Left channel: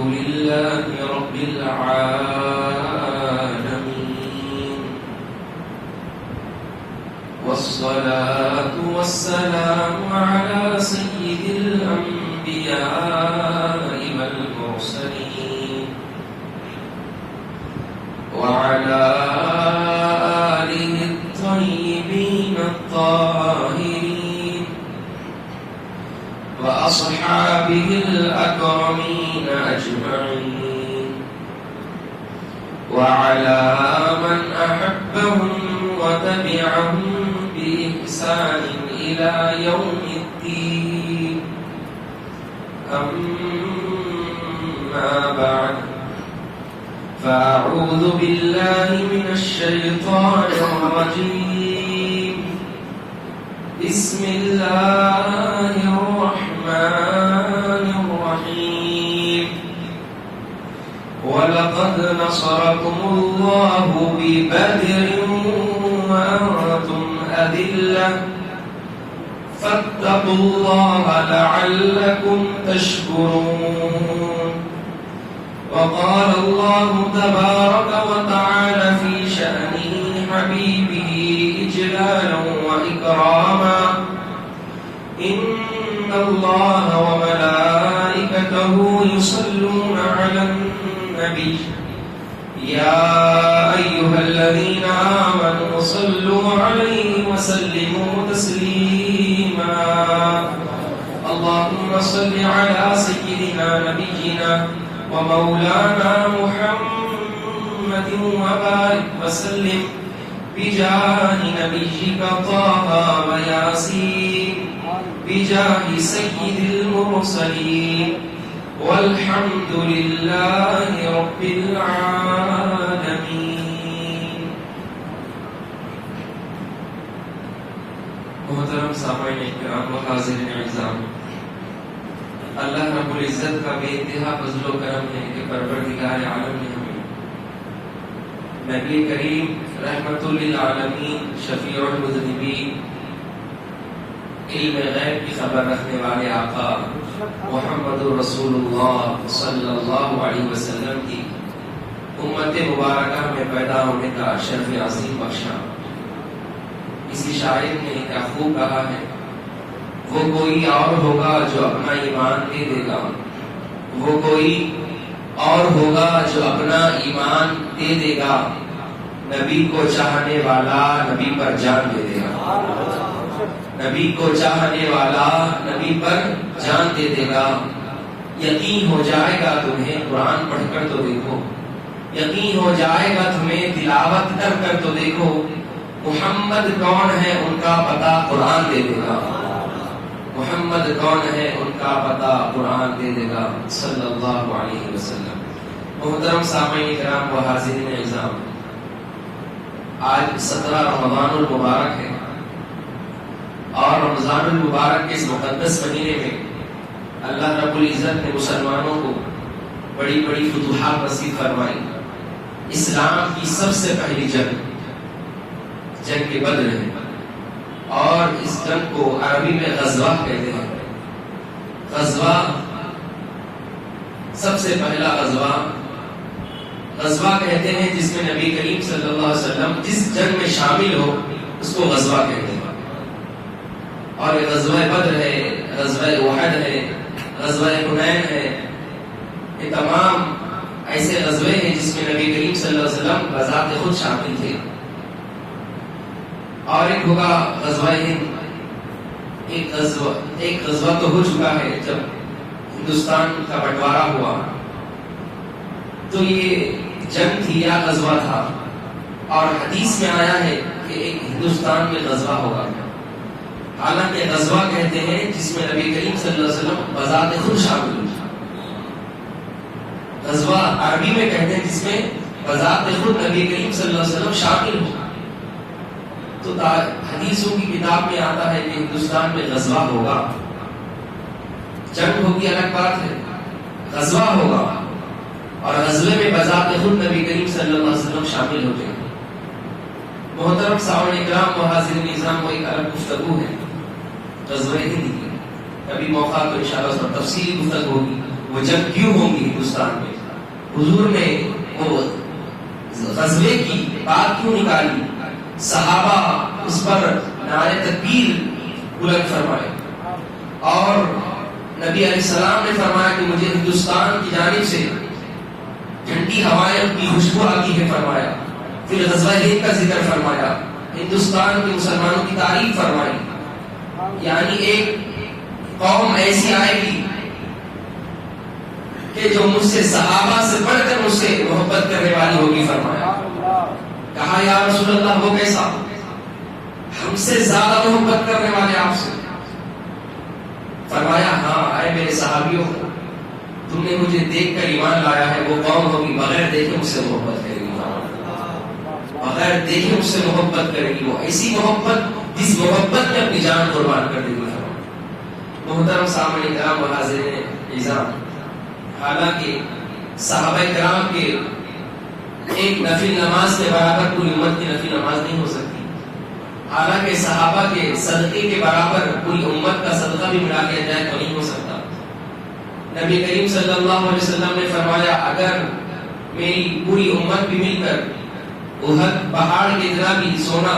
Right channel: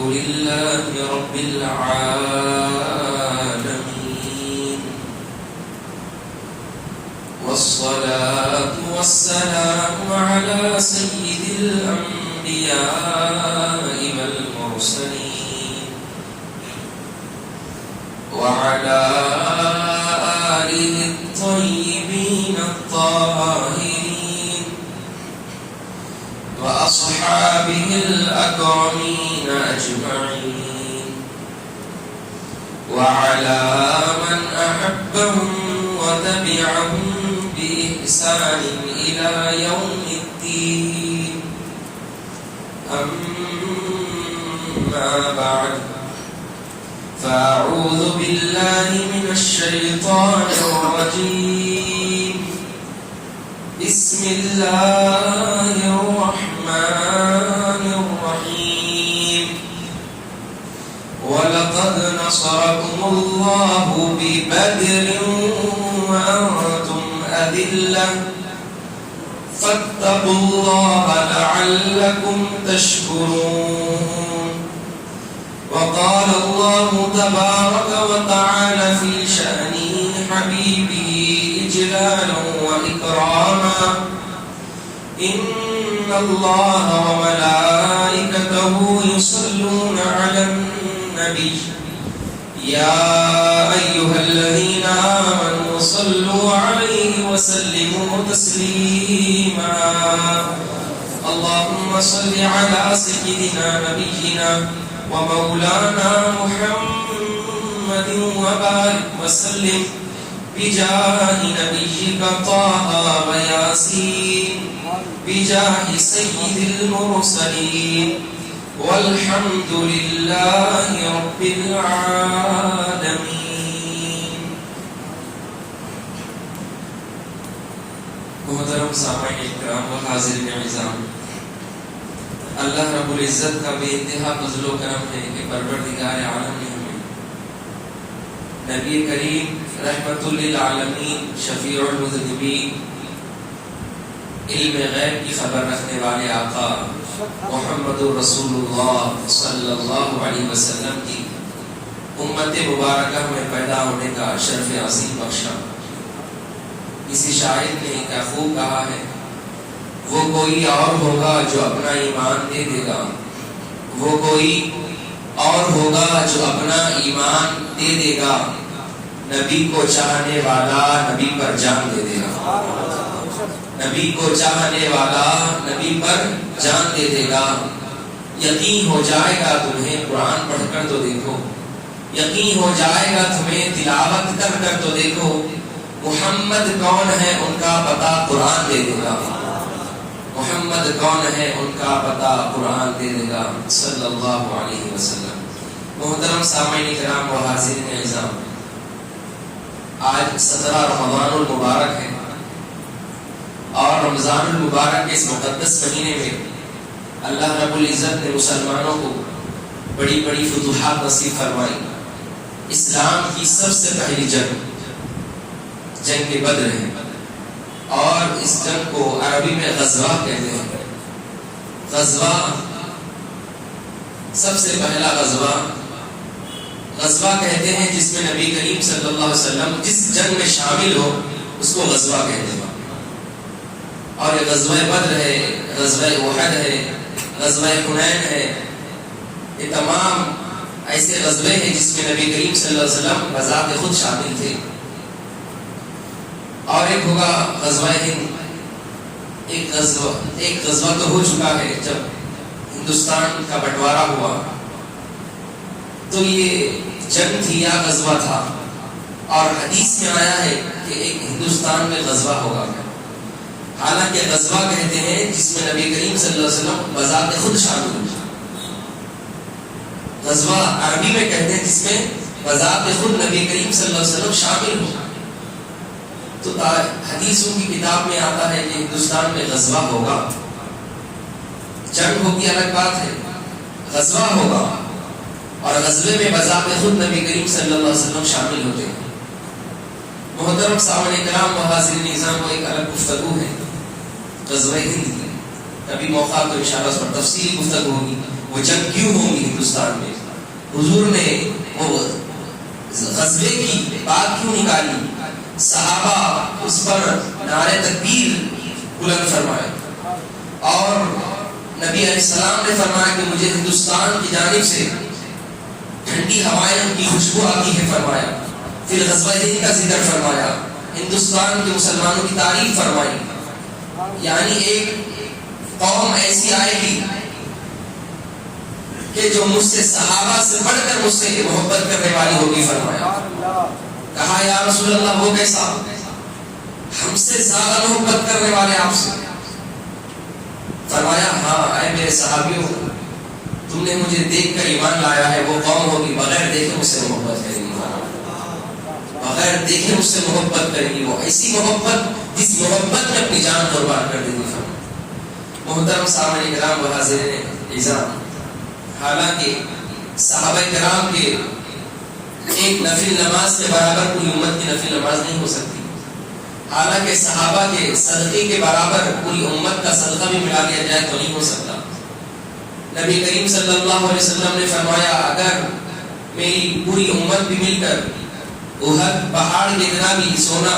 لله رب العالمين، والصلاة والسلام على سيد الأنبياء والمرسلين وعلى آله الطيبين الطاهرين وأصحابه الأكرمين أجمعين وعلى من أحبهم وتبعهم بإحسان إلى يوم الدين. أما بعد، فأعوذ بالله من الشيطان الرجيم. بسم الله الرحمن الرحيم. ولقد نصركم الله ببدر وأنتم أذلة فاتقوا الله لعلكم تشكرون. وقال الله تبارك وتعالى في شأن حبيبه إجلالا وإكراما: إن الله وملائكته يصلون على النبي يا أيها الذين آمنوا صلوا عليه وسلموا تسليما. اللهم صل على سيدنا نبينا ومولانا محمد وبارك وسلم بجاه نبيك طه وياسين بجاه سيد المرسلين والحمد لله رب العالمين. محترم سامعین اکرام و حاضرین اعزام، اللہ رب العزت کا بے انتہا فضل و کرم ہے کہ پروردگار عالم نے ہمیں نبی کریم رحمت للعالمین شفیع المذنبین علم غیب کی خبر رکھنے والے آقا محمد رسول اللہ صلی اللہ علیہ وسلم کی امت مبارکہ میں پیدا ہونے کا شرف عظیم بخشا. کسی شاعر نے کیا خوب کہا ہے: وہ کوئی اور ہوگا جو اپنا ایمان دے دے گا، وہ کوئی اور ہوگا جو اپنا ایمان دے دے گا، نبی کو چاہنے والا نبی پر جان دے دے گا، نبی کو چاہنے والا نبی پر جان دے دے گا. یقین ہو جائے گا تمہیں قرآن پڑھ کر تو دیکھو، یقین ہو جائے گا تمہیں تلاوت کر کر تو دیکھو، محمد کون ہے ان کا پتہ قرآن دے دے گا، محمد کون ہے ان کا پتہ قرآن دے دے گا صلی اللہ علیہ وسلم. محترم سامعین کرام و حاضرین اعزام، آج 17 رمضان المبارک ہے اور رمضان المبارک کے اس مقدس مہینے میں اللہ رب العزت نے مسلمانوں کو بڑی بڑی فتوحات نصیب فرمائی. اسلام کی سب سے پہلی جنگ بدر ہے اور اس جنگ کو عربی میں غزوہ کہتے ہیں. غزوہ سب سے پہلا غزوہ کہتے ہیں جس میں نبی کریم صلی اللہ علیہ وسلم جس جنگ میں شامل ہو اس کو غزوہ کہتے ہیں. اور یہ غزوہ بدر ہے، غزوہ احد ہے، غزوہ حنین ہے، یہ تمام ایسے غزوے ہیں جس میں نبی کریم صلی اللہ علیہ وسلم بذات خود شامل تھے. اور ایک ہوگا غزوہ ہند. ایک غزوہ تو ہو چکا ہے جب ہندوستان کا بٹوارا ہوا، تو یہ جنگ تھی یا غزوہ تھا. اور حدیث میں آیا ہے کہ ایک ہندوستان میں غزوہ ہوگا. حالانکہ غزوہ کہتے ہیں جس میں نبی کریم صلی اللہ علیہ وسلم بذات خود شامل ہوئے. غزوہ عربی میں کہتے ہیں جس میں بذات خود نبی کریم صلی اللہ علیہ وسلم شامل ہو. تو حدیثوں کی کتاب میں آتا ہے کہ ہندوستان میں غزوہ ہوگا. جنگ ہوگی الگ بات ہے، غزوہ ہوگا اور غزوے میں بذات خود نبی کریم صلی اللہ علیہ وسلم شامل ہوتے ہیں. محترم سامعین کرام و حاضرین نظام کو ایک الگ گفتگو ہے غزوہ ہند کی. کبھی موقع تو انشاءاللہ اس پر تفصیلی گفتگو ہوگی، وہ جنگ کیوں ہوں گی ہندوستان میں، حضور نے وہ غزوے کی بات کیوں نکالی، صحابہ اس پر نعرہ تکبیر بلند فرمائے، اور نبی علیہ السلام نے فرمایا کہ مجھے ہندوستان کی جانب سے ٹھنڈی ہوائیں کی خوشبو آتی ہے فرمایا، پھر غزوہ ہند کا ذکر فرمایا، ہندوستان کے مسلمانوں کی تعریف فرمائی، یعنی ایک قوم ایسی آئے گی کہ جو مجھ سے صحابہ سے بڑھ کر مجھ سے محبت کرنے والی ہوگی فرمایا۔ کہا یا رسول اللہ وہ کیسا؟ ہم سے زیادہ محبت کرنے والے آپ سے؟ فرمایا ہاں اے میرے صحابیوں، تم نے مجھے دیکھ کر ایمان لایا ہے، وہ قوم ہوگی بغیر دیکھے مجھ سے محبت کرے گی، بغیر دیکھے مجھ سے محبت کرے گی، وہ ایسی محبت جس محبت میں اپنی جان قربان کر دے گی۔ محترم سامعین کرام و حاضرین اعزام، حالانکہ صحابہ کرام کے ایک نفل نماز کے برابر پوری امت کی نفل نماز نہیں ہو سکتی، حالانکہ صحابہ کے صدقے کے برابر پوری امت کا صدقہ بھی ملا لیا جائے تو نہیں ہو سکتا۔ نبی کریم صلی اللہ علیہ وسلم نے فرمایا اگر میری پوری امت بھی مل کر احد پہاڑ کی طرح بھی سونا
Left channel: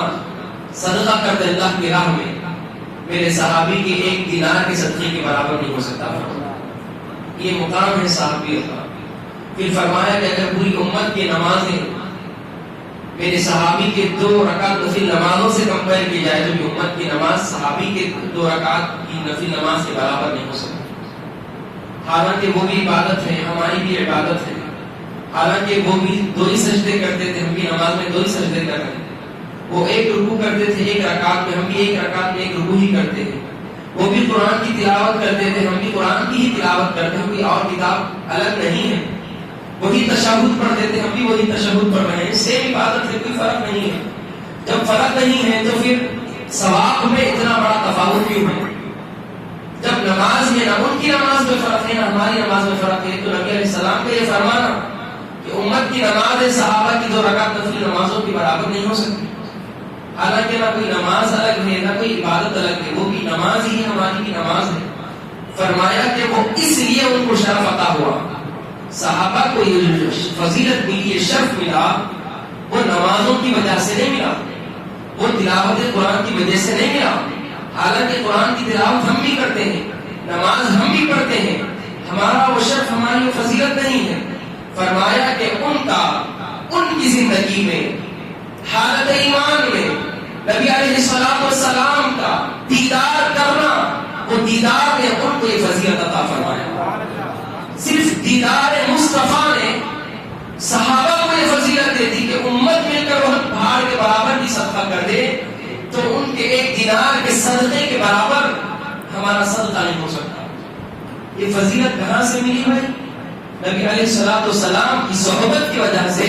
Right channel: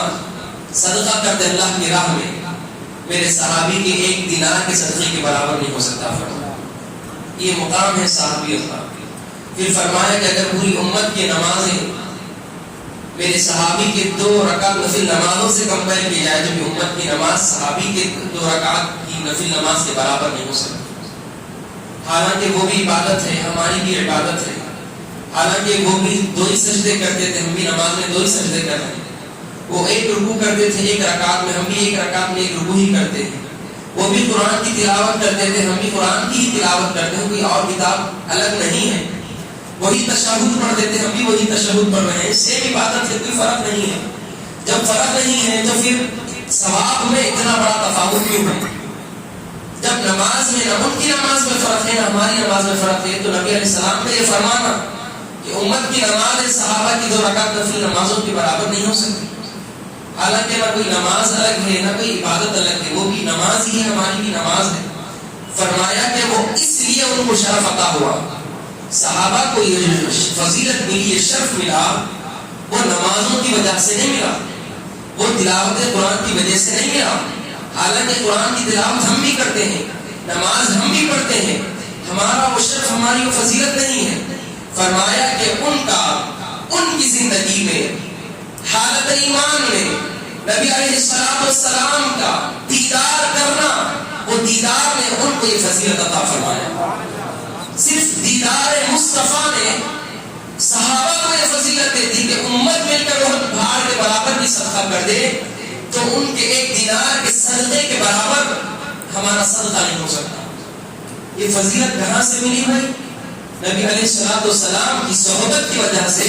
صدقہ کر دے اللہ کی راہ میں، میرے صحابی کے ایک دینار کے صدقے کے برابر نہیں ہو سکتا۔ یہ مقام ہے صحابیت کا۔ پھر فرمایا کہ اگر پوری امت کی نمازیں میرے صحابی کے 2 رکعت نفل نمازوں سے کمپیئر کی جائے تو بھی امت کی نماز صحابی کے 2 رکعت کی نفل نماز کے برابر نہیں ہو سکتی، حالانکہ وہ بھی عبادت ہے، ہماری بھی عبادت ہے، حالانکہ وہ بھی 2 ہی سجدے کرتے تھے، ہم بھی نماز میں 2 ہی سجدے کر رہے ہیں، وہ ایک رکوع کرتے تھے ایک رکعت میں، ہم بھی ایک رکعت میں ایک رکوع ہی کرتے ہیں، وہ بھی قرآن کی تلاوت کرتے تھے، ہم بھی قرآن کی ہی تلاوت کرتے ہیں، کوئی اور کتاب الگ نہیں ہے، وہی تشہد پڑھتے تھے، ہم بھی وہی تشہد پڑھ رہے ہیں، سیم عبادت ہے، کوئی فرق نہیں ہے۔ جب فرق نہیں ہے تو پھر ثواب میں اتنا بڑا تفاوت کیوں ہے؟ جب نماز میں نہ ان کی نماز میں فرق ہے نہ ہماری نماز میں فرق ہے، تو نبی علیہ السلام نے یہ فرمانا کہ امت کی نماز صحابہ کی 2 رکعت نفل نمازوں کے برابر نہیں ہو سکتی، حالانکہ نہ کوئی نماز الگ ہے نہ کوئی عبادت الگ ہے، وہ بھی نماز ہی ہے، ہماری بھی نماز ہے۔ فرمایا کہ وہ اس لیے ان کو شرف عطا ہوا، صحابہ کو یہ فضیلت ملی، یہ شرف ملا، وہ نمازوں کی وجہ سے نہیں ملا، وہ تلاوت قرآن کی وجہ سے نہیں ملا، حالانکہ قرآن کی تلاوت ہم بھی کرتے ہیں، نماز ہم بھی پڑھتے ہیں، ہمارا وہ شرف، ہماری وہ فضیلت نہیں ہے۔ فرمایا کہ ان کی زندگی میں حالت ایمان میں نبی علیہ السلام کا دیدار کرنا، وہ دیدار نے ان کو یہ فضیلت عطا فرمایا۔ صرف دیدار مصطفیٰ نے صحابہ کو یہ فضیلت دے دی کہ امت مل کر وہ پہاڑ کے برابر بھی صدقہ کر دے تو ان کے ایک دینار کے صدقے کے برابر ہمارا صدقہ نہیں ہو سکتا۔ یہ فضیلت کہاں سے ملی ہے؟ نبی علیہ السلام کی صحبت کی وجہ سے،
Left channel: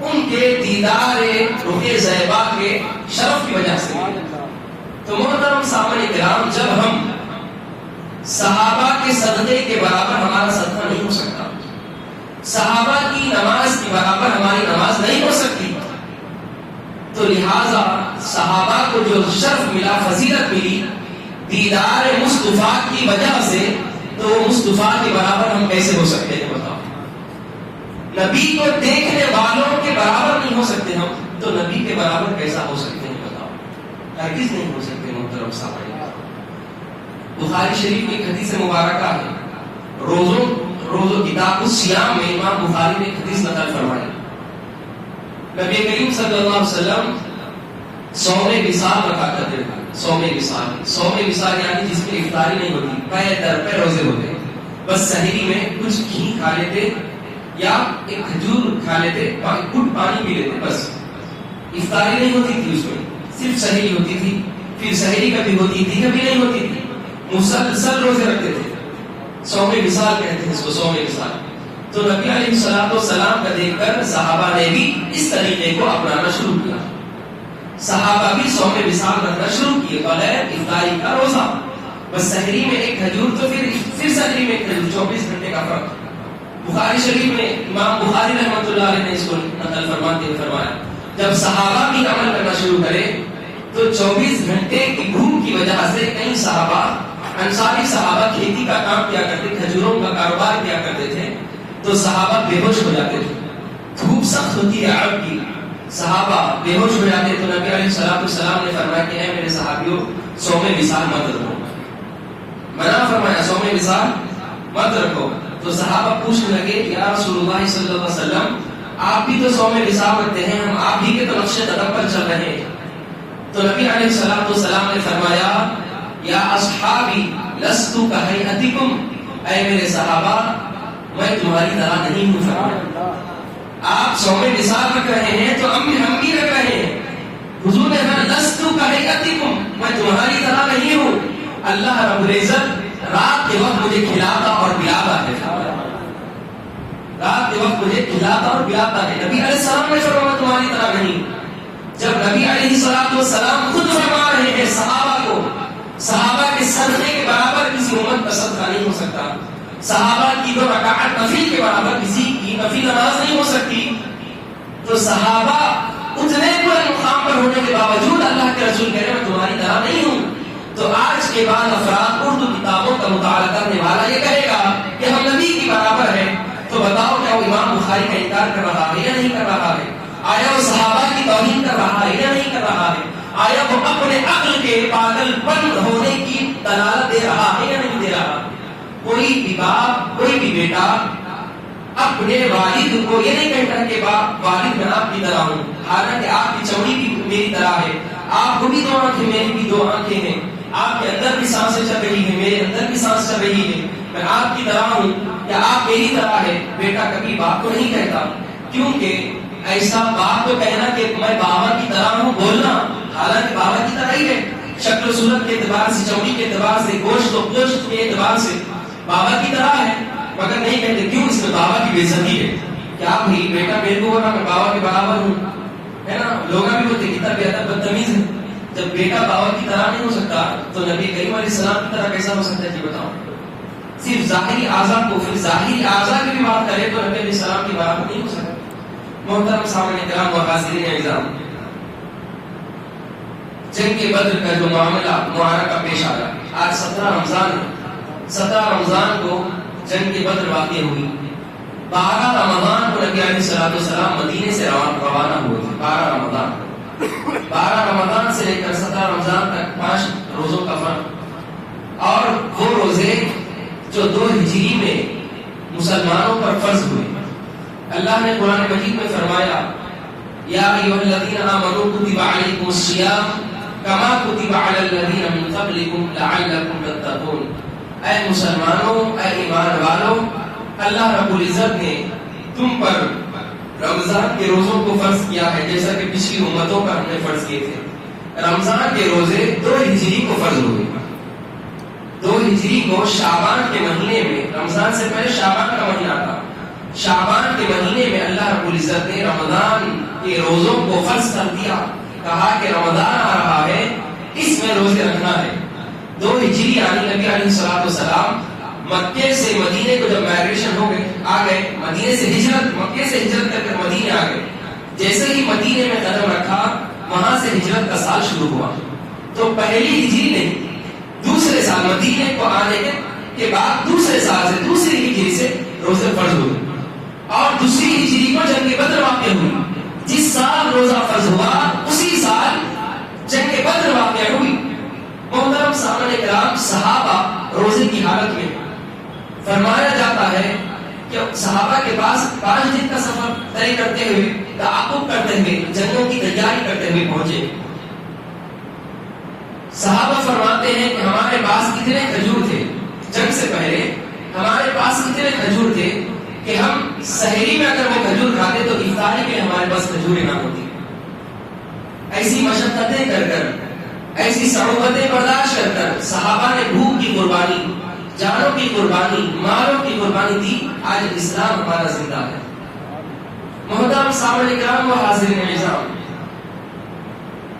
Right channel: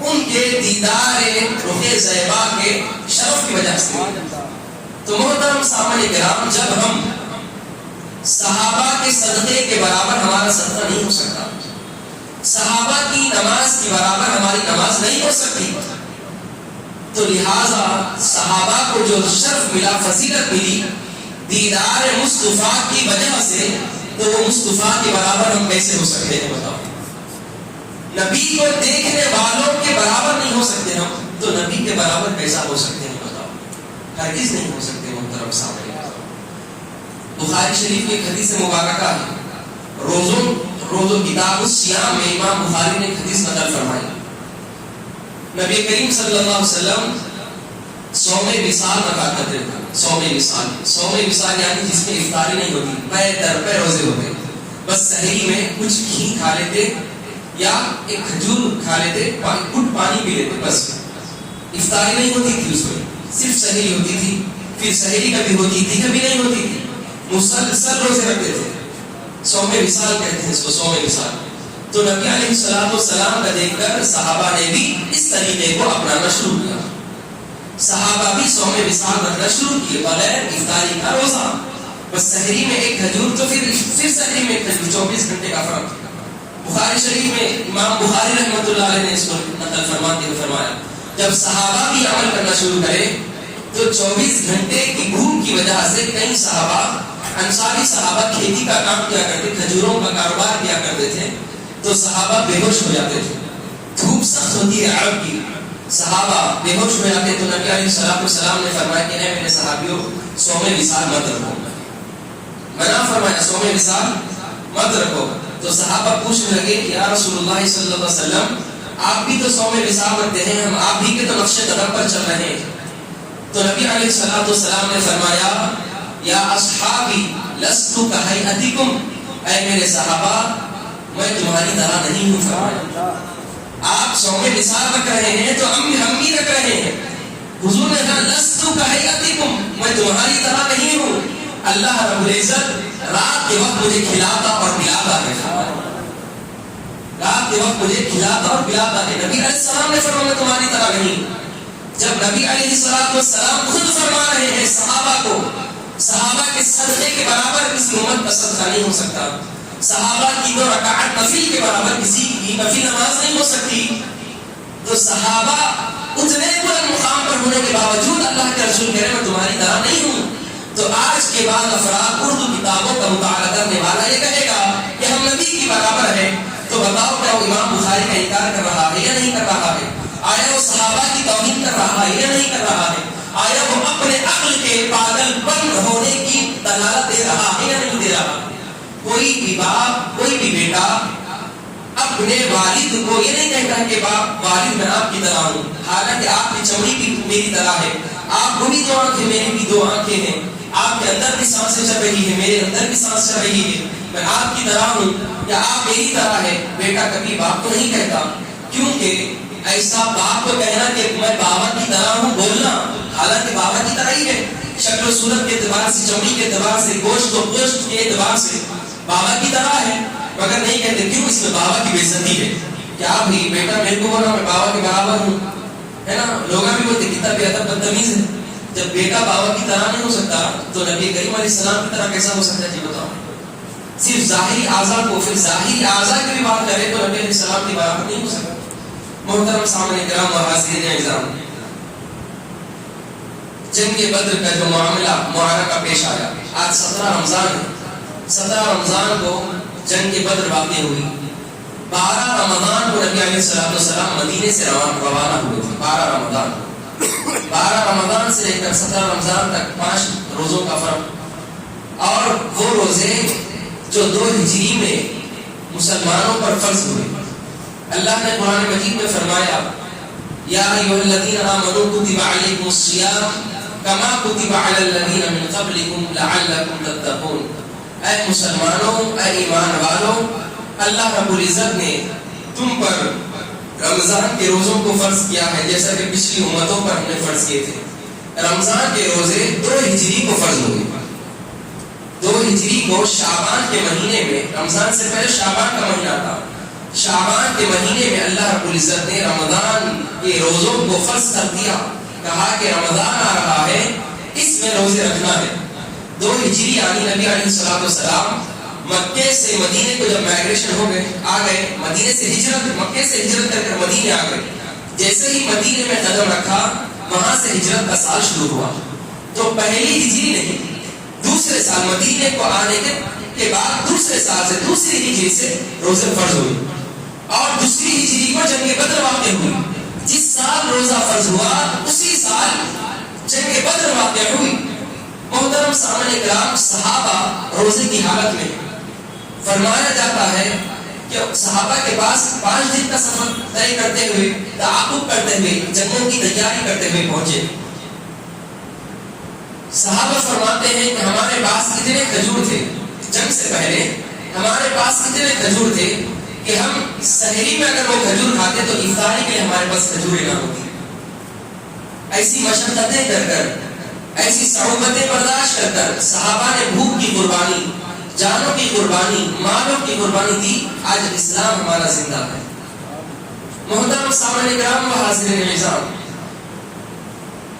ان کے دیدار رخ زیبا کے شرف کی وجہ سے۔ تو محترم سامعین کرام، جب ہم صحابہ کے صدقے کے برابر ہمارا صدقہ نہیں ہو سکتا، صحابہ کی نماز کے برابر ہماری نماز نہیں ہو سکتی، تو لہذا صحابہ کو جو شرف ملا، فضیلت ملی دیدار مصطفیٰ کی وجہ سے، تو وہ مصطفیٰ کے برابر ہم کیسے ہو سکتے ہیں؟ بتاؤ، نبی کو دیکھنے والوں کے برابر نہیں ہو سکتے ہم، تو نبی کے برابر کیسا ہو سکتے ہیں؟ بتاؤ، ہرگز نہیں ہو سکتے۔ محترم سامعین، بخاری شریف کی ایک حدیث مبارکہ ہے، روزوں کتاب الصیام میں امام بخاری نے ایک حدیث نقل فرمائی، نبی کریم صلی اللہ علیہ وسلم صوم وصال رکھا کرتے تھے۔ صوم وصال یعنی جس میں افطاری نہیں ہوتی، پے در پے روزے ہوتے، بس سحری میں کچھ گھی کھا لیتے یا ایک کھجور کھا لیتے، گھٹ پانی پی لیتے، بس افطاری نہیں ہوتی تھی، اس میں صرف سحری ہوتی تھی، پھر سحری کبھی ہوتی تھی کبھی نہیں ہوتی تھی، مسلسل روزے رکھتے تھے، صوم وصال کہتے ہیں اس کو، صوم وصال۔ تو نبی علیہ السلام کا دیکھ کر صحابہ نے بھی اس طریقے کو اپنانا شروع کیا، صحابہ بھی صوم وصال رکھنا شروع کیے، بغیر افطاری کا روزہ، بس سحری میں ایک کھجور، تو پھر سحری میں ایک کھجور، 24 گھنٹے کا فرق۔ بخاری شریف میں امام بخاری رحمۃ اللہ علیہ نے اس کو نقل فرماتے ہوئے فرمایا، جب صحابہ بھی عمل کرنا شروع کرے تو 24 گھنٹے کی بھوک کی وجہ سے کئی صحابہ انصاری صحابہ کھیتی کا کام کیا کرتے، کھجوروں کا کاروبار کیا کرتے تھے، تو صحابہ بے ہوش ہو جاتے تھے. دھوپ سخت ہوتی ہے عرب کی، صحابہ بے ہوش ہو جاتے، تو نبی علیہ السلام نے فرمایا کہ اے میرے صحابیوں صوم وصال مت رکھو، منع فرمایا صوم وصال مت رکھو. تو صحابہ پوچھنے لگے کہ یا رسول اللہ صلی اللہ علیہ وسلم آپ بھی تو صوم وصال رکھتے ہیں، ہم آپ بھی کے تو نقش قدم پر چل رہے ہیں. تو نبی علیہ السلام نے فرمایا یا اصحابی لست کہیئتکم، اے میرے صحابہ میں تمہاری طرح نہیں ہوں. فرمایا آپ صوم وصال رکھ رہے ہیں تو ہم بھی رکھ رہے ہیں. حضور نے کہا لست کہیئتکم، میں تمہاری طرح نہیں ہوں. اللہ رب العزت رات کے وقت مجھے کھلاتا اور پلاتا ہے، رات کے وقت مجھے کھلاتا اور پلاتا ہے. نبی علیہ السلام نے فرمایا تمہاری طرح نہیں. جب نبی علیہ السلام خود فرما رہے ہیں صحابہ کو، صحابہ کے صدقے کے برابر کسی امت کا صدقہ نہیں ہو سکتا، صحابہ کی 2 رکعت نفل کے برابر کسی کی نفل نماز نہیں ہو سکتی، تو صحابہ اتنے بڑے مقام پر ہونے کے باوجود اللہ کے رسول کہہ رہے ہیں میں تمہاری طرح نہیں ہوں. تو آج کے بعد افراد اردو کتابوں کا مطالعہ کرنے والا یہ کہے گا کہ ہم نبی کی برابر ہیں، تو بتاؤ کیا وہ امام بخاری کا انکار کر رہا ہے یا نہیں کر رہا ہے؟ آیا وہ صحابہ کی توہین کر رہا ہے یا نہیں کر رہا ہے؟ آیا وہ اپنے عقل کے پاگل پن ہونے کی دلالت دے رہا ہے یا نہیں دے رہا؟ کوئی بھی باپ، کوئی بھی بیٹا اپنے والد کو یہ نہیں کہتا کہ باپ والد میں آپ کی طرح ہوں، حالانکہ آپ کی چمڑی بھی میری طرح ہے، آپ کو بھی 2 آنکھیں میری بھی 2 آنکھیں ہیں، آپ کے اندر بھی سانسیں چل رہی ہیں، میرے اندر بھی سانس چل رہی ہے، میں آپ کی طرح ہوں یا آپ میری طرح ہے. بیٹا کبھی باپ کو نہیں کہتا، کیونکہ ایسا باپ کو کہنا کہ میں بابا کی طرح ہوں بولنا، حالانکہ بابا کی طرح ہی ہے، شکل و صورت کے اعتبار سے، چمڑی کے اعتبار سے، گوشت و گوشت کے اعتبار سے بابا کی طرح ہے، مگر نہیں کہتے کیوں اس میں بابا کی بے عزتی ہے. کیا بھائی بیٹا میرے کو بولا میں بابا کے برابر ہوں، ہے نا؟ لوگ بھی بولتے کتنا بے ادب بدتمیز ہے. جب بیٹا بابا کی طرح نہیں ہو سکتا تو نبی کریم علیہ السلام کی طرح کیسا ہو سکتا ہے؟ جی بتاؤ. صرف ظاہری اعضاء کو، پھر ظاہری اعضاء کی بھی بات کریں تو نبی علیہ السلام کی برابر نہیں ہو سکتا. محترم سامعین کرام و حاضرین اعزام، جنگ بدر کا جو معرکہ پیش آیا، آج 17 رمضان ہے. 17 رمضان کو جنگ بدر واقع ہوئی. 12 رمضان کو نبی علیہ السلام مدینے سے روانہ ہوئے تھے. 12 رمضان سے لے کر 17 رمضان تک 5 روزوں کا فرق، اور وہ روزے جو 2 ہجری میں مسلمانوں پر فرض ہوئے. اللہ نے قرآن مجید میں فرمایا یا ایھا الذین آمنوا کتب علیکم الصیام کما کتب علی الذین من قبلکم لعلکم تتقون. اے مسلمانوں، اے ایمان والوں، اللہ رب العزت نے تم پر رمضان کے روزوں کو فرض کیا ہے جیسا کہ پچھلی امتوں پر ہم نے فرض کیے تھے. رمضان کے روزے 2 ہجری کو فرض ہوئے. 2 ہجری کو شعبان کے مہینے میں، رمضان سے پہلے شعبان کا مہینہ تھا، شعبان کے مہینے میں اللہ رب العزت نے رمضان کے روزوں کو فرض کر دیا. کہا کہ رمضان آ رہا ہے، اس میں روزے رکھنا ہے. 2 ہجری یعنی نبی علیہ السلام مکے سے مدینے کو جب مائگریشن ہو گئے، آ گئے مدینے سے ہجرت، مکے سے ہجرت کر کر مدینے آ گئے. جیسے ہی مدینے میں قدم رکھا، وہاں سے ہجرت کا سال شروع ہوا. تو پہلی ہجری نہیں، دوسرے سال مدینے کو آنے کے بعد دوسرے سال سے، دوسری ہجری سے روزے فرض ہوئی. اور دوسری ہجری کو جنگ بدر واقع ہوئی. جس سال روزہ فرض ہوا اسی سال جنگ بدر واقع ہوئی. محترم سامعین کرام، صحابہ روزے کی حالت میں، فرمایا جاتا ہے کہ صحابہ کے پاس 5 دن کا سفر طے کرتے ہوئے، تعاقب کرتے ہوئے، جنگوں کی تیاری کرتے ہوئے پہنچے. صحابہ فرماتے ہیں کہ ہمارے پاس اتنے کھجور تھے، جنگ سے پہلے ہمارے پاس اتنے کھجور تھے کہ ہم سحری میں اگر وہ کھجور کھاتے تو افطاری کے لیے ہمارے پاس کھجوریں نہ ہوتی. ایسی مشقتیں کر کر، ایسی صعوبتیں برداشت کر کر صحابہ نے بھوک کی قربانی، جانوں کی قربانی، مالوں کی قربانی دی. آج اسلام ہمارا زندہ ہے. محترم سامعین کرام و حاضرین اعزام،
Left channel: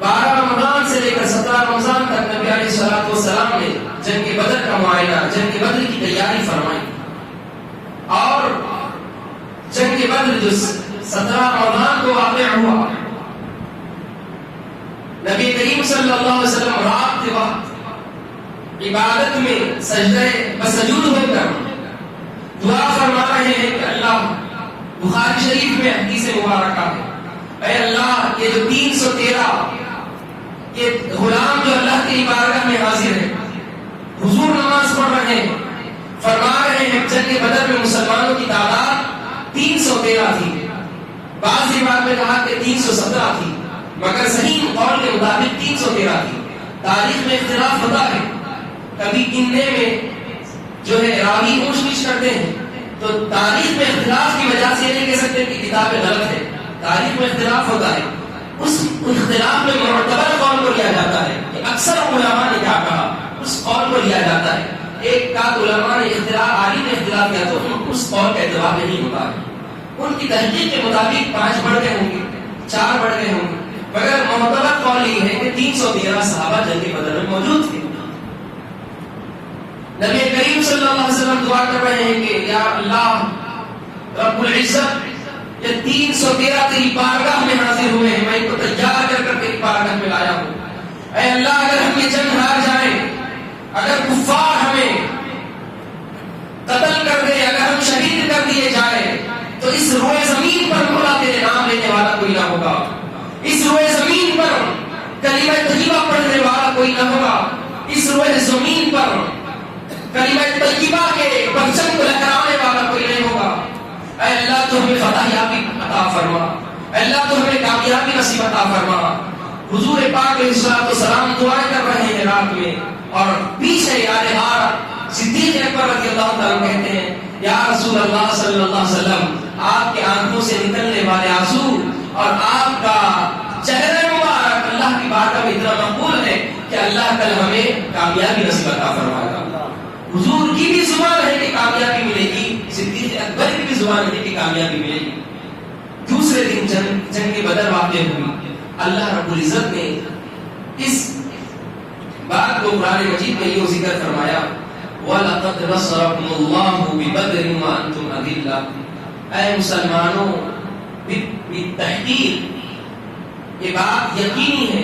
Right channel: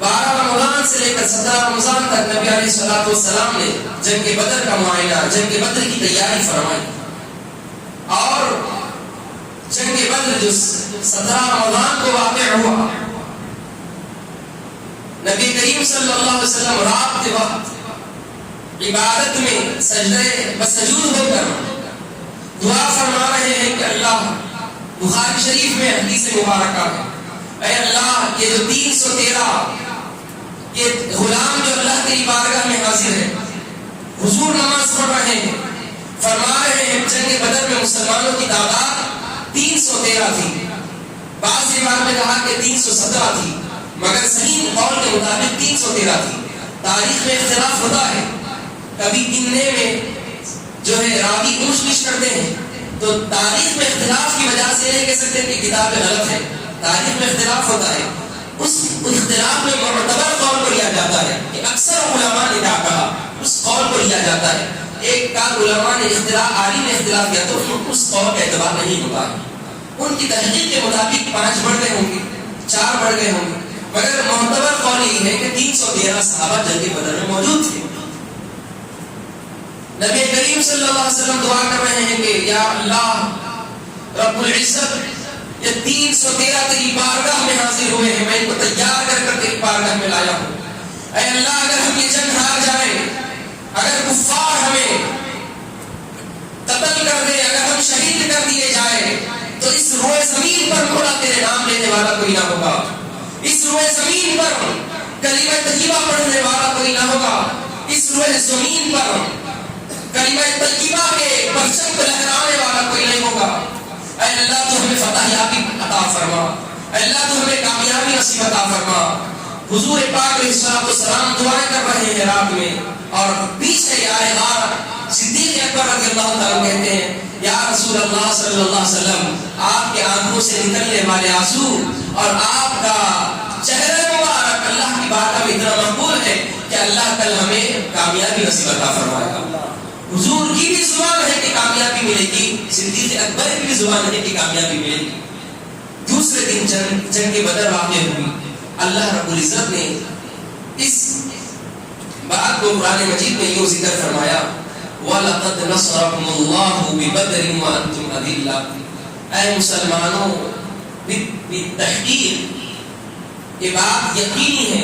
12 رمضان سے لے کر 17 رمضان تک نبی علیہ السلام نے جنگ بدر کا معائنہ، جنگ بدر کی تیاری فرمائی. اور جنگ بدر جو 17 رمضان کو واقع ہوا، نبی کریم صلی اللہ علیہ وسلم رات کے وقت عبادت میں سجدے بسجود ہو کر دعا فرما رہے ہیں کہ اللہ، بخاری شریف میں حدیث مبارکہ ہے، اے اللہ یہ جو 313 یہ غلام جو اللہ کی بارگاہ میں حاضر ہے، حضور نماز پڑھ رہے ہیں، فرما رہے ہیں جنگ بدر میں مسلمانوں کی تعداد 313 تھی، بعض روایت میں کہا کہ 317 تھی، مگر صحیح قول کے مطابق 313 تھی۔ تاریخ میں اختلاف ہوتا ہے، کبھی گننے میں جو ہے راوی اونچ نیچ کرتے ہیں، تو تاریخ میں اختلاف کی وجہ سے یہ نہیں کہہ سکتے کہ کتاب غلط ہے، تاریخ میں اختلاف ہوتا ہے، اس اختلاف میں معتبر قول کو لیا جاتا ہے کہ اکثر علماء نے کیا کہا اس قول کو لیا جاتا ہے، ایک کا علماء نے اختلاف عالی نے اختلاف کیا تو اس قول کا اعتبار نہیں ہوتا ہے، ان کی تحقیق کے مطابق 5 بڑھ گئے ہوں گے، 4 بڑھ گئے ہوں گے، مگر معتبر قول یہ ہے کہ 313 صحابہ جنگ بدر میں موجود تھے۔ نبی کریم صلی اللہ علیہ وسلم دعا کر رہے ہیں کہ یا اللہ رب العزت یہ 313 تیری بارگاہ میں حاضر ہوئے ہیں، میں ان کو تیار کر کر تیری بارگاہ میں لایا ہوں، اے اللہ اگر ہم یہ جنگ ہار جائیں، اگر کفار ہمیں قتل کر دے، اگر ہم شہید کر دیے جائیں، تو اس روئے زمین پر مولا تیرے نام لینے والا کوئی نہ ہوگا، اس روئے زمین پر کلمہ طیبہ پڑھنے والا کوئی نہ ہوگا، اس روئے زمین پر کلمہ طیبہ کے پرچم کو لہرانے والا کوئی نہیں ہوگا، اے اللہ تو ہمیں فتح یابی عطا فرما، اے اللہ تو ہمیں کامیابی نصیب عطا فرما۔ حضور پاک علیہ الصلوۃ والسلام دعائیں کر رہے ہیں رات میں، اور پیچھے آئے غار صدیق اکبر رضی اللہ تعالیٰ کہتے ہیں یا رسول اللہ صلی اللہ علیہ وسلم آپ کے آنکھوں سے نکلنے والے آنسو اور آپ کا چہرہ مبارک اللہ کی بارگاہ میں اتنا مقبول ہے کہ اللہ کل ہمیں کامیابی نصیب عطا فرمائے گا۔ حضور کی بھی زبان ہے کہ کامیابی ملے گی، صدیق اکبر کی بھی زبان ہے کہ کامیابی ملے گی۔ دوسرے دن جنگ بدر واقع ہوئی، اللہ رب العزت نے اس بات کو قرآن مجید میں یہ ذکر فرمایا وَلَقَدْ نَصَرَكُمُ اللَّهُ بِبَدْرٍ وَأَنْتُمْ أَذِلَّةٌ، اے مسلمانوں بالتحقیق یہ بات یقینی ہے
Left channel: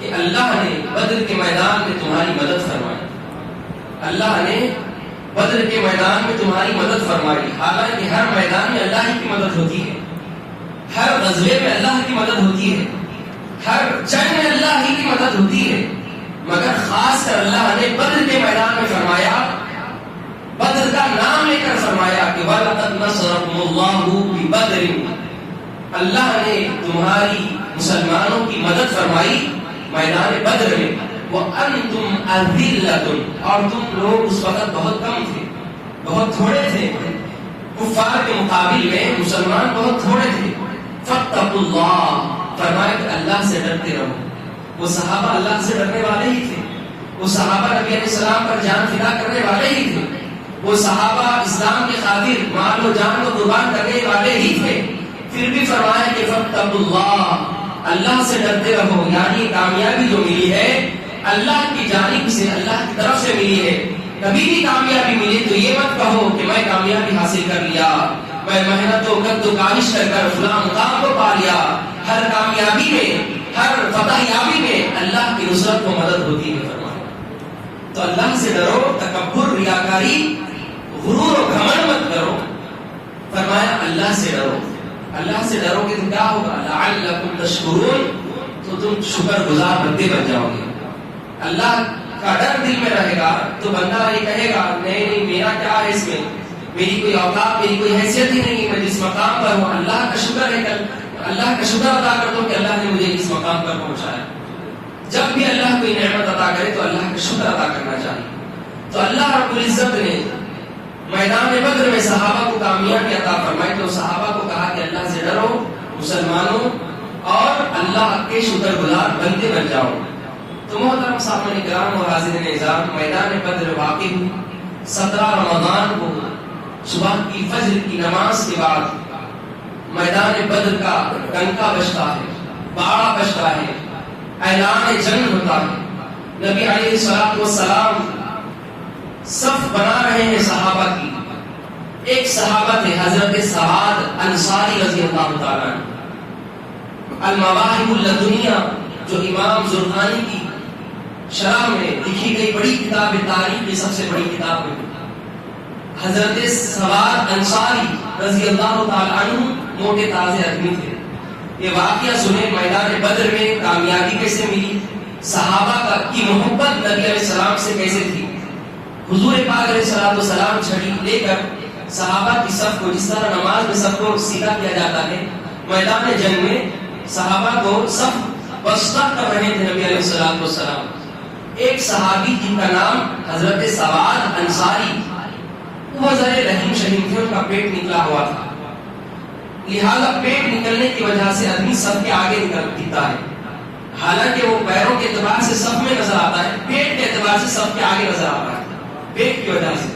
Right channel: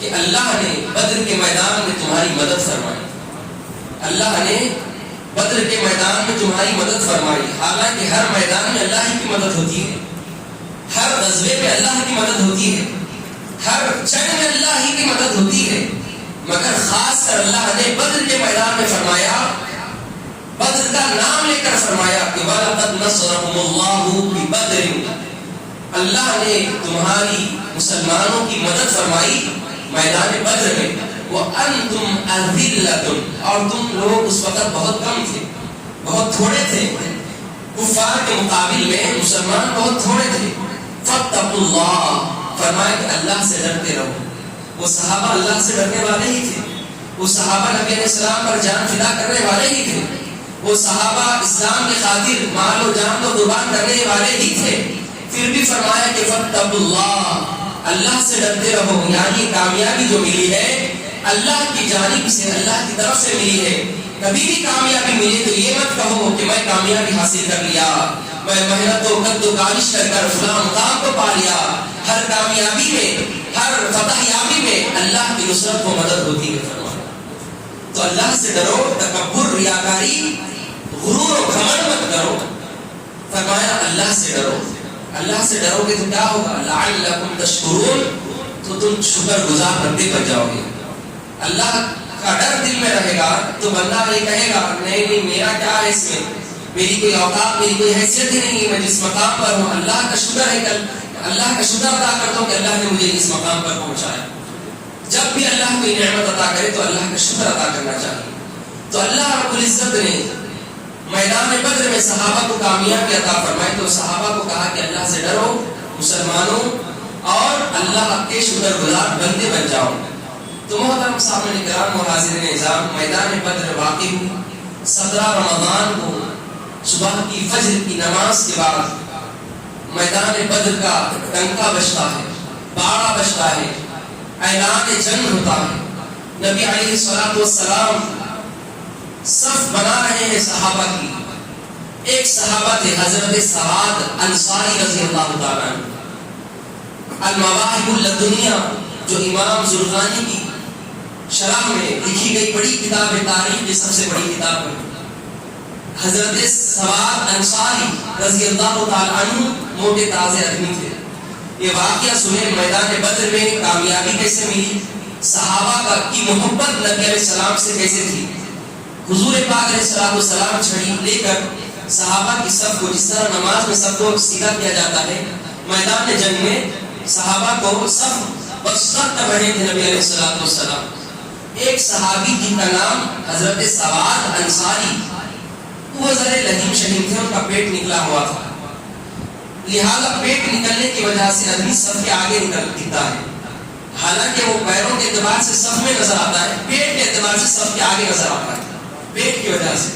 کہ اللہ نے بدر کے میدان میں تمہاری مدد فرمائی، اللہ نے بدر کے میدان میں تمہاری مدد فرمائی، حالانکہ ہر میدان میں اللہ کی مدد ہوتی ہے، ہر غزوے میں اللہ کی مدد ہوتی ہے، ہر جنگ میں اللہ کی مدد ہوتی ہے، مگر خاص کر اللہ نے بدر کے میدان میں فرمایا، بدر کا نام لے کر فرمایا کہ وَلَقَدْ نَصَرَكُمُ اللَّهُ بِبَدْرٍ، اللہ نے تمہاری مسلمانوں کی مدد فرمائی میدان بدر میں، وَأَنْتُمْ أَذِلَّةٌ، اور تم لوگ اس وقت بہت کم تھے، بہت تھوڑے تھے، کفار کے مقابل میں مسلمان بہت تھوڑے تھے، فَاتَّقُوا اللَّهَ، فرمایا کہ اللہ سے ڈرتے رہو۔ وہ صحابہ اللہ سے ڈرنے والے ہی تھے، وہ صحابہ نبی علیہ السلام پر جان فدا کرنے والے ہی تھے، وہ صحابہ اسلام کی خاطر مال و جان کو قربان کرنے والے ہی تھے، پھر بھی فرمایا کہ فَاتَّقُوا اللَّهَ، اللہ سے ڈرتے رہو، یعنی کامیابی جو ملی ہے اللہ کی جانب سے، اللہ کی طرف سے ملی ہے۔ کبھی بھی کامیابی ملی تو یہ مت کہو کہ میں کامیابی حاصل کر لیا، میں محنت و قد و کاوش کر کر فلاں مقام کو پا لیا۔ ہر کامیابی میں، ہر فتح یابی میں اللہ کی نصرت و مدد ہوتی ہے۔ تو اللہ سے ڈرو، تکبر، ریاکاری، غرور و گھمنڈ مت کرو۔ فرمایا اللہ سے ڈرو، اللہ سے ڈرو گے تو کیا ہوگا؟ لعلکم تشکرون، تو تم شکر گزار بندے بن جاؤ گے۔ اللہ کا ڈر دل میں رہے گا تو بندہ یہ کہے گا نہیں نہیں میرا کیا ہے اس میں، میری کوئی اوقات، میری کوئی حیثیت ہی نہیں ہے، میں جس مقام پر ہوں اللہ کا شکر ہے، اللہ کا شکر ادا کرتا ہوں کہ اللہ نے مجھے اس مقام پر پہنچایا۔ جب بھی اللہ کوئی نعمت عطا کرے تو اللہ کا شکر ادا کرنا چاہیے۔ تو اللہ رب العزت نے میدان بدر میں صحابہ کو کامیابی عطا فرمائی، تو صحابہ کو کہا کہ اللہ سے ڈرو مسلمانوں، اور اللہ کے شکر گزار بندے بن جاؤ۔ تو محترم سامنے کرام اور حاضرین اعزام، میدان بدر واقع ہوئی 17 رمضان کو صبح کی فجر کی نماز کے بعد میدان بدر کا ڈنکا بجتا ہے، باڑا بجتا ہے، اعلان جنگ ہوتا ہے۔ نبی علیہ الصلوۃ والسلام صف بنا رہے ہیں صحابہ کی۔ ایک صحابہ تھے حضرت سعد انصاری رضی اللہ تعالیٰ عنہ، المواہب اللدنیہ جو امام زرقانی کی شرح میں لکھی گئی بڑی کتاب تاریخ کی سب سے بڑی کتاب ہے. حضرت سواد انصاری رضی اللہ تعالیٰ عنہ موٹے تازے آدمی تھے. یہ واقعہ سنیں میدان بدر میں کامیابی کیسے ملی، صحابہ کی محبت نبی علیہ السلام سے کیسے تھی. حضور پاک علیہ السلام چھڑی لے کر صحابہ کی صف کو، جس طرح نماز میں سب کو سیدھا کیا جاتا ہے، میدان جنگ میں صحابہ کو صف وسط کر رہے تھے نبی علیہ السلام. ایک صحابی جن کا نام حضرت سواد انصاری، وہ ذرے لہیم شہیم تھے، ان کا پیٹ نکلا ہوا تھا. لہذا پیٹ نکلنے کی وجہ سے آدمی صف کے آگے نکل دکھتا ہے، حالانکہ وہ پیروں کے اعتبار سے صف میں نظر آتا ہے، پیٹ کے اعتبار سے صف کے آگے نظر آتا ہے پیٹ کی وجہ سے.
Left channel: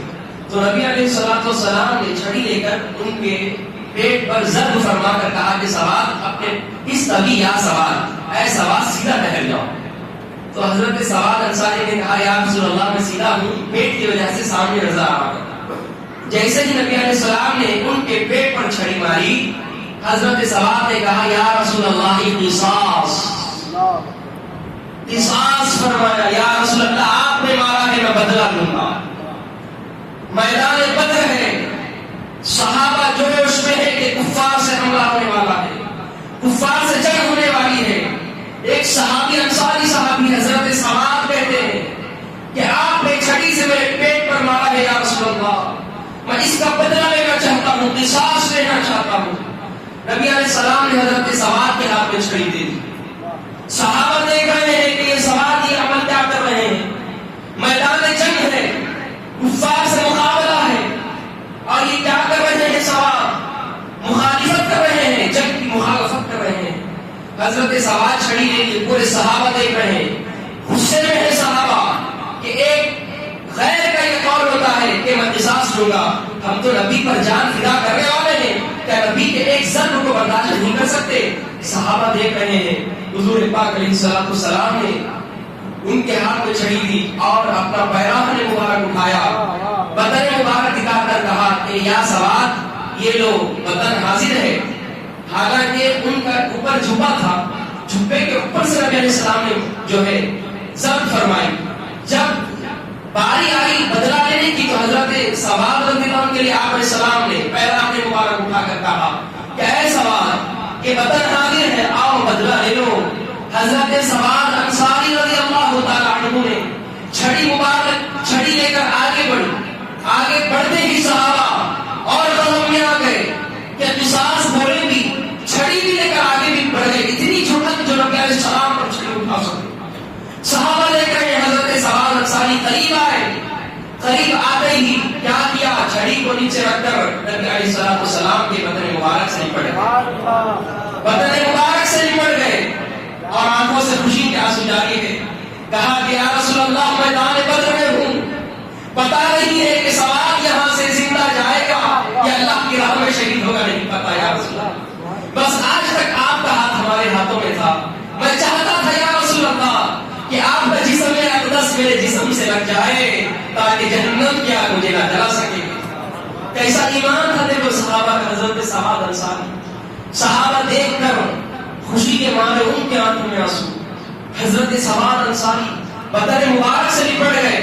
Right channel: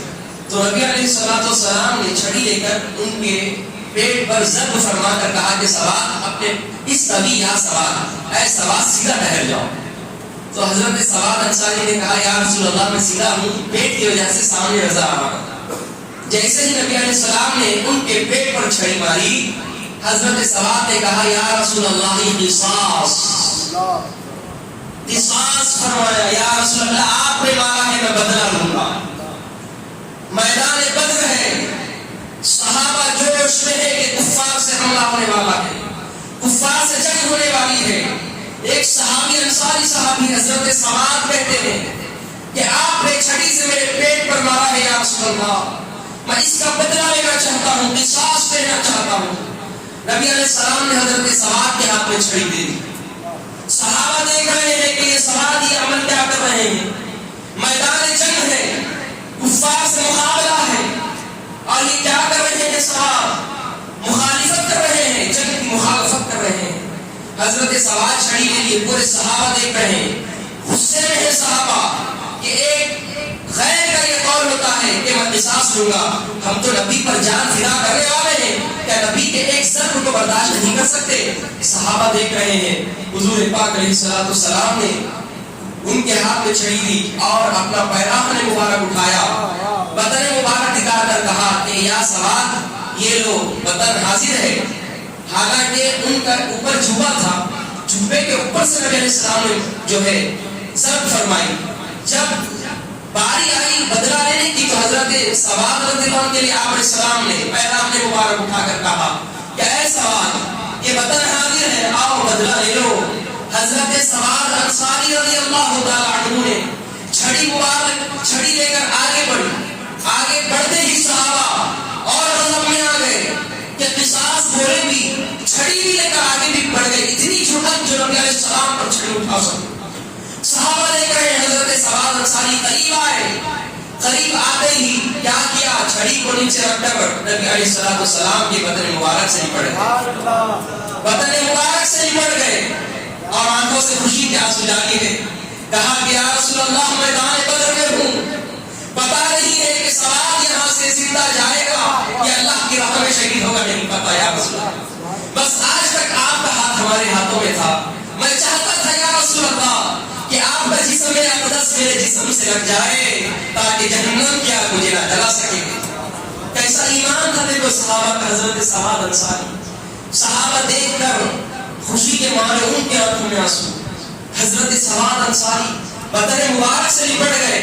تو نبی علیہ السلام نے چھڑی لے کر ان کے پیٹ پر ضرب فرما کر کہا کہ سواد اپنے اس طبی یا سواد، اے سواد سیدھا ٹہر جاؤ. تو حضرت سواد انصاری نے کہا یا رسول اللہ میں سیدھا ہوں، پیٹ کی وجہ سے سامنے نظر آ رہا. جیسے ہی نبی علیہ السلام نے ان کے پیٹ پر چھڑی ماری، حضرت سواد نے کہا یا رسول اللہ قصاص، قصاص فرمایا، یا رسول اللہ آپ نے مارا ہے میں بدلہ لوں گا. میدان بدر ہے، صحابہ جوش میں ہے کہ کفار سے حملہ ہونے والا ہے، کفار سے جنگ ہونے والی ہے. ایک صحابی انصاری صحابی حضرت سواد کہتے ہیں کہ آپ نے چھڑی سے میرے پیٹ پر مارا ہے یا رسول اللہ، میں اس کا بدلہ لینا چاہتا ہوں، قصاص لینا چاہتا ہوں. نبی علیہ السلام نے حضرت سواد کے ہاتھ میں چھڑی دے دی. صحابہ دیکھ رہے ہیں کہ یہ سواد یہ عمل کیا کر رہے ہیں. میدان جنگ ہے، کفار سے مقابلہ ہے، اور یہ کیا کر رہے ہیں، سواد مخالفت کر رہے ہیں، جنگ کی مخالفت کر رہے ہیں. حضرت سواد چھڑی لے کے پورے صحابہ دیکھ رہے ہیں، غصے میں ہے صحابہ کہ ایک غیر کا یہ قول ہوتا ہے کہ میں قصاص لوں گا، ہم تو نبی پر جان فدا کرنے والے ہیں، کیا نبی کے ایک ضرب کو برداشت نہیں کر سکتے. صحابہ دیکھ رہے ہیں. حضور پاک علیہ السلام نے ان کے ہاتھ میں چھڑی دی اور اپنا پیراہن مبارک اٹھایا، بدن مبارک دکھا کر کہا کہ یا سواد یہ لو بدن حاضر ہے. حالانکہ ان کا اوپر جھبا تھا، جھبے کے اوپر سے نبی علیہ السلام نے جو ہے ضرب فرمائی. جب باری آئی بدلہ لینے کی تو حضرت سواد رضی اللہ عنہ کے لیے آپ علیہ السلام نے پیراہن مبارک اٹھا کر کہا کہ اے سواد یہ بدن حاضر ہے، آؤ بدلہ لے لو. حضرت سواد انصاری رضی اللہ تعالیٰ عنہ نے چھڑی مبارک چھڑی لے کر آگے بڑھی. آگے بڑھتے ہی صحابہ اور غضب میں آ گئے کہ قصاص بولے بھی چھڑی بھی لے کر آگے بھی بڑھ گئے. اتنی جھٹک جو نبی علیہ السلام پر چھڑی اٹھا سکتے. صحابہ لے کر حضرت سواد انصاری قریب آئے. قریب آتے ہی کیا چھڑی کو نیچے رکھ کر نبی علیہ السلام کے بدن مبارک سے لپٹ گئے، بدن مبارک سے لپٹ گئے اور آنکھوں سے خوشی کے آنسو جاری گئے. کہا کہ یا رسول اللہ میدان بدر میں ہوں، پتا نہیں ہے کہ سواد یہاں سے زندہ جائے گا یا اللہ کی راہ میں شہید ہوگا، نہیں پتا یا رسول اللہ. بس آج تک آپ کا ہاتھ ہمارے ہاتھوں میں تھا. میں چاہتا تھا یا رسول اللہ کہ آپ کا جسم اقدس میرے جسم سے لگ جائے تاکہ جہنم کی آگ مجھے نہ جلا سکے. کیسا ایمان تھا دیکھو صحابہ کا. حضرت سواد انصاری صحابہ دیکھ کر خوشی کے مارے ان کے آنکھوں میں آنسو. حضرت سواد انصاری بدن مبارک سے لپٹ گئے.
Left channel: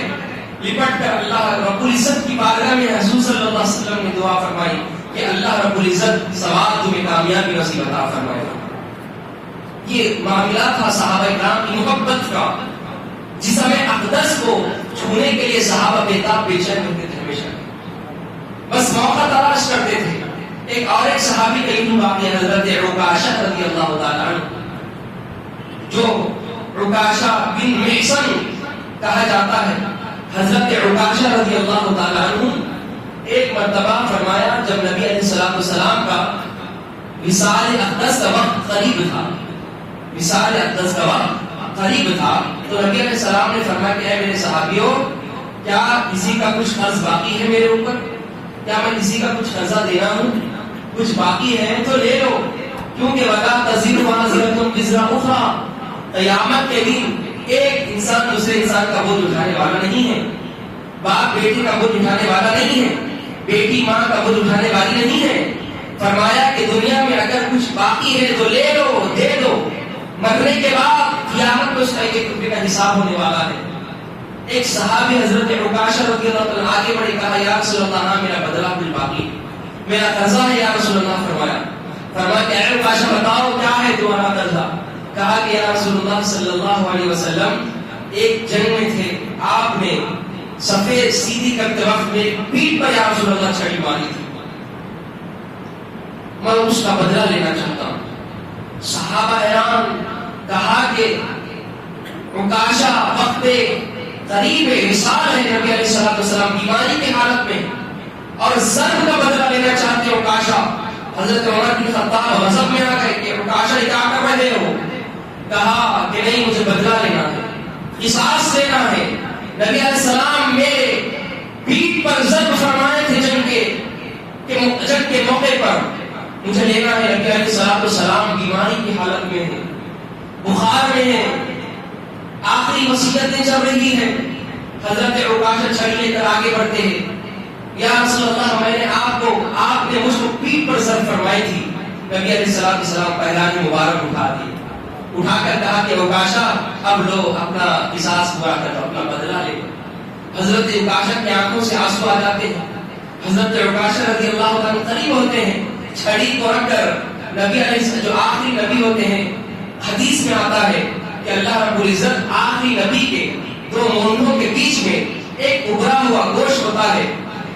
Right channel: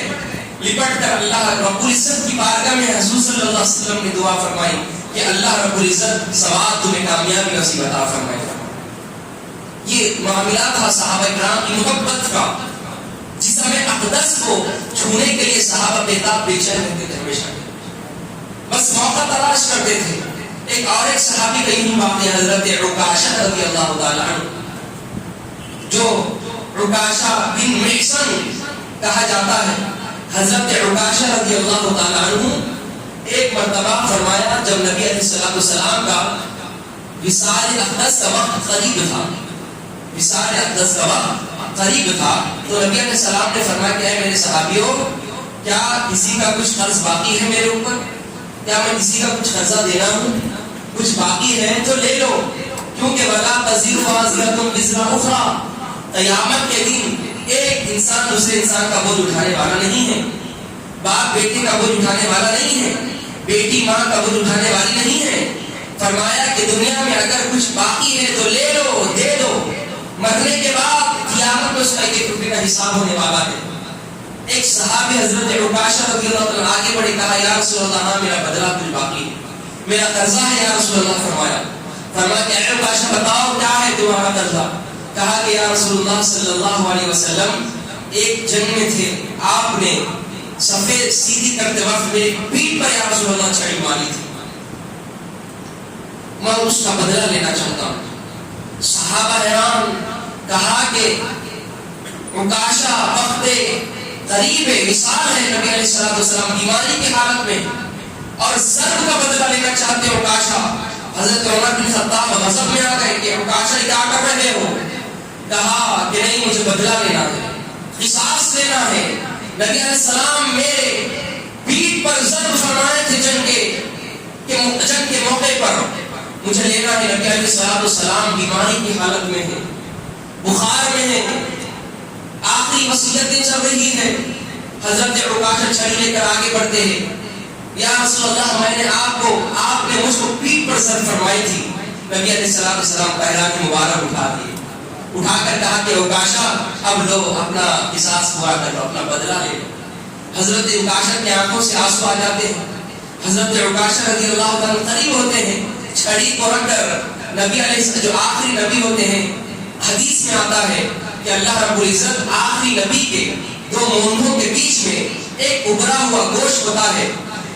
لپٹ کر اللہ رب العزت کی بارگاہ میں حضور صلی اللہ علیہ وسلم نے دعا فرمائی کہ اللہ رب العزت سواد تمہیں کامیابی نصیب عطا فرمائے. یہ معاملہ تھا صحابہ کرام کی محبت کا. جسم اقدس کو چھونے کے لیے صحابہ بےتاب بے چین ہوتے تھے، ہمیشہ بس موقع تلاش کرتے تھے. ایک اور ایک صحابی کا یہی واقعہ حضرت عکاشہ رضی اللہ تعالیٰ عنہ، جو عکاشہ بن محصن کہا جاتا ہے. حضرت عکاشہ رضی اللہ تعالیٰ عنہ ایک مرتبہ فرمایا جب نبی علیہ السلام کا وصال اقدس کا وقت قریب تھا، وصال اقدس کا وقت قریب تھا، تو نبی علیہ السلام نے فرمایا کہ اے میرے صحابیوں، کیا کسی کا کچھ قرض باقی ہے میرے اوپر؟ کیا میں کسی کا کچھ قرضہ دینا ہوں؟ کچھ باقی ہے تو لے لو، کیونکہ ولا تزر وازرۃ وزر اخری، قیامت کے دن ایک انسان دوسرے انسان کا بوجھ اٹھانے والا نہیں ہے. باپ بیٹی کا بوجھ اٹھانے والا نہیں ہے، بیٹی ماں کا بوجھ اٹھانے والی نہیں ہے. فرمایا کہ دنیا میں اگر کچھ باقی ہے تو لے لو، دے دو، مرنے کے بعد قیامت میں اس کا ایک ٹکڑے کا حساب ہونے والا ہے. ایک صحابی حضرت عکاشہ رضی اللہ عنہ آگے بڑھے کہا یا رسول اللہ ہاں میرا بدلہ کچھ باقی ہے, میرا قرضہ ہے یا رسول اللہ. فرمایا کہ اے عکاشہ بتاؤ کیا ہے تمہارا قرضہ. کہا کہ یا رسول اللہ صلی اللہ علیہ وسلم ایک جنگ میں تھے, آپ نے سفید سیدھی کرتے وقت میری پیٹھ پر یا رسول اللہ چھڑی ماری تھی, میں اس کا بدلہ لینا چاہتا ہوں. صحابہ حیران. کہا کہ عکاشہ وقت قریب وصال ہے, نبی علیہ الصلوۃ والسلام بیماری کی حالت میں اور ضرب کا بدلہ لینا چاہتے ہیں عکاشہ. حضرت عمر بن خطاب غضب میں آ گئے کہ عکاشہ کیا کر رہے ہو. کہا کہ نہیں مجھے بدلہ لینا ہے, قصاص لینا ہے. نبی علیہ السلام میرے پیٹھ پر ضرب فرمائے تھے جنگ کے موقع پر, مجھے لینا ہے. نبی علیہ السلام بیماری کی حالت میں ہے, بخار میں ہے, آخری وصیتیں چل رہی ہیں. حضرت عکاشہ چھڑی لے کر آگے بڑھتے ہیں. یا رسول اللہ میں نے آپ نے مجھ کو پیٹھ پر ضرب فرمائی تھی. نبی علیہ السلام پہلان مبارک اٹھا دیے, اٹھا کر کہا کہ عکاشہ اب لو اپنا قصاص پورا کر دو, اپنا بدلہ لے لو. حضرت عکاشہ کی آنکھوں سے آنسو آ جاتے ہیں. حضرت عکاشہ رضی اللہ عنہ قریب ہوتے ہیں, چھڑی کو رکھ کر نبی علیہ جو آخری نبی ہوتے ہیں, حدیث میں آتا ہے کہ اللہ رب العزت آخری نبی کے دو مونڈوں کے بیچ میں ایک ابھرا ہوا گوشت ہوتا ہے,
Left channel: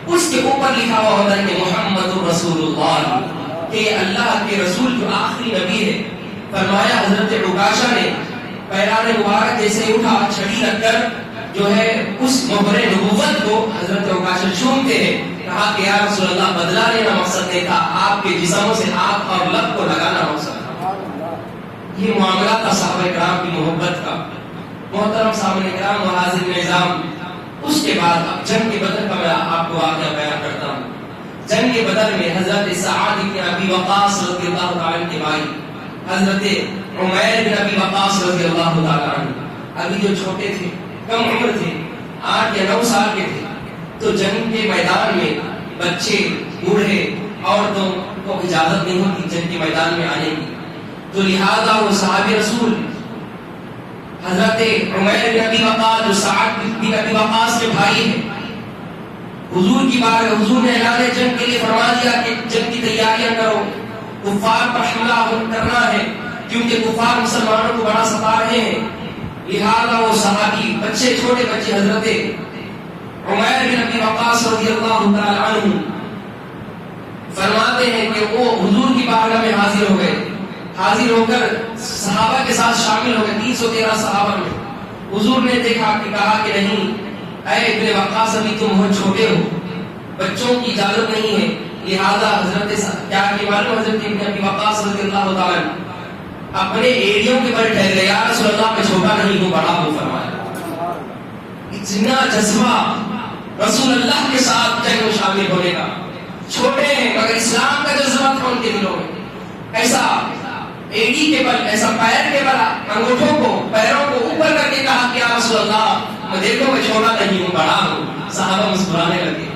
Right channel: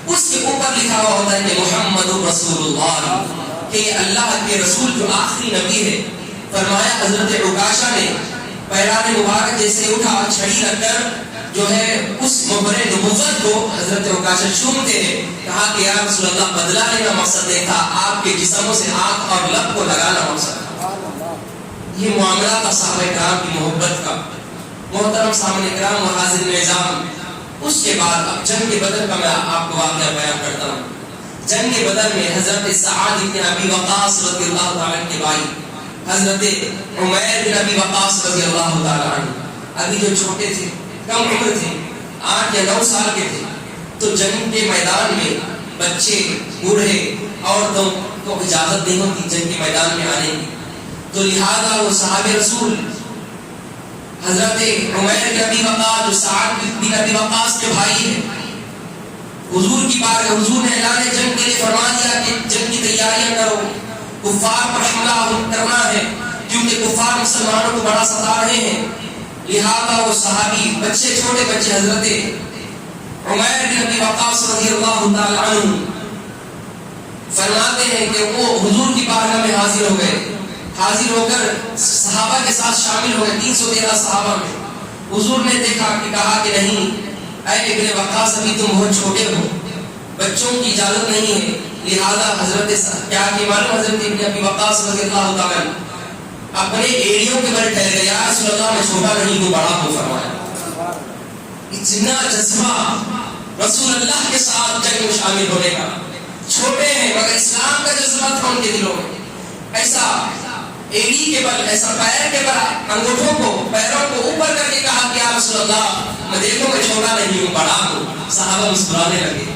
اس کے اوپر لکھا ہوا ہوتا ہے کہ محمد رسول اللہ, کہ یہ اللہ کے رسول جو آخری نبی ہے. فرمایا حضرت عکاشہ نے پیران مبارک جیسے اٹھا, چھڑی رکھ کر جو ہے اس مبر نبوت کو حضرت عکاشہ چومتے ہیں. کہا کہ یا رسول اللہ بدلہ لینا مقصد نہیں تھا, آپ کے جسموں سے ہاتھ اور لب کو لگانا مقصد تھا. یہ معاملہ تھا صحابہ کرام کی محبت کا. محترم صحابہ کرام و حاضرین اعظام, اس کے بعد اب جنگ بدر کا میں آپ کو واقعہ بیان کرتا ہوں. جنگ بدر میں حضرت سعد بن ابی وقاص رضی اللہ تعالی عنہ کے بھائی حضرت عمیر بن ابی وقاص رضی اللہ تعالی عنہ ابھی جو چھوٹے تھے, کم عمر تھے, 8 یا 9 سال کے تھے, تو جنگ کے میدان میں بچے بوڑھے عورتوں کو اجازت نہیں ہوتی جنگ کے میدان میں آنے کی. تو لہذا وہ صحابہ رسول حضرت عمیر بن ابی وقاص جو سعد بن ابی وقاص کے بھائی ہیں, حضور کی بات ہے, حضور نے اعلان جنگ کے لیے فرما دیا کہ جنگ کی تیاریاں کرو, کفار پر حملہ کرنا ہے, کیونکہ کفار مسلمانوں کو بڑا ستا رہے ہیں. لہذا وہ صحابی بچے, چھوٹے بچے حضرت عمیر بن ابی وقاص رضی اللہ تعالی عنہ فرماتے ہیں کہ وہ حضور کی بارگاہ میں حاضر ہو گئے. حاضر ہو کر صحابہ کے ساتھ شامل ہو گئے, 313 صحابہ میں. حضور نے دیکھا کہ کہا کہ نہیں اے ابن وقاص, ابھی تم بہت چھوٹے ہو, بچوں کی اجازت نہیں ہے. لہذا حضرت کیا کہ معلوم حضرت ابن ابی وقاص رضی اللہ تعالی اپنے ایڑیوں کے بل ٹہل گئے. یا رسول اللہ میں چھوٹا نہیں ہوں, بڑا ہوں. فرمایا اتنا جذبہ رسول اللہ کے ساتھ جنگ میں شامل ہونے کا. چھوٹے ہیں مگر اسلام کا جذبہ تھا ان کے دلوں میں. ایسا ایڑی کے بل, ایسا پیر کے بل, انگوٹھوں کو پیروں کو اوپر کر کے کہا کہ یا رسول اللہ میں دیکھو میں چھوٹا نہیں ہوں, بڑا ہوں. صحابہ مسکرانے لگے,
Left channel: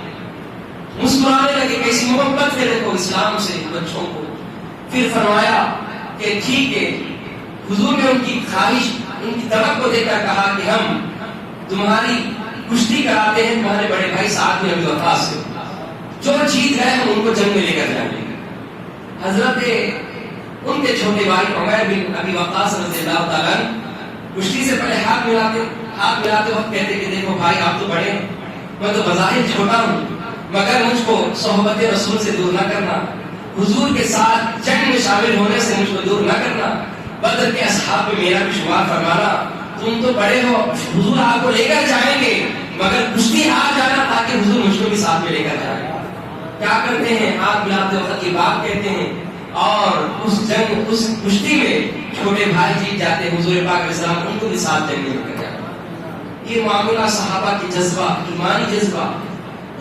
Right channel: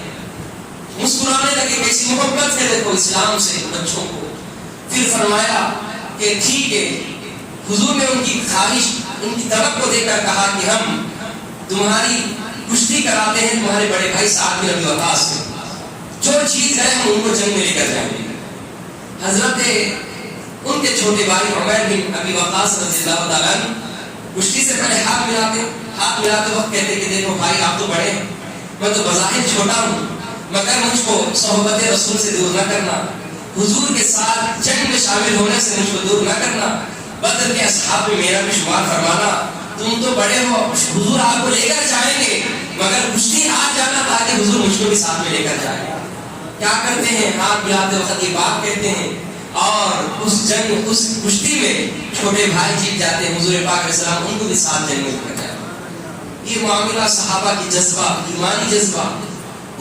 کیسی محبت ہے دیکھو اسلام سے بچوں کو. پھر فرمایا کہ ٹھیک ہے. حضور نے ان کی خواہش, ان کی طلب کو دیکھ کر کہا کہ ہم تمہاری کشتی کراتے ہیں تمہارے بڑے بھائی سعد بن ابی وقاص سے, جو چیز ہے ہم ان کو جنگ میں لے کر جائیں گے. حضرت ان کے چھوٹے بھائی عمیر بن ابی وقاص رضی اللہ تعالیٰ کشتی سے پہلے ہاتھ ملاتے وقت کہتے کہ دیکھو بھائی آپ تو بڑے, میں تو بظاہر چھوٹا ہوں, مگر مجھ کو صحبت رسول سے دور نہ کرنا, حضور کے ساتھ جنگ میں شامل ہونے سے مجھ کو دور نہ کرنا, بدر کے اصحاب میں میرا بھی شمار فرمانا. تم تو بڑے ہو, حضور آپ کو لے کر جائیں گے, مگر کشتی ہاتھ جانا تاکہ حضور مجھ کو بھی ساتھ میں لے کر جائیں. کیا کرتے ہیں, ہاتھ ملاتے وقت یہ بات کہتے ہیں, اور اس جنگ اس کشتی میں چھوٹے بھائی جیت جاتے ہیں. حضور پاک علیہ السلام ان کو بھی ساتھ جنگ میں لے کر جائیں. یہ معاملہ صحابہ کی جذبہ, ایمانی جذبہ.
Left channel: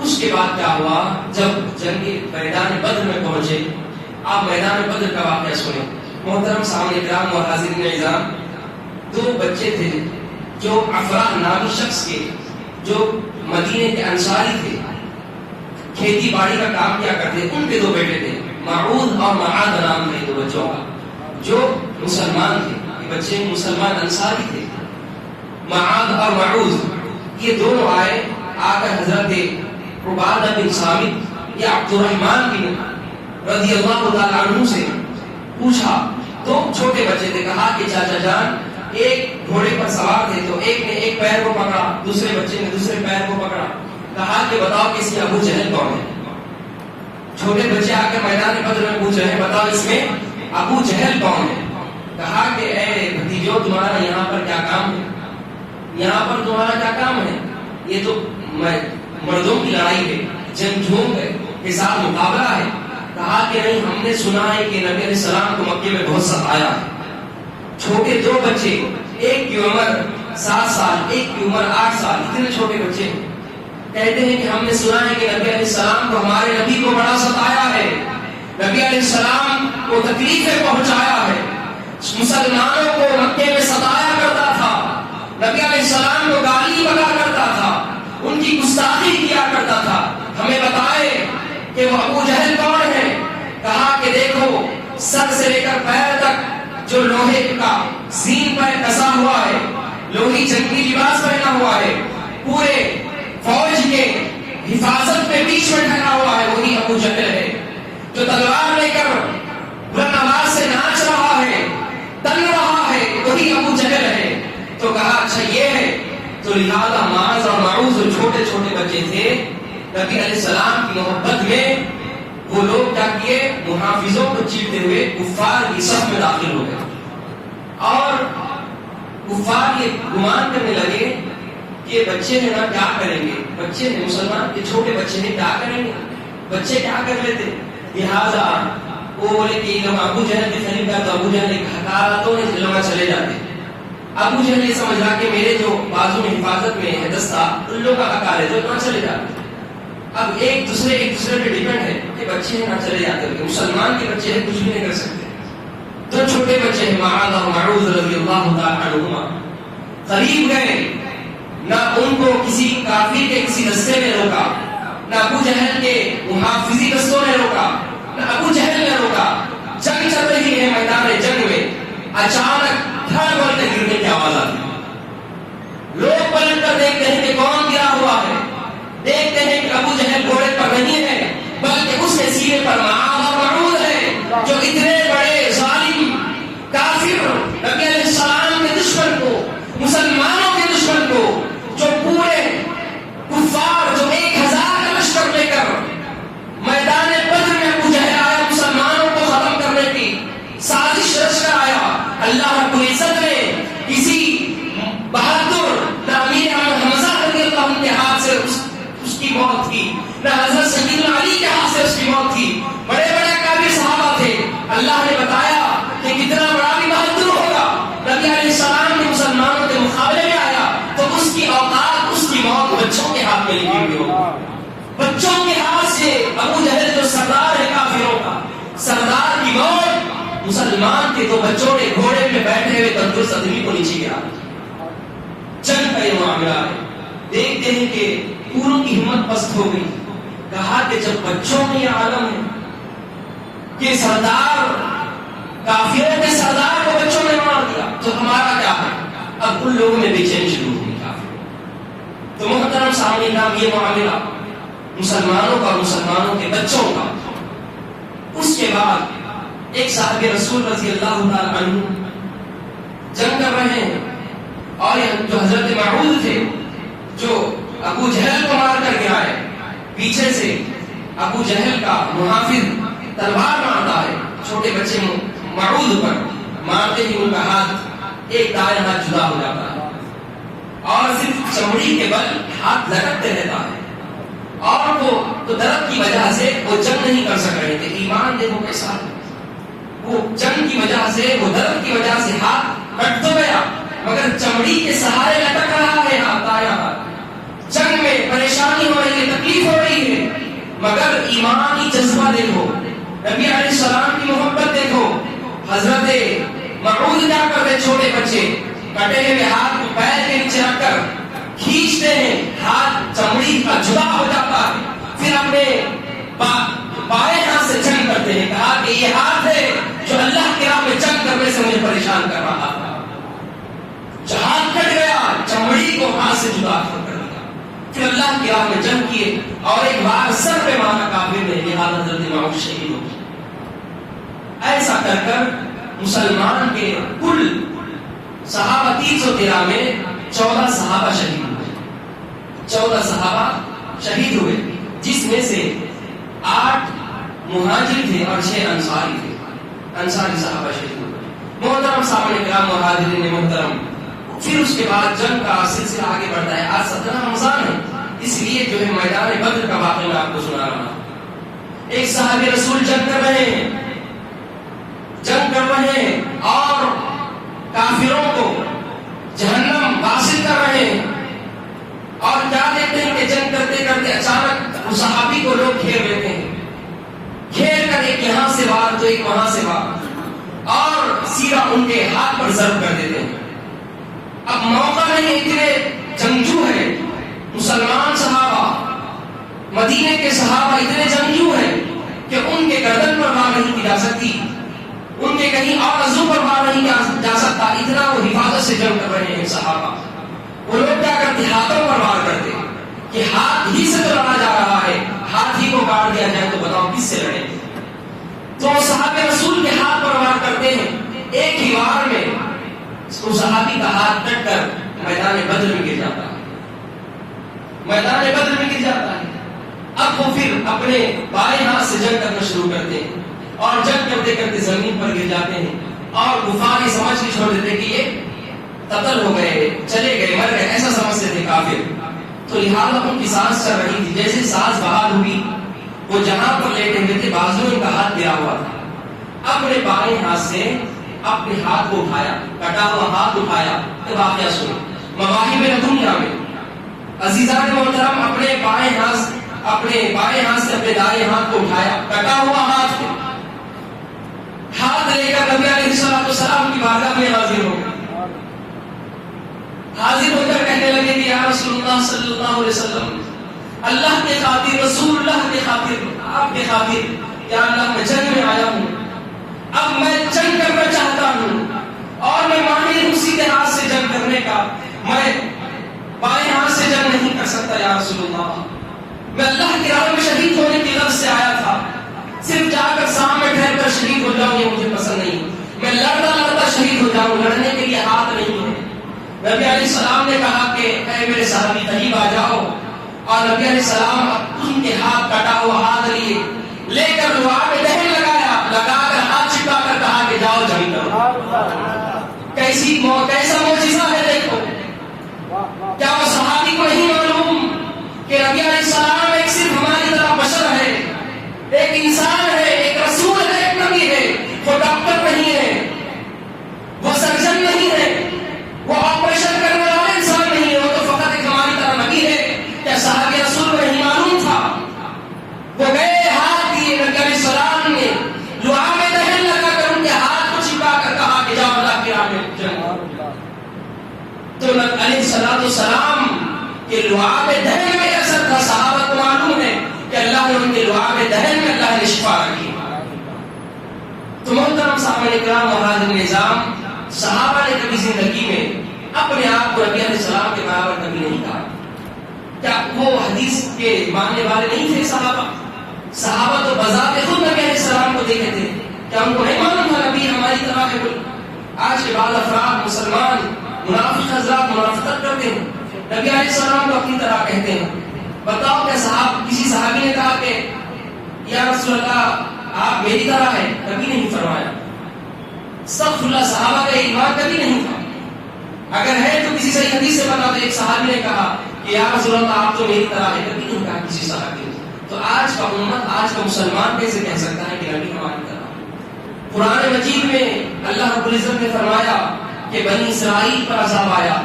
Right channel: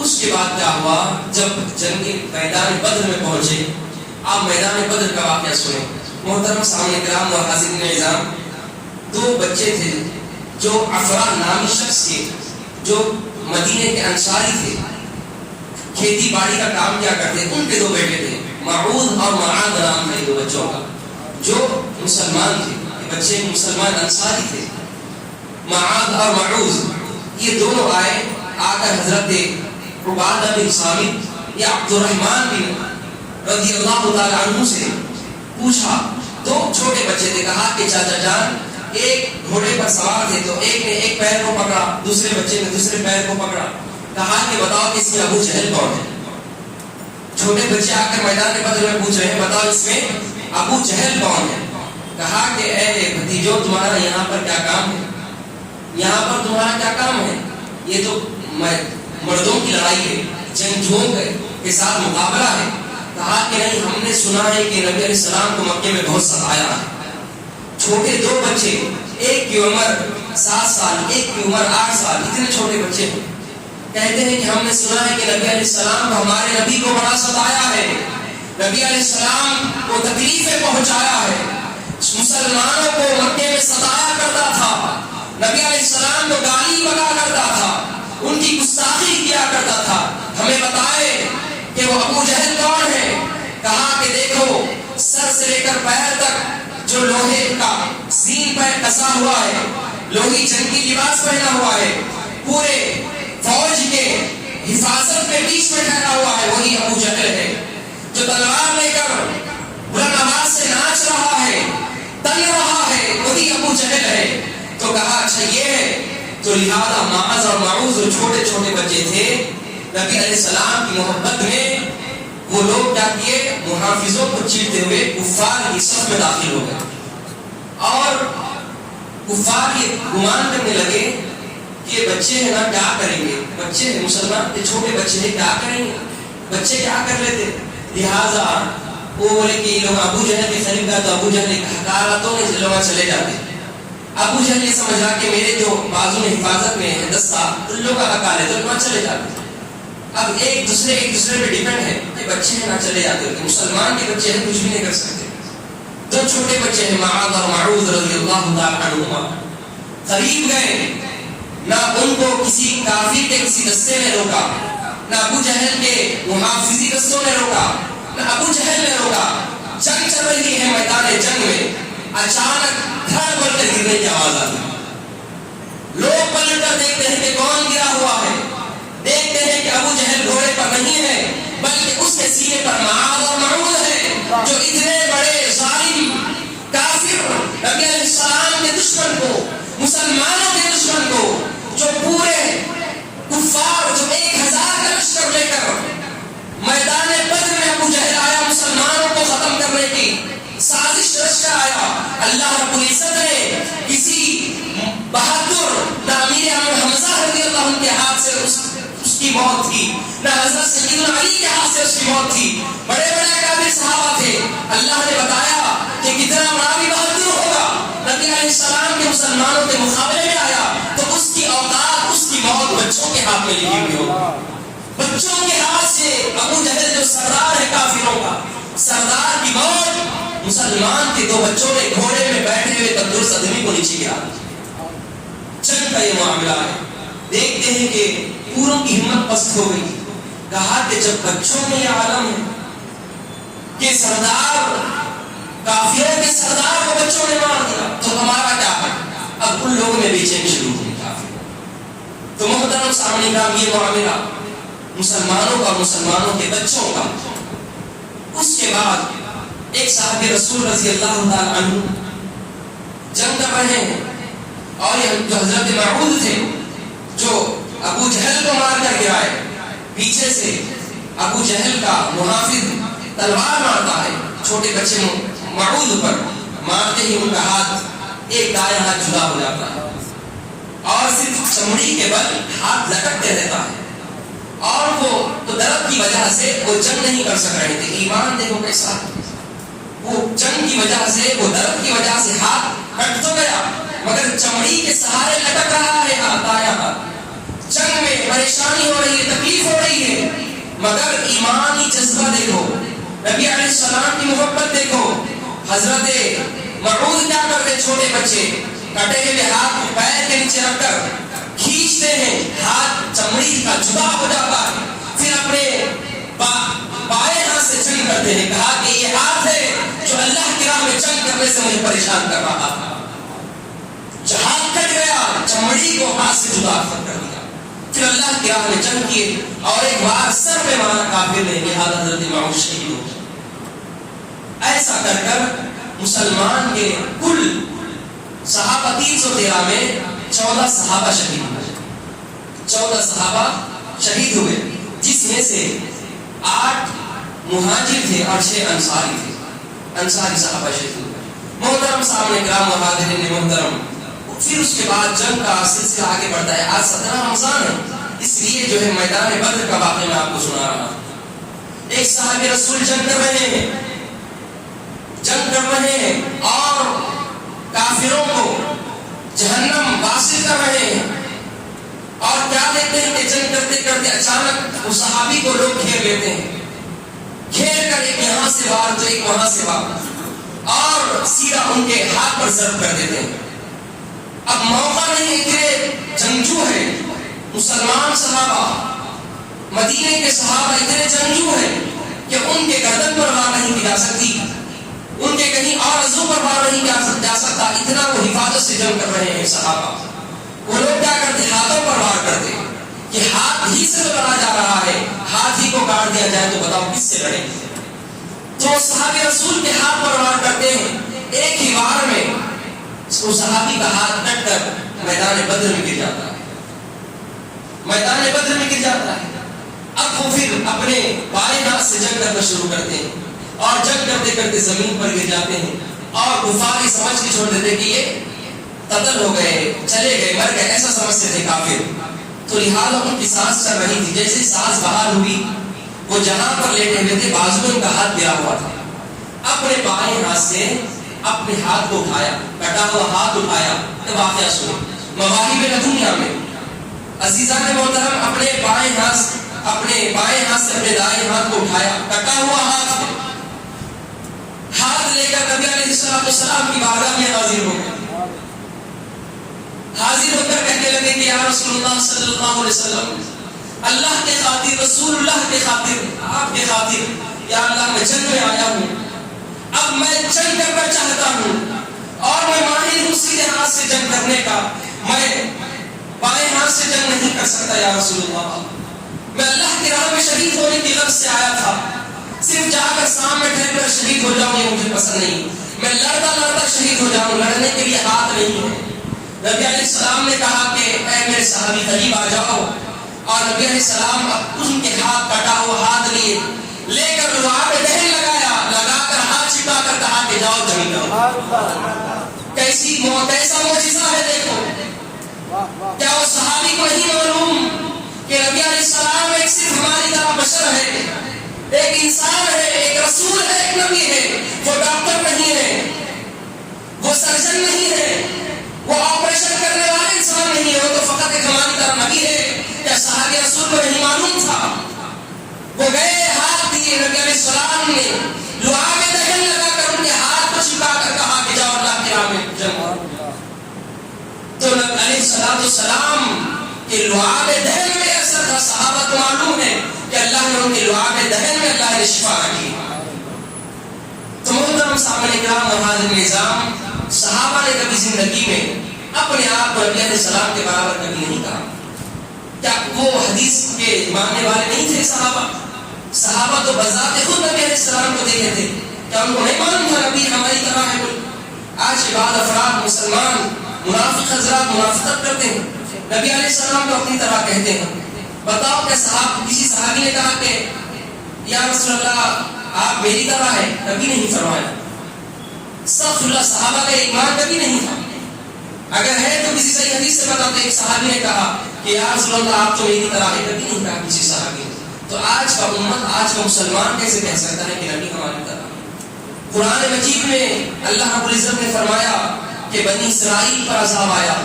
اس کے بعد کیا ہوا, جب جنگ میدان بدر میں پہنچے, آپ میدان بدر کا واقعہ سنیں. محترم سامنے کرام اور حاضرین اعزام, 2 بچے تھے جو افرا نامی شخص کے, جو مدینے کے انصاری تھے, کھیتی باڑی کا کام کیا کرتے. ان کے 2 بیٹے تھے, معود اور معاذ نام تھے 2 بچوں کا, جو مسلمان تھے, بچے مسلمان انصاری تھے، معاذ اور معوذ، یہ دونوں آئے آ کر حضرت عبادہ بن صامت یا عبد الرحمن بن رضی اللہ تعالی عنہ سے پوچھا. دو چھوٹے بچے تھے، کہا کہ چاچا جان ایک گھوڑے پر سوار تھے، تو ایک نے ایک پیر کو پکڑا، دوسرے بچے نے دوسرے پیر کو پکڑا. کہا کہ بتاؤ اس میں ابو جہل کون ہے؟ چھوٹے بچے آ کر میدان بدر میں پوچھ رہے ہیں بتاؤ اس میں ابو جہل کون ہے؟ کہا کہ اے بھتیجو تمہارا یہاں پر کیا کام ہے؟ یہاں پر تمہارا کیا کام ہے؟ یہ تو مردوں کی لڑائی ہے، جنگجوؤں کے ساتھ مقابلہ ہے. کہا کہ نہیں، ہم نے سنا ہے کہ نبی علیہ السلام کو مکے میں بہت ستایا ہے. چھوٹے دو بچے، ایک کی عمر 7 سال، ایک کی عمر 8 سال، اتنے چھوٹے بچے ہیں. کہتے ہیں کہ ہم نے سنا ہے کہ نبی علیہ السلام کو ہمارے نبی کو بڑا ستایا ہے، نبی علیہ السلام کو تکلیفیں پہنچایا ہے، مسلمانوں کو مکے میں ستایا کرتا تھا، نبی علیہ السلام کو گالی بکا کرتا تھا، ان کی گستاخی کیا کرتا تھا. ہمیں بتائے کہ وہ ابو جہل کون ہے؟ کہا کہ دیکھو سر سے لے کر پیر تک جو لوہے کا زین پر کسا ہوا ہے، لوہی جنگی لباس پہنا ہوا ہے، پورے فوج کے حفاظت کے بیچ میں ٹھہرا ہوا ہے، وہی ابو جہل ہے. جو تلوار لے کر بلند آواز سے ناچ رہا ہے، تن رہا ہے، وہی ابو جہل ہے. تو کہا اچھا یہ ہے. تو لہذا معاذ اور معوذ جو چھوٹے چھوٹے بچے تھے، نبی علیہ السلام کی محبت میں وہ لوگ کیا کیے، محافظوں کو چیرتے ہوئے کفار کی صف میں داخل ہو گئے. اور کفار یہ گمان کرنے لگے کہ یہ بچے ہیں نا کیا کریں گے، بچے ہیں مسلمان، یہ چھوٹے بچے ہیں کیا کریں گے، بچے کیا کر لیتے. لہذا وہ بولے کہ یہ لوگ ابو جہل کے قریب گئے تو ابو جہل نے حکارتوں نے لوگ چلے جاتے. ابو جہل یہ سمجھا کہ میرے جو بازو میں حفاظت میں ہے دستہ ان لوگوں کا حکار ہے تو نہ چلے جاتے. اب ایک دوسرے پہ ڈیپینڈ ہے کہ بچے ہیں نہ چلے جاتے، مسلمان کے بچے ہیں کچھ بھی نہیں کر سکتے. دو چھوٹے بچے ہیں معاذ اور معوذ رضی اللہ تعالی عنہما قریب گئے، نہ ان کو کسی کافر کے کسی دستے نے روکا، نہ ابو جہل کے محافظی دستوں نے روکا، نہ ابو جہل نے روکا. جنگ چل رہی ہے میدان جنگ میں، اچانک دھڑ بول کر گرنے کی آواز آتی. لوگ پلٹ کر دیکھتے ہیں کہ کون گرا ہوا ہے، دیکھتے ہیں کہ ابو جہل گھوڑے پر نہیں ہے بلکہ اس کے سینے پر معاذ اور معوذ ہے، جو اتنے بڑے ظالم کافر نبی علیہ السلام کے دشمن کو، مسلمانوں کے دشمن کو، جو پورے کفار جو 1000 کا لشکر لے کر میدان بدر میں ابو جہل آیا مسلمانوں کو ختم کرنے کی سازش رچ کر آیا. اللہ رب العزت نے کسی بہادر نہ امیر حمزہ رضی اللہ عنہ کے ہاتھ سے اس کی موت تھی، نہ حضرت سیدنا علی کے ہاتھ سے اس کی موت تھی. بڑے بڑے کافر صحابہ تھے. اللہ نے بتایا کہ کتنا بڑا بھی بہادر ہوگا، نبی علیہ السلام کے مسلمانوں کے مقابلے میں آیا تو اس کی اوقات، اس کی موت بچوں کے ہاتھ میں لکھی ہوئی ہوگی. بچوں کے ہاتھ سے ابو جہل جو سردار ہے کافروں کا، سردار کی موت مسلمان کے دو بچوں کے گھوڑے میں بیٹھے ہوئے تندرست آدمی کو نیچے گیا. جنگ کا یہ معاملہ ہے. دیکھتے ہیں کہ پوروں کی ہمت پست ہو گئی. کہا کہ جب بچوں میں یہ عالم ہے کہ سردار کافروں کے سردار کو بچوں نے مار دیا تو ہمارا کیا ہے. اب ان لوگوں میں بے چینی شروع ہوئی کافر. تو محترم سامنے کا یہ معاملہ مسلمانوں کا، مسلمانوں کے بچوں کا. اس کے بعد ایک صحابی رسول رضی اللہ تعالی عنہ جنگ کر رہے ہیں اور یہ جو حضرت معوذ تھے جو ابو جہل کو مار کر گرائے، پیچھے سے ابو جہل کا محافظ تلوار مارتا ہے چھوٹے بچے معوذ پر، مارتے ہی ان کا ہاتھ ایک دائیں ہاتھ جدا ہو جاتا ہے اور صرف چمڑی کے بل ہاتھ لٹکتے رہتا ہے. اور وہ تو درد کی وجہ سے وہ جنگ نہیں کر سک رہے تھے. ایمان دیکھو کیسا ہے، وہ جنگ کی وجہ سے، وہ درد کی وجہ سے ہاتھ کٹ تو گیا مگر چمڑی کے سہارے لٹک رہا ہے ہاتھ، دایاں ہاتھ. جنگ میں پریشانی ہو رہی ہے، تکلیف ہو رہی ہے مگر ایمانی جذبہ دیکھو، نبی علیہ السلام کی محبت دیکھو. حضرت معوذ کیا کرتے، چھوٹے بچے کٹے ہوئے ہاتھ کو پیر کے نیچے رکھ کر کھینچتے ہیں، ہاتھ چمڑی کا جدا ہو جاتا ہے. پھر اپنے بائیں ہاتھ سے جنگ کرتے ہیں. کہا کہ یہ ہاتھ ہے جو اللہ کی راہ میں جنگ کرنے سے مجھے پریشان کر رہا تھا. جہاد کٹ گیا، چمڑی کو ہاتھ سے جدا کر دیا، پھر اللہ کی راہ میں جنگ کیے اور ایک بار سر پہ مارا کافر نے، لہذا حضرت امام شہید ہو گئے۔ ایسا کر کر مسلمان کے کل صحابہ 313 میں 14 صحابہ شہید ہوئے، 14 صحابہ شہید ہوئے، جس میں سے 8 مہاجر تھے اور 6 انصاری تھے، انصاری صحابہ شہید ہوئے۔ محترم صاحب کرام، مہاجرین محترم، پھر اس کے بعد جنگ کا سلسلہ آگے بڑھتا ہے۔ آج 17 رمضان ہے، اس لیے جو ہے میدان بدر کا واقعہ میں آپ کو سنا رہا ہوں۔ ایک صحابی رسول جنگ کر رہے ہیں، جنگ کر رہے ہیں اور کافروں کو جہنم واصل کر رہے ہیں، اور کیا دیکھتے ہیں کہ جنگ کرتے کرتے اچانک اس صحابی کو لوگ گھیر لیتے ہیں، گھیر کر ایک یہاں سے وار تو ایک وہاں سے وار، اور سیدھا ان کے ہاتھ پر ضرب کر دیتے ہیں۔ اب موقع نہیں، اتنے جنگجو ہیں مسلمان صحابہ، مدینے کے صحابہ اتنے جنگجو ہیں کہ ان کے گردن پر وار نہیں کی جا سکتی، ان کے کہیں اور عضو پر وار نہیں جا سکتا، اتنا وہ حفاظت سے جنگ کر رہے ہیں صحابہ۔ وہ لوگ کیا کرتے، ہاتھوں پر وار کرتے کہ ہاتھ ہی سے تو لڑا جا رہا ہے، ہاتھ ہی کو کاٹ دیا جائے تو بتاؤ کس سے لڑیں گے۔ تو صحابہ رسول کے ہاتھ پر وار کرتے ہیں، ایک ہی وار میں اس صحابی کا ہاتھ کٹ کر میدان بدر میں گر جاتا ہے، میدان بدر میں گر جاتا ہے۔ اب وہ پھر اپنے بائیں ہاتھ سے جنگ کرنا شروع کرتے ہیں، اور جنگ کرتے کرتے زمین پر گر جاتے ہیں، اور کفار یہ سمجھ کے چھوڑ دیتے کہ یہ قتل ہو گئے، چلے گئے، مر گئے، ایسا سمجھتے تھے کافر۔ تو لہٰذا ان کی سانس چل رہی تھی، جیسے سانس بحال ہوئی وہ جہاں پر لیٹے ہوئے تھے، بازو ان کا ہاتھ گرا ہوا تھا، اپنے بائیں ہاتھ سے اپنے ہاتھ کو اٹھایا، کٹا ہوا ہاتھ اٹھایا۔ واقعہ سنیں، مواہب دنیا میں عزیزان محترم، اپنے بائیں ہاتھ سے اپنے دائیں ہاتھ کو اٹھایا، کٹا ہوا ہاتھ لے کر نبی علیہ السلام کی بارگاہ میں حاضر ہو گئے، حاضر ہو کر کہنے لگے کہ یا رسول اللہ صلی اللہ علیہ وسلم، اللہ کے خاطر، رسول اللہ کے خاطر، آپ کے خاطر، یا اللہ میں جنگ میں آیا ہوں، اب میں جنگ کرنا چاہتا ہوں، اور میں ماہر ہوں سیدھے ہاتھ سے جنگ کرنے کا، میں بائیں ہاتھ سے جنگ نہیں کر سکتا یا رسول اللہ، میں اللہ کی راہ میں شہید ہونے کی غرض سے آیا تھا، صرف جا کر سامنے ٹھہر کر شہید ہو جاؤں یہ مجھے پسند نہیں، میں لڑتا شہید ہو جاؤں، لڑنے کے لیے ہاتھ نہیں ہے۔ نبی علیہ السلام نے کہا کہ اے میرے صحابی قریب آ جاؤ، اور نبی علیہ السلام ان کے ہاتھ کٹا ہوا ہاتھ لے کر لوہا پہ دہن لگا کر ہاتھ چپکا کر کہا کہ جاؤ جنگ کرو۔ کیسا معجزہ ہے، دیکھو کیا وہ صحابی کو نہیں معلوم کہ نبی علیہ السلام ایک صرف ہماری طرح بشر ہے، ایک انسان ہے، ایک رسول ہے، ایک نبی ہے، وہ ڈاکٹر نہیں ہے، وہ سرجن نہیں ہے، وہ آپریشن کرنے والے انسان نہیں ہے، وہ تو فقط ایک ہماری طرح نبی ہے۔ کیا صحابی رسول کو نہیں معلوم تھا؟ وہ گئے، ہاتھ دیے، نبی علیہ السلام نے لوہا میں دہن لگا کر ان کے ہاتھ کو چپکا کر کہا کہ جاؤ اللہ کی راہ میں جنگ۔ تو نبی علیہ السلام کے لوہا میں دہن میں اثر تھا، صحابہ کو معلوم ہے کہ اللہ نے ان کے لوہا میں دہن میں اللہ نے شفا رکھی۔ تو محترم صحابہ کرام، مہاجرین نظام، صحابہ نے کبھی زندگی میں اپنے آپ کو نبی علیہ السلام کے برابر کبھی نہیں کہا۔ کیا وہ حدیث کے ماننے والے نہیں تھے صحابہ تو بذات خود نبی علیہ السلام کو دیکھتے تھے، کیا ان کو نہیں معلوم تھا نبی ہماری طرح ہے؟ آج کے بعد افراد مسلمان منافق حضرات منافقت کرتے ہیں، نبی علیہ السلام کو اپنی طرح کہتے ہیں۔ بتاؤ کیا کسی صحابی نے کہا کہ یا رسول اللہ آپ میری طرح ہے؟ کبھی نہیں فرمایا۔ استغفر اللہ، صحابہ کا ایمان کبھی نہیں تھا۔ اگر ہے تو کسی صحیح حدیث سے بتاتے، ایک صحابی نے کہا کہ یا رسول اللہ آپ تو میری طرح ہے، کبھی نہیں کہا کسی صحابی نے۔ تو آج کا امت، آج کا مسلمان کیسے کہہ سکتا ہے کہ نبی ہماری طرح؟ قرآن مجید میں اللہ رب العزت نے فرمایا کہ بنی اسرائیل پر عذاب آیا،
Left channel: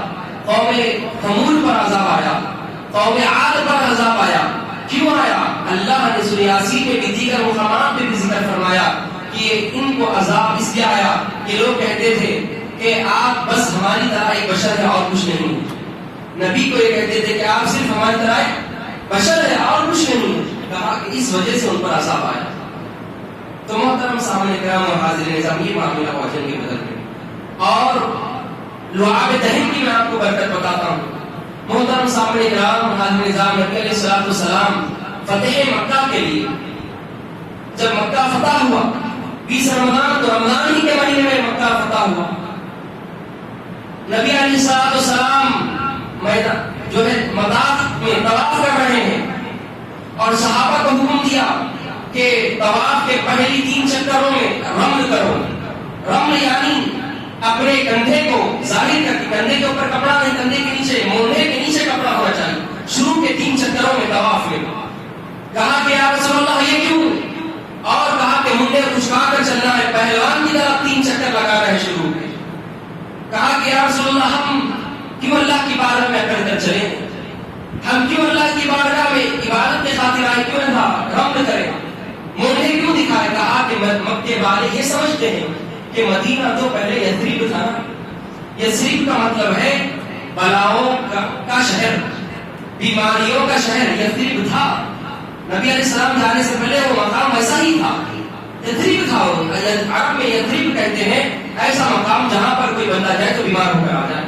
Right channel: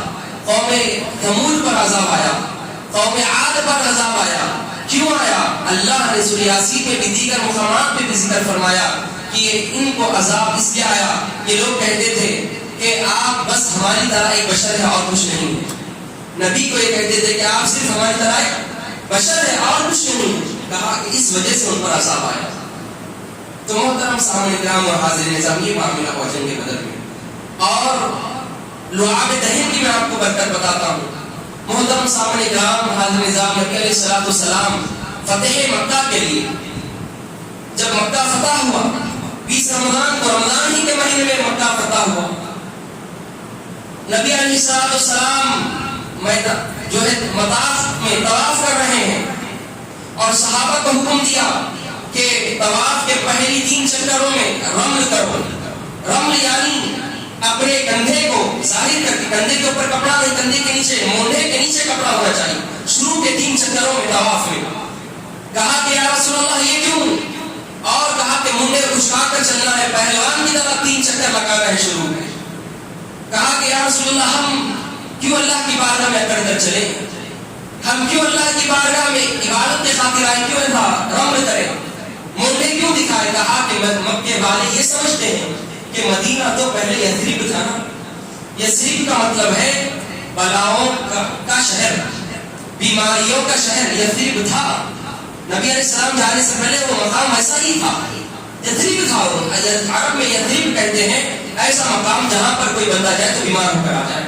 قوم ثمود پر عذاب آیا، قوم عاد پر عذاب آیا۔ کیوں آیا؟ اللہ نے سورہ یاسین میں بھی دیگر مقامات پہ بھی ذکر فرمایا کہ ان کو عذاب اس لیے آیا کہ لوگ کہتے تھے کہ آپ بس ہماری طرح ایک بشر ہے اور کچھ نہیں۔ نبی کو یہ کہتے تھے کہ آپ صرف ہماری طرح ایک بشر ہے اور کچھ نہیں۔ کہا کہ اس وجہ سے ان پر عذاب آیا۔ تو محترم صحابہ کرام اور حاضرین نظام، یہ معاملہ ہوا جنگ بدر میں، اور لعاب دہن کی میں آپ کو برکت بتاتا ہوں. محترم سامنے کرام حاضر نظام نبی علیہ الصلوۃ والسلام فتح مکہ کے لیے جب مکہ فتح ہوا 20 رمضان کو، رمضان ہی کے مہینے میں مکہ فتح ہوا، نبی علیہ الصلوۃ والسلام جو ہے مطاف میں طواف کر رہے ہیں اور صحابہ کو حکم دیا کہ طواف کے پہلی 3 چکروں میں رمل کرو. رمل یعنی اپنے کندھے کو ظاہر کر کے، کندھے کے اوپر کپڑا نہیں، کندھے کے نیچے، مونڈے کے نیچے کپڑا ہونا چاہیے شروع کے 3 چکروں میں طواف میں. کہا کہ یا رسول اللہ یہ کیوں؟ اور کہا کہ منڈے خشکا کر چلنا ہے، پہلوان کی طرح 3 چکر لگا رہے شروع میں. کہا کہ یا رسول اللہ ہم کیوں اللہ کی بارگاہ میں اکڑ کر چلیں؟ ہم کیوں اللہ کی بارگاہ میں عبادت کے خاطر آئے؟ کیوں رمل کریں؟ منڈے کیوں دکھائے؟ کہا کہ مکے والے یہ سمجھتے ہیں کہ مدینہ تو پہلے یثرب تھا نا. یثرب کا مطلب ہے بلاؤں کا شہر، بیماریوں کا شہر. یثرب تھا، نبی علیہ السلام جانے سے پہلے وہ مقام ایسا ہی تھا، یثرب تھا. عرب میں یثرب کہتے ہیں ایسا مقام جہاں پر کوئی بندہ جائے تو بیمار ہو کر آ جائے.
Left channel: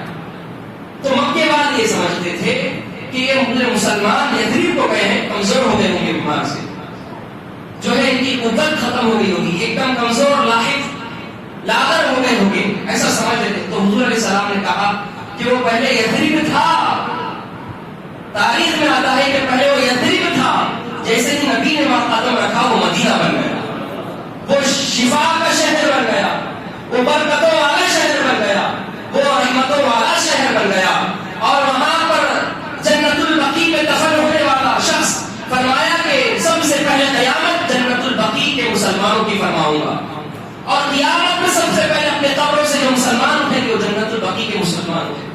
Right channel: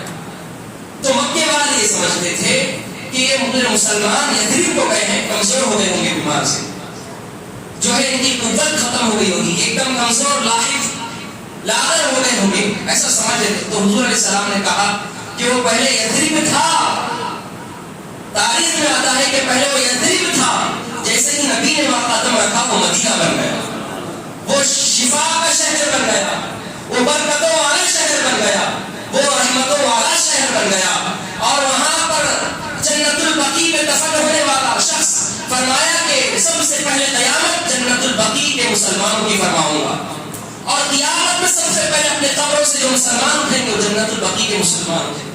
تو مکے والے یہ سمجھتے تھے کہ یہ مسلمان یثرب کو گئے ہیں، کمزور ہو گئے ہوں گے بیمار سے، جو ہے ان کی قوت ختم ہو گئی ہوگی، ایک دم کمزور لاحق لاغر ہو گئے ہوں گے، ایسا سمجھتے تھے. تو حضور علیہ السلام نے کہا کہ وہ پہلے یثرب تھا. تاریخ میں آتا ہے کہ پہلے وہ یثرب تھا، جیسے ہی نبی نے وہاں قدم رکھا وہ مدینہ بن گیا، وہ شفا کا شہر بن گیا، وہ برکتوں والا شہر بن گیا، وہ رحمتوں والا شہر بن گیا. اور وہاں پر جنت البقیع میں دفن ہونے والا شخص فرمایا کہ سب سے پہلے قیامت جنت البقیع کے مسلمانوں کی فرماؤں گا، اور قیامت میں سب سے پہلے اپنے قبروں سے جو مسلمان اٹھیں گے وہ جنت البقیع کے مسلمان اٹھیں.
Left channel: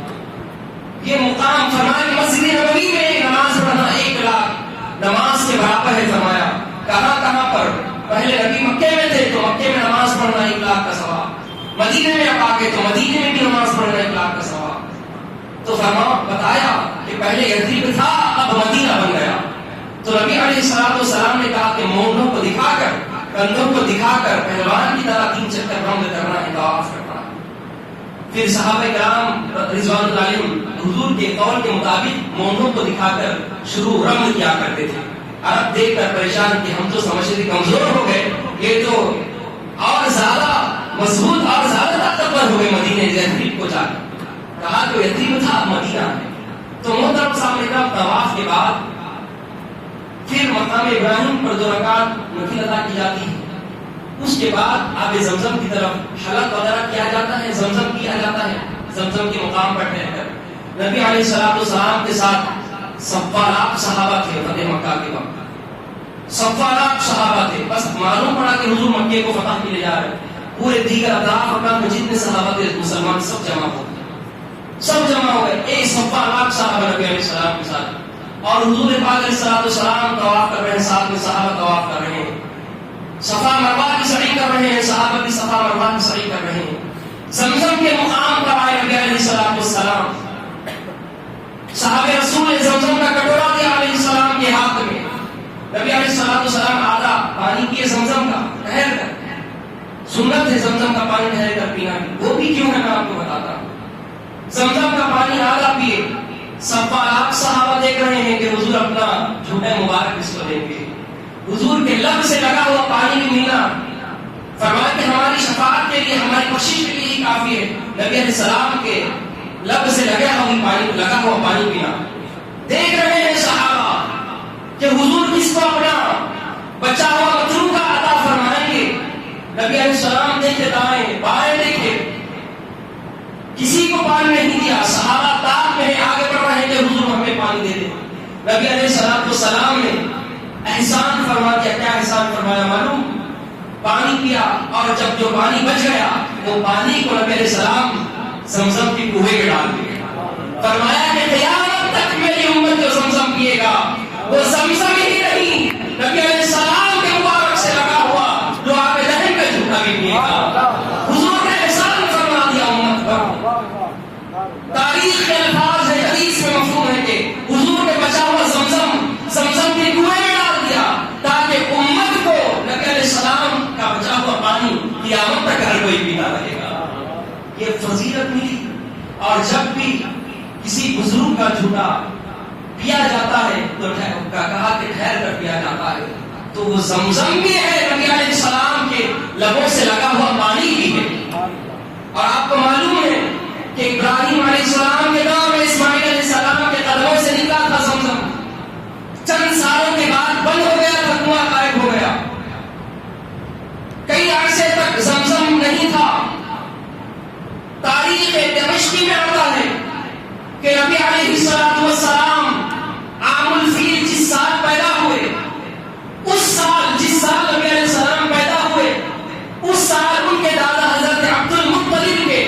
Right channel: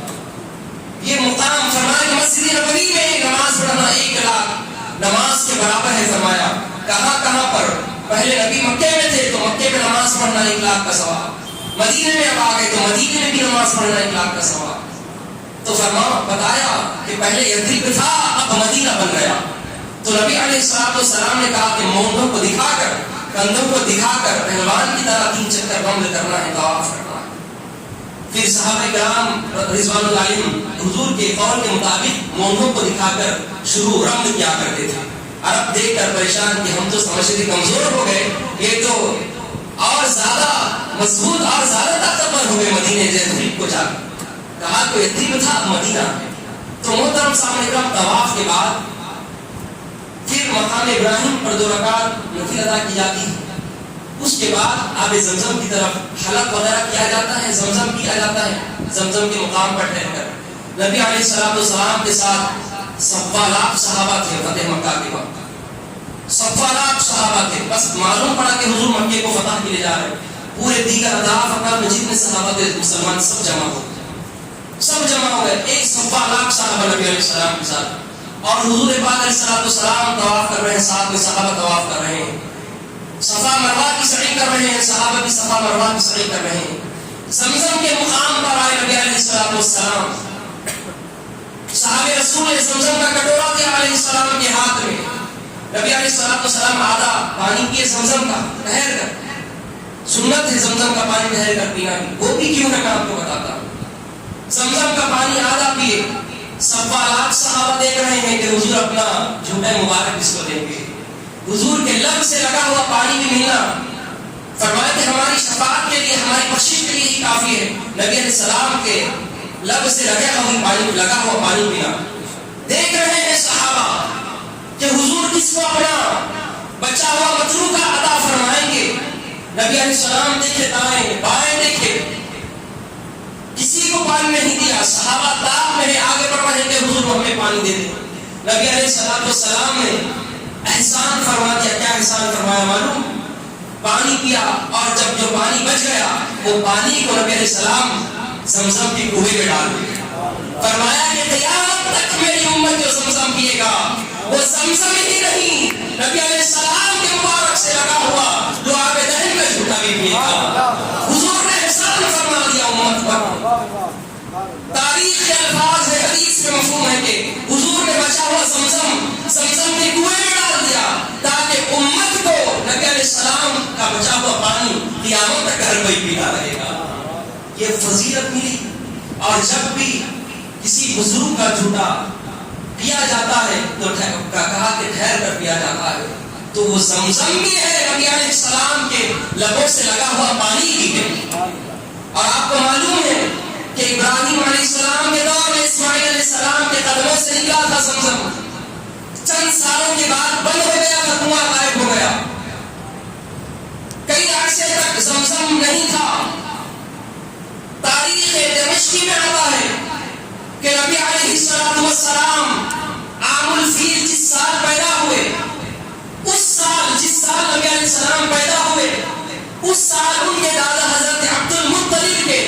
یہ مقام فرمایا کہ مسجد نبوی میں ایک نماز پڑھنا 1 لاکھ نماز کے برابر ہے. فرمایا کہاں پر؟ پہلے نبی مکے میں تھے تو مکے میں نماز پڑھنا 1 لاکھ کا ثواب، مدینے میں اب آ گئے تو مدینے میں بھی نماز پڑھنا 1 لاکھ کا ثواب. تو بتایا کہ پہلے یثرب تھا اب مدینہ بن گیا. تو نبی علیہ السلام نے کہا کہ مونڈوں کو دکھا کر، کندھوں کو دکھا کر پہلوان کی طرح 3 چکر رمل کرنا ہے، طواف کرنا ہے. پھر صحابہ کرام رضوان اللہ علیہم حضور کے قول کے مطابق مونڈوں کو دکھا کر شروع رمل کیا کرتے تھے. عرب دیکھ کر پریشان کہ ہم تو سمجھتے تھے کمزور ہو گئے، یہ تو اور زیادہ مضبوط اور زیادہ طاقتور ہو گئے مدینے یثرب کو جا کر. کہا تو یثرب تھا اب مدینہ ہے. تو محترم سامنے کرام طواف کے بعد پھر مقام ابراہیم پر 2 رکعت نفل ادا کی جاتی ہے. اس کے بعد آب زمزم کی طرف حلق وغیرہ کیا جاتا ہے، زمزم کیا جاتا ہے. زمزم کے مقام پر ٹھہر کر نبی علیہ السلام کے ساتھ 1.25 لاکھ صحابہ تھے. فتح مکہ کے وقت 1.25 لاکھ صحابہ تھے. بس معلوم پڑا کہ حضور مکے کو فتح کیے جا رہے ہیں. پورے دیگر اطراف مکہ میں جتنے صحابہ تھے مسلمان سب جمع ہو گئے. ایک 1.25 لاکھ صحابہ نبی علیہ السلام کے ساتھ، اور حضور پاک علیہ السلام طواف کر رہے ہیں، ساتھ میں صحابہ طواف کر رہے ہیں، صفا مروہ کی سعی کر رہے ہیں، صحابہ بھی صفا مروہ کی سعی کر رہے ہیں. زمزم کے مقام پر آئے نبی علیہ السلام، صحابہ رسول نے زمزم کا کٹورا دیا علیہ السلام کے ہاتھ میں. نبی علیہ السلام آدھا پانی پیے زمزم کا ٹھہر کر. سنت ہے زمزم کا پانی ٹھہر کر پینا، وہ بھی کیوں ہے میں آپ کو بتاتا ہوں. زمزم کا پانی آدھا پیے. 1.25 لاکھ صحابہ دیکھ رہے ہیں کہ حضور اپنا جھوٹا مبارک اس کو دیں گے. حضور کے لب سے لگا ہوا پانی بھی ملنا، فرمایا کہ ہماری شفاعت کے لیے، ہماری بخشش کے لیے ہی کافی ہے. نبی علیہ السلام کے لب سے لگا ہوا پانی پینا. دیکھ رہے ہیں صحابہ کہ حضور کس کو اپنا بچا ہوا مطلوب کا عطا فرمائیں گے. نبی علیہ السلام دیکھے دائیں بائیں دیکھے، کسی کو پانی نہیں دیا. صحابہ تاب میں آگے بڑھ رہے کہ حضور ہمیں پانی دے دیں. نبی علیہ السلام نے احسان فرما دیا. کیا احسان فرمایا معلوم؟ پانی پیا، اور جب جو پانی بچ گیا وہ پانی کو نبی علیہ السلام زمزم کی کنویں میں ڈال دیا. فرمایا کہ قیامت تک میری امت جو زمزم پیے گا وہ زمزم ہی نہیں، نبی علیہ السلام کے مبارک سے لگا ہوا لعاب دہن کا جھوٹا بھی پیے گا. حضور نے احسان فرما دیا امت پر. تاریخ کے الفاظ ہے، حدیث میں مفہوم ہے کہ حضور نے بچا ہوا زمزم کے کنویں میں ڈال دیا تاکہ امت کو نبی علیہ السلام کا بچا ہوا پانی قیامت تک ہر کوئی پیتا رہے گا. یہ فضیلت ملی. گھونٹا پیا جاتا ہے تو کہا کہ ٹھہر کر پیا جاتا ہے، تو وہ زمزم بھی ہے، نبی علیہ السلام کے لبوں سے لگا ہوا پانی بھی ہے۔ اور آپ کو معلوم ہے کہ ابراہیم علیہ السلام کے دور میں اسماعیل علیہ السلام کے قدموں سے نکلا تھا زمزم، چند سالوں کے بعد بند ہو گیا تھا، کنواں غائب ہو گیا، کئی عرصے تک زمزم نہیں تھا۔ تاریخ دمشقی میں آتا ہے کہ نبی علیہ السلام عام الفیل جس سال پیدا ہوئے، اس سال جس سال نبی علیہ السلام پیدا ہوئے، اس سال ان کے دادا حضرت عبد المطلب کے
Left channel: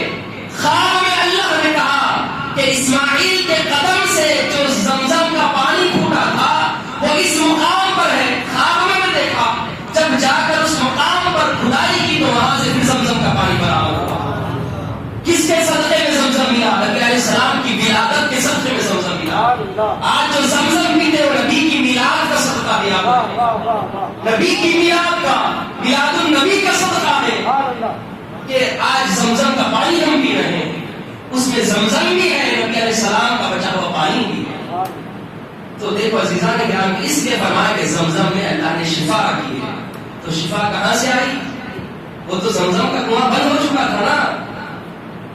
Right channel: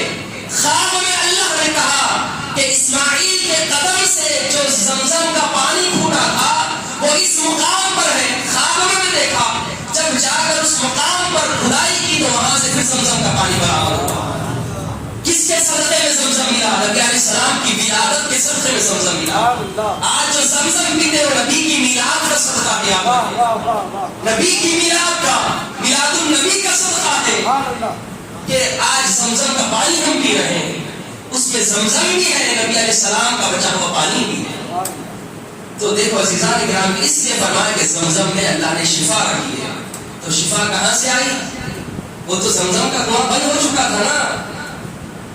خواب میں اللہ نے کہا کہ اسماعیل کے قدم سے جو زمزم کا پانی پھوٹا تھا وہ اس مقام پر ہے۔ خواب میں نے دیکھا، جب جا کر اس مقام پر کھدائی کی تو وہاں سے پھر زمزم کا پانی برآمد ہوا۔ کس کے صدقے میں زمزم ملا؟ نبی علیہ السلام کی ولادت کے صدقے میں زمزم ملا۔ آج جو زمزم پیتے ہو نبی کی میلاد کا صدقہ دیا، نبی کی میلاد کا، میلاد النبی کا صدقہ ہے کہ آج زمزم کا پانی ہم پی رہے ہیں، اس میں زمزم بھی ہے، نبی علیہ السلام کا بچا ہوا پانی بھی ہے۔ تو دیکھو عزیزان کرام، اس لیے فرمایا کہ زمزم میں اللہ نے شفا رکھی ہے۔ تو شفا کہاں سے آئی؟ وہ تو زمزم کا کنواں بند ہو چکا تھا نا۔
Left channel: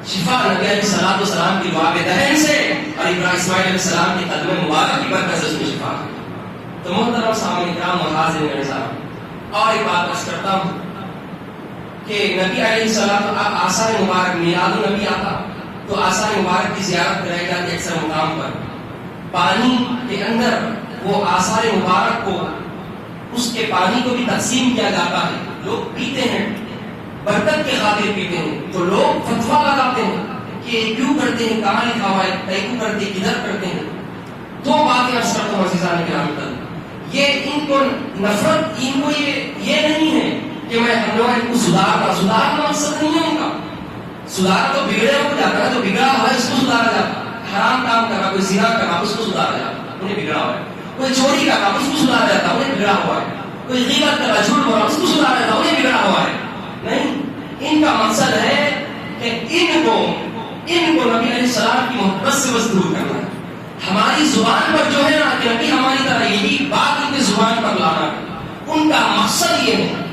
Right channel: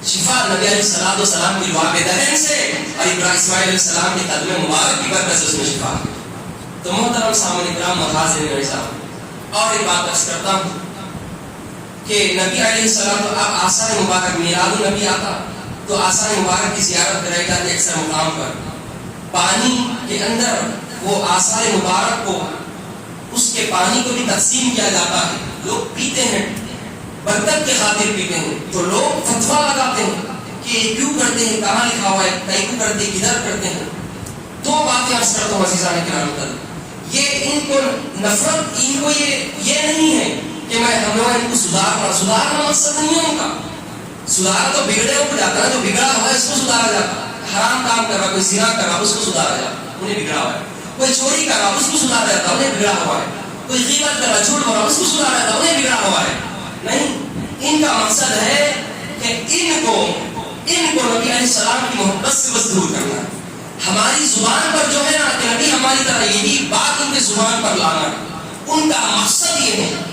شفا نبی علیہ السلام کی دعا دہن سے اور ابراہیم اسماعیل علیہ السلام کے قدم مبارک کی برکت سے اس میں شفا ہے۔ تو محترم سامعین کرام، محاذر میرے ساتھ اور ایک بات عرض کرتا ہوں کہ نبی علیہ السلام اب آثار مبارک میلاد النبی آتا تو آثار مبارک کی زیارت کرائی جاتی ہے اکثر مقام پر، پانی کے اندر وہ آثار مبارک کو، اس کے پانی کو بھی تقسیم کیا جاتا ہے، لوگ پیتے ہیں، برکت کے خاطر پیتے ہیں، تو لوگ فتویٰ لگاتے ہیں کہ یہ کیوں کرتے ہیں، کہاں لکھا ہوا ہے، کیوں کرتے ہیں، کدھر کرتے ہیں۔ دو باتیں عرض کرتا ہوں عزیزان کرام، یہ ان کو نفرت، ان کو یہ نہیں ہے کہ میں ہم لوگ ان کو سدھارنا مقصد نہیں ہے ان کا۔ سدھار تو بگڑے ہو جاتا ہے، جو بگڑا ہوا ہے اس کو سدھارا جاتا ہے، حرام کام کر رہا، کوئی زنا کر رہا اس کو سدھارا جاتا ہے، انہیں بگڑا ہوا ہے، کوئی چوری کر رہا اس کو سدھارا جاتا ہے، انہیں بگڑا ہوا ہے، کوئی غیبت کر رہا، جھوٹ بول رہا اس کو سدھارا جاتا ہے، انہیں بگڑا ہوا ہے۔ نہیں، ان کا مقصد ہے کہ ان کو نبی علیہ السلام کی محبت سے بس دور کرنا ہے۔ ہماری زبان پر جو ہے نا کہ نبی ہماری طرح یہی بات ان کی زبان پر لانا ہے، ان کا مقصد یہ ہے۔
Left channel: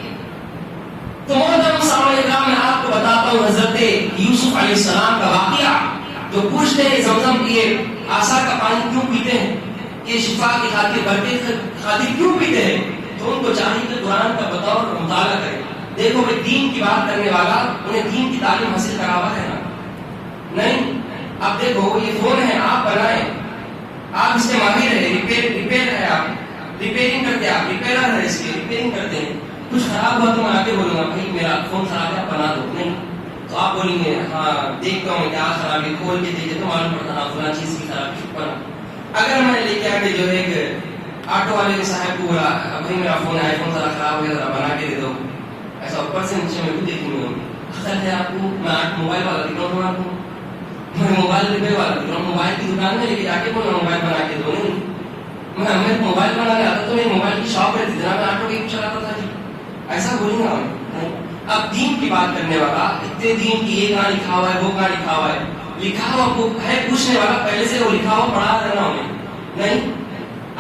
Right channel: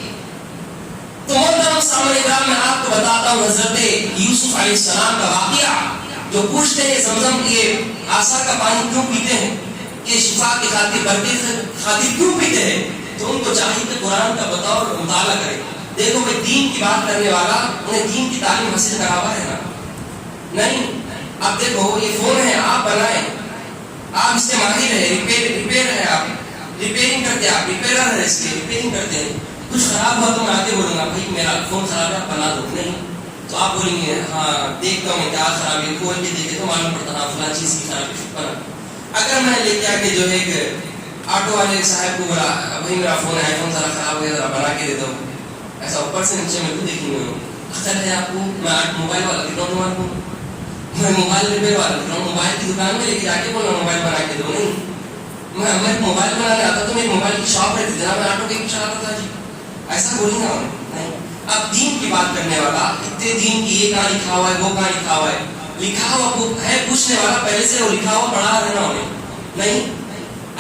تو محترم سامعین کرام، میں آپ کو بتاتا ہوں حضرت یوسف علیہ السلام کا واقعہ، جو پوچھتے ہیں زمزم کے آثار کا پانی کیوں پیتے ہیں، یہ شفا کی خاطر، برکت کی خاطر کیوں پیتے ہیں، تو ان کو چاہیے کہ قرآن کا بتاؤ اور مطالعہ کریں۔ دیکھو بھائی، دین کی بات کرنے والا انہیں دین کی تعلیم حاصل کرا ہوا ہے نا؟ نہیں۔ اب دیکھو یہ فون ہے، آپ بنائیں، آپ اس سے ماہر ہے، ریپیئر ہے، آپ ریپیئرنگ کرتے ہیں، آپ ریپیئرر ہے، اس کی ریپیئرنگ کرتے ہیں، کچھ خراب ہوا تو میں آگے بولوں گا بھائی میرا فون خراب ہے بنا دو، نہیں تو آپ بولیں گے ہاں دیکھتا ہوں کیا خراب ہے، کھول کے دیکھے تو معلوم پڑتا ہاں فلاں چیز کی خرابی پر۔ اگر میں لے کے آ کے جو ہے ایک آٹو والے صاحب کو بولا بھائی میرا فون آئی فون ذرا خراب ہو گیا، ذرا بنا کے دے دو، ایسا اوپر سے نیچے میں کو دیکھی نہیں عقل ہے آپ کو؟ میں موبائل والا دکھاؤں تمہارے کو، میں موبائل ریپیئر والا دکھاؤں، موبائل کی دکان میں لے کے جا کے بولا موبائل بنا کے دو، نہیں میں موبائل بنانے آتا تو میری موبائل کی شاپ رہتی تھی نا، میں آٹو کے چلاتا تھا جی، ایسا بولیں گا نہیں۔ اب دین کی بات کرنے والا اتنے دین کی یہ کہاں لکھا ہوا ہے، وہ کہاں لکھا ہوا ہے، لکھا ہوا ہے پوچھنے والا پہلے سے وہ لکھا ہوا پڑھا رہنا انہیں، نہیں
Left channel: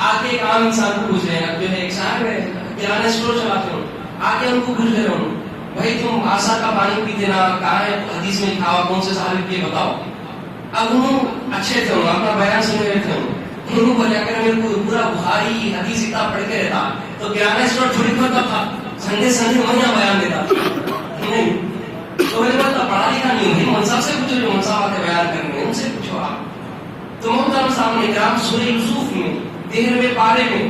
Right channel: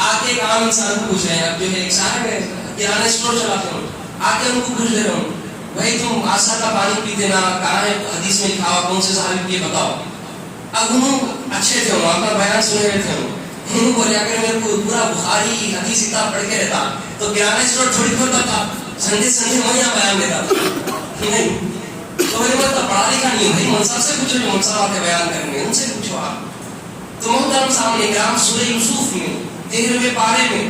آگے ایک عام انسان کو پوچھ رہے ہیں۔ اب جو ہے ایک صاحب ہے کرانہ اسٹور چلاتے ہوں، آگے ان کو پوچھ لے رہا ہوں بھائی تم آثار کا پانی پیتے نا، کہاں ہے حدیث میں لکھا ہوا، کون سے صحابی یہ بتاؤ۔ اب انہوں اچھے تھے، اپنا بیان سنے رہے تھے، انہوں بولے اگر میرے کو پورا بخاری حدیث کتاب پڑھ کے رہتا تو کرانہ اسٹور چھوڑ کرتا تھا، سنڈے میں یہاں بیان دیتا نہیں، تو میرے کو پڑھا لکھا نہیں بھائی، منصاف سے پوچھو جو منصاف آتے بیان کریں گے ان سے پوچھو آپ۔ تو محترم سامنے اکرام، سورہ یوسف میں 13ویں پارے میں